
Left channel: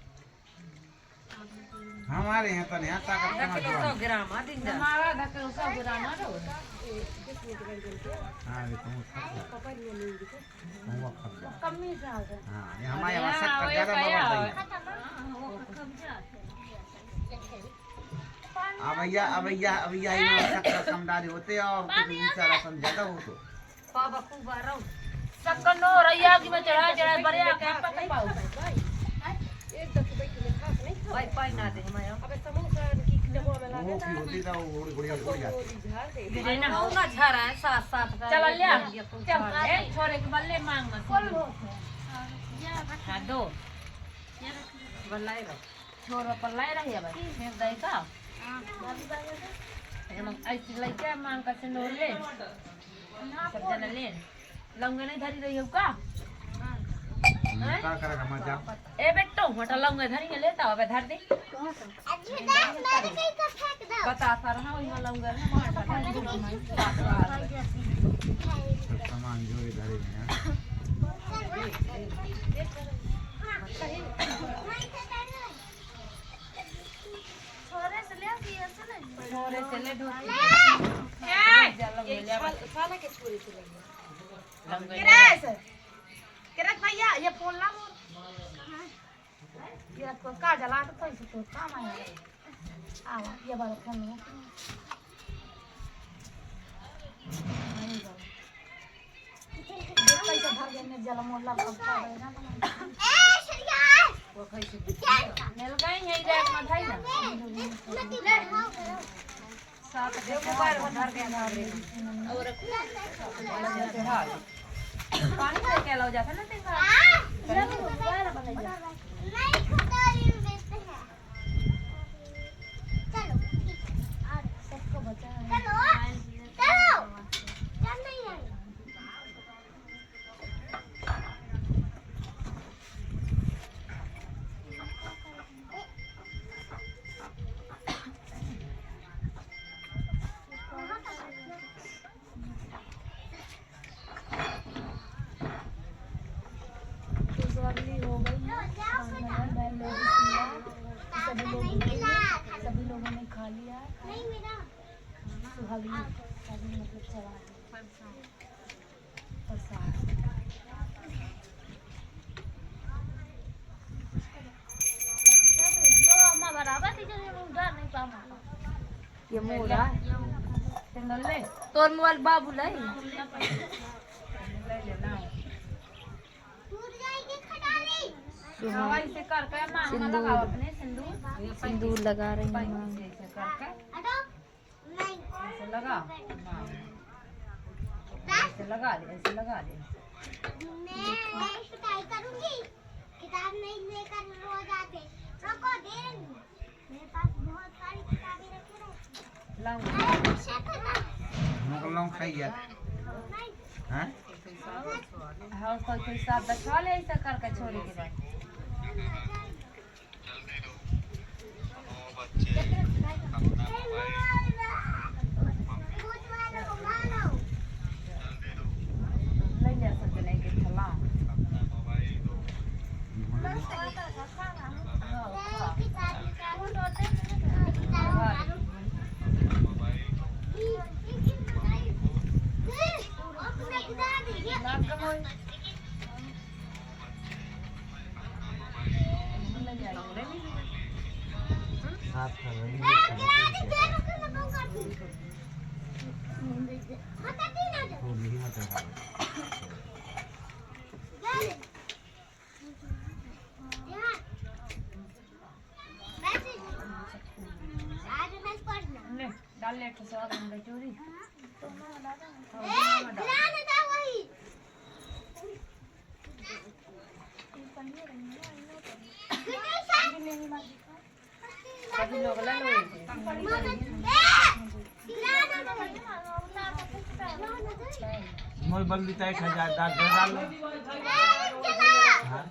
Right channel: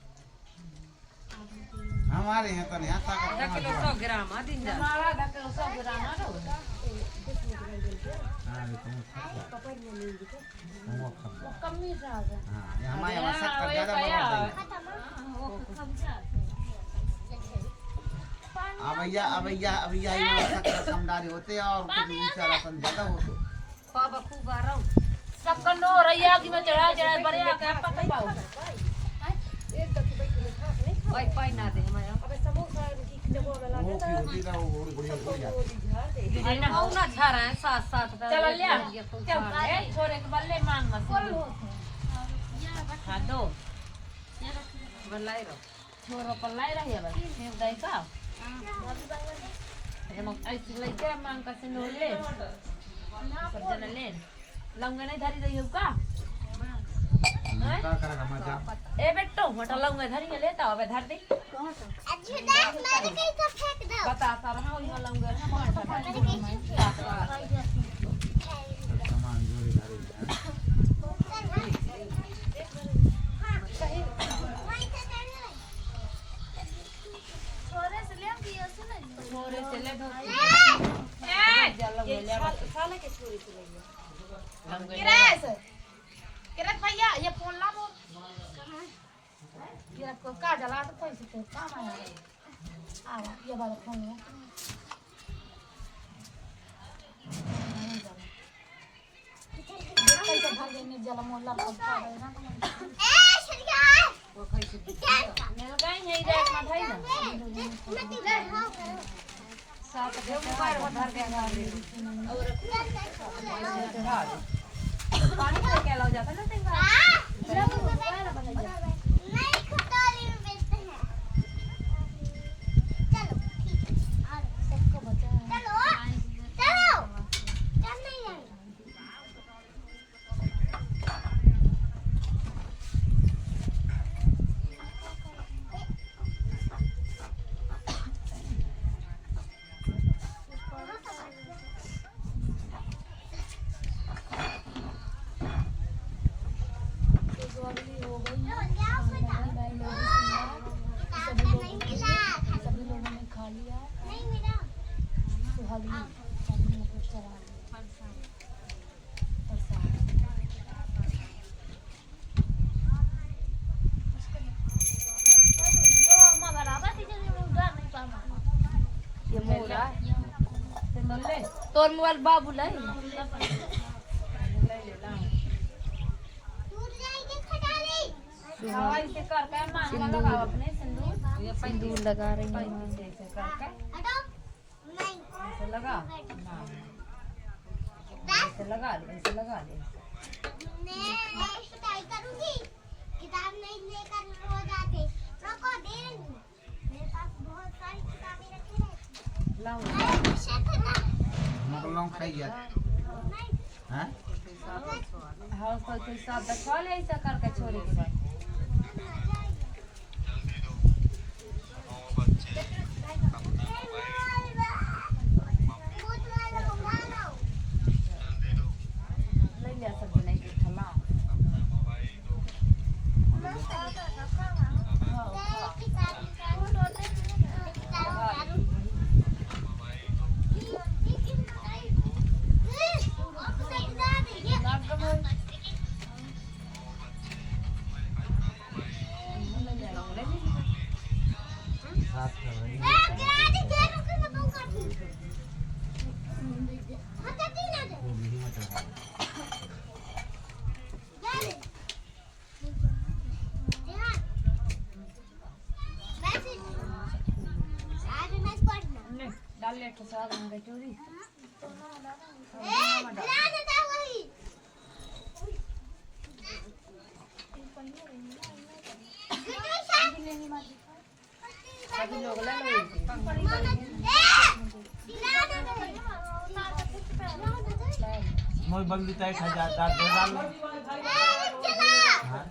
हमारे यहाँ तो नहीं आता आधा किलो 100 ग्राम आ दिन हमारा आधा किलो 100 ग्राम आ रहा है हाँ ये तो पापा ने नहीं दिखा वो खा कम ही जा रहा हाँ ये हमारे यहाँ शक्कर ज़्यादा बढ़ रही है अब भैया ये शक्कर कमदारी होते हैं और कुछ ऊंचा राशन ज़्यादा हो तो पापा खूब आ रहा हूँ शक्कर नो रैया की में चढ़ा बड़े आके पता पाओ एक दफे बैठ के खा नहीं पाई पाई ना दे हमारे अबे समोसा की डब्बा वाला वो की होती था वो गुड़िया उड़ जाती डिजाइन ना ना झा रहा है साथ साथ चल ले चल छोरे के बल्ले मांग मत हां दो बल्लाई रो छोरो पर लाई रही है बस एक दई का ये लोग ऐसे लेके मांग का से नोर ले सब जना ले लौंगा नहीं धरी रही हो का क्या करेगा मजा ए बेटो मोटा लौंगा धरी के लेता अब धर दे बता सा रहा हूं ये लौंगा ना सामान जोड़ी धरे हैं छोरे से ले दिया से नहीं छोरे से ले धोती खाने के छोरे से ले किरत भैया ये फोन ला बोल ये को का जला तो पैसे तो काम आया रे आवा ये वाला फोन लो पैसा भर गए ने जला मोहल्ला का खा रहे ना ए श्रिया वो कैसे मिल गई है जाक में भाई ना साथ के मोबाइल भर गए और पानी से क्या लग जाता ना तेरा मोबाइल बना जा नहीं खुदारी में बेचते हैं चलो सबको बचा है चलो चलो चल नहीं जाएंगे हो गई है सभी लोग उठेंगे सभी लोगों ने खा लिया सुहागनी मतलब चला प्रसाद ये मोरा ले तोर मोबाइल बाबू ले ले ना हवाई से कर के मांग में लगाओ अपने सिंदूर ये सिंदूर लगा रही है ऐसे कर के ऐसे लगा हां ऐसे लगा ले ऐसे लगा ले मैं शिकायत करूंगी किताब नहीं लेकर रोज आते रुको दे मेरे पास बहुत सारी किताबें रखी हैं लाऊं हम लोग खाइए हैं हां कोई साथ बचा ले ऐसा कर के छोरी के बाद ले ले सब जने के खला साथ कर रही है वो नहीं होता है ले डाल ले तो स्वाद में चोरी सभी लोग ले लो मोई बंदी तय 1000 डाल डाल हां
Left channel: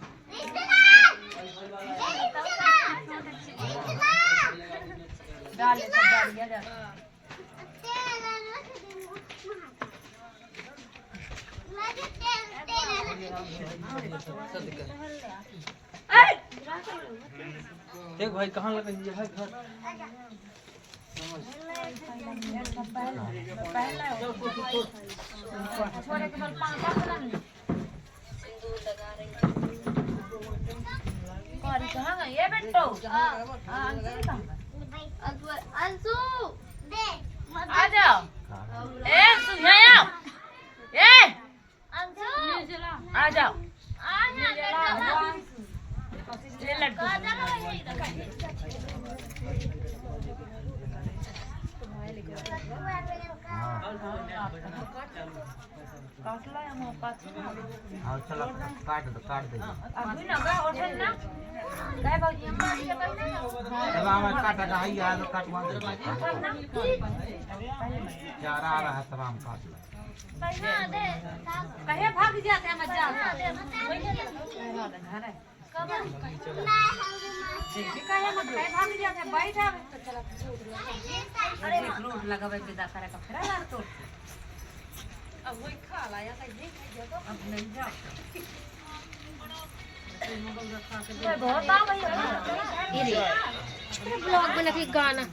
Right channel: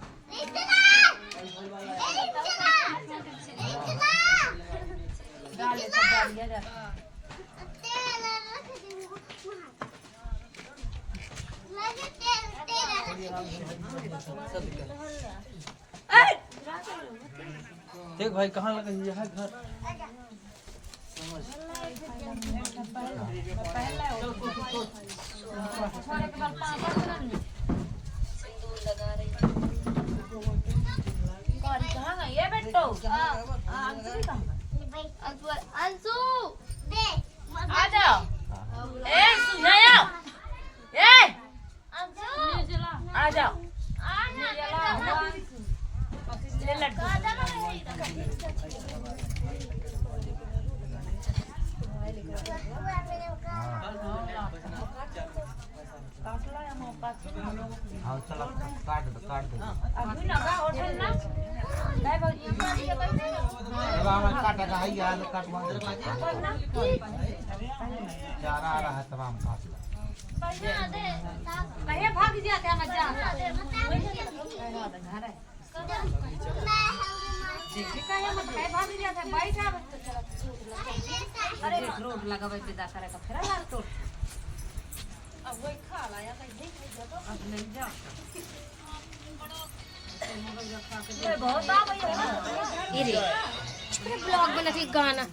डाल ले सब डाल दिया जाता देख भाई कहाँ लगा यह घर छोरे के बाद 5 दिन कौरी कहाँ गई ये बेटो अंशु भी कहाँ गई अंशु आ जाओ ए सुनाया ए अंशु आ जाओ ले लड्डू हां चल काट दे अभी लगा होटल ना काय भाजी चल हमारा काटा का है यार काटवा दे चारा आ रहा है तमाम काट कहे भाग जाते हैं मजा घर है देखिए कहे मत कहे भाग जाते हैं बैठा अरे रोड लगावे के दा करे का फिर यार तोड़ अब वही खा लाया कहीं अब नहीं जाओ बहुत आ भाई ये ब्लॉग बना के गाना ना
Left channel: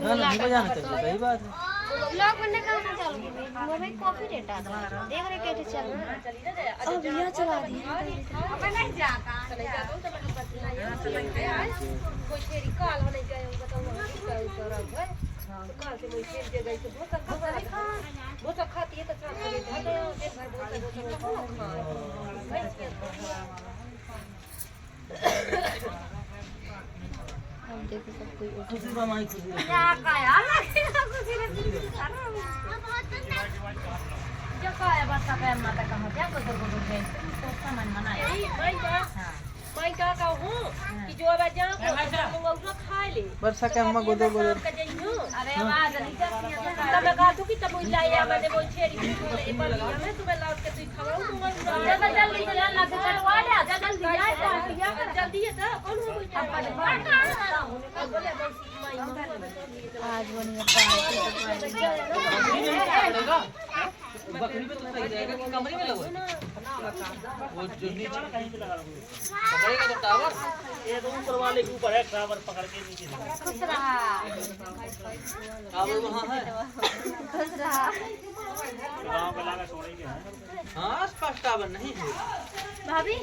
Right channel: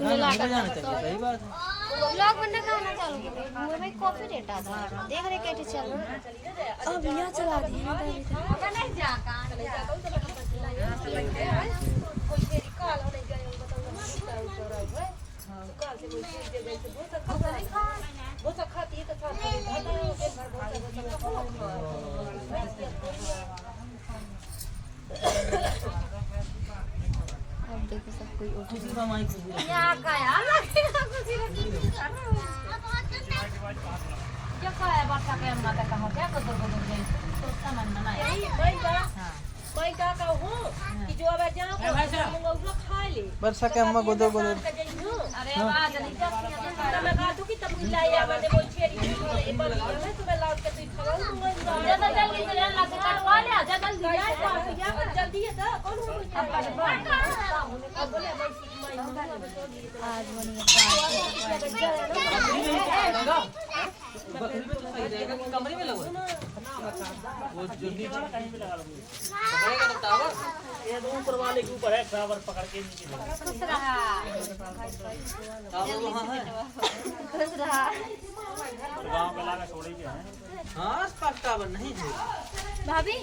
मुझे जाना चाहिए सही बात है ब्लॉग बनने का ना चालू हमें कॉपीराइट आ रहा है देख रहे कैसे चल रहा है अब यहाँ चला दिया अब नहीं जा कहां कोई तेरी कॉल होने गए बताओ कॉल से मुझे दे गई तो बहुत सब खाती है तो साथ में घर बहुत देखो सब कोई खुशी का माई खुशी रहे। क्या काया लगेगा कुछ नहीं जो काया बात का माता कहां क्या गोदर गोदर गई तो सामान बनाया मैं क्या कहूं कि जो अब जहां को मंगा उसको खा ले वर्षा के अम्मा गोदर गोदर अरे आज नहीं जाती है तो मैं कहा तू कि तब लाया मैंने वो छेरी ये बात मैं तुम्हें लाद के तू खवाऊं दूंगा ज्यादा जल्दी से ला के कटवा ले आजा जल्दी आ जल्दी है तो कौन हो अब बात बोले बकरी पे तो सही रहेगा कि कमरे में लगो वो जल्दी पकड़ेगा तो टावर ये ऊपर वाले के ऊपर है टावर पकड़ के नीचे टावर वहां है हां स्पष्ट टावर नहीं है भाभी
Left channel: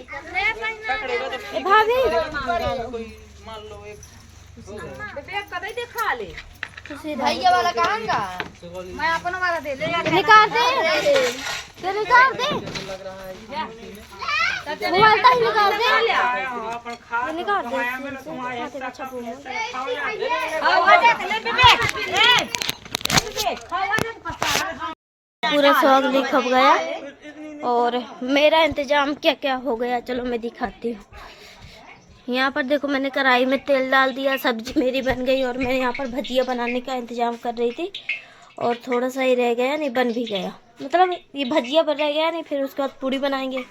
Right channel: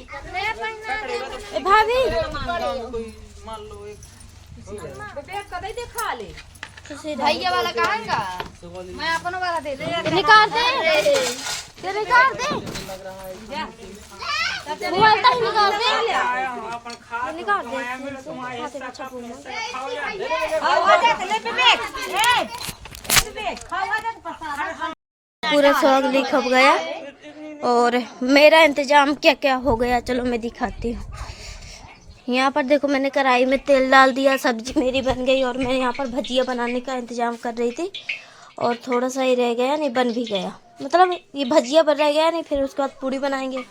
भाभी कोई मान लो एक बेग कदे देखा ले भैया वाला कहाँ का मैं अपना वाला दे दे निकाल दे तो निकाल दे मोबाइल तो निकाल दे निकाल दे खाते का छपो पूरा स्वागली खप गया और मेरा इंतजाम क्या क्या हो गया चलो मैं दिखाती हूँ। यहाँ पर देखो मैंने कढ़ाई में तेल डाल दिया, सब्जी मेरी बन गई और मैं यहाँ पर भजिया बनाने का इंतजाम कर रही थी और थोड़ा सा ही रह गया, नहीं बन भी गया, मतलब ये भजिया बन रह गया नहीं, फिर उसके बाद पूड़ी बनाएंगे।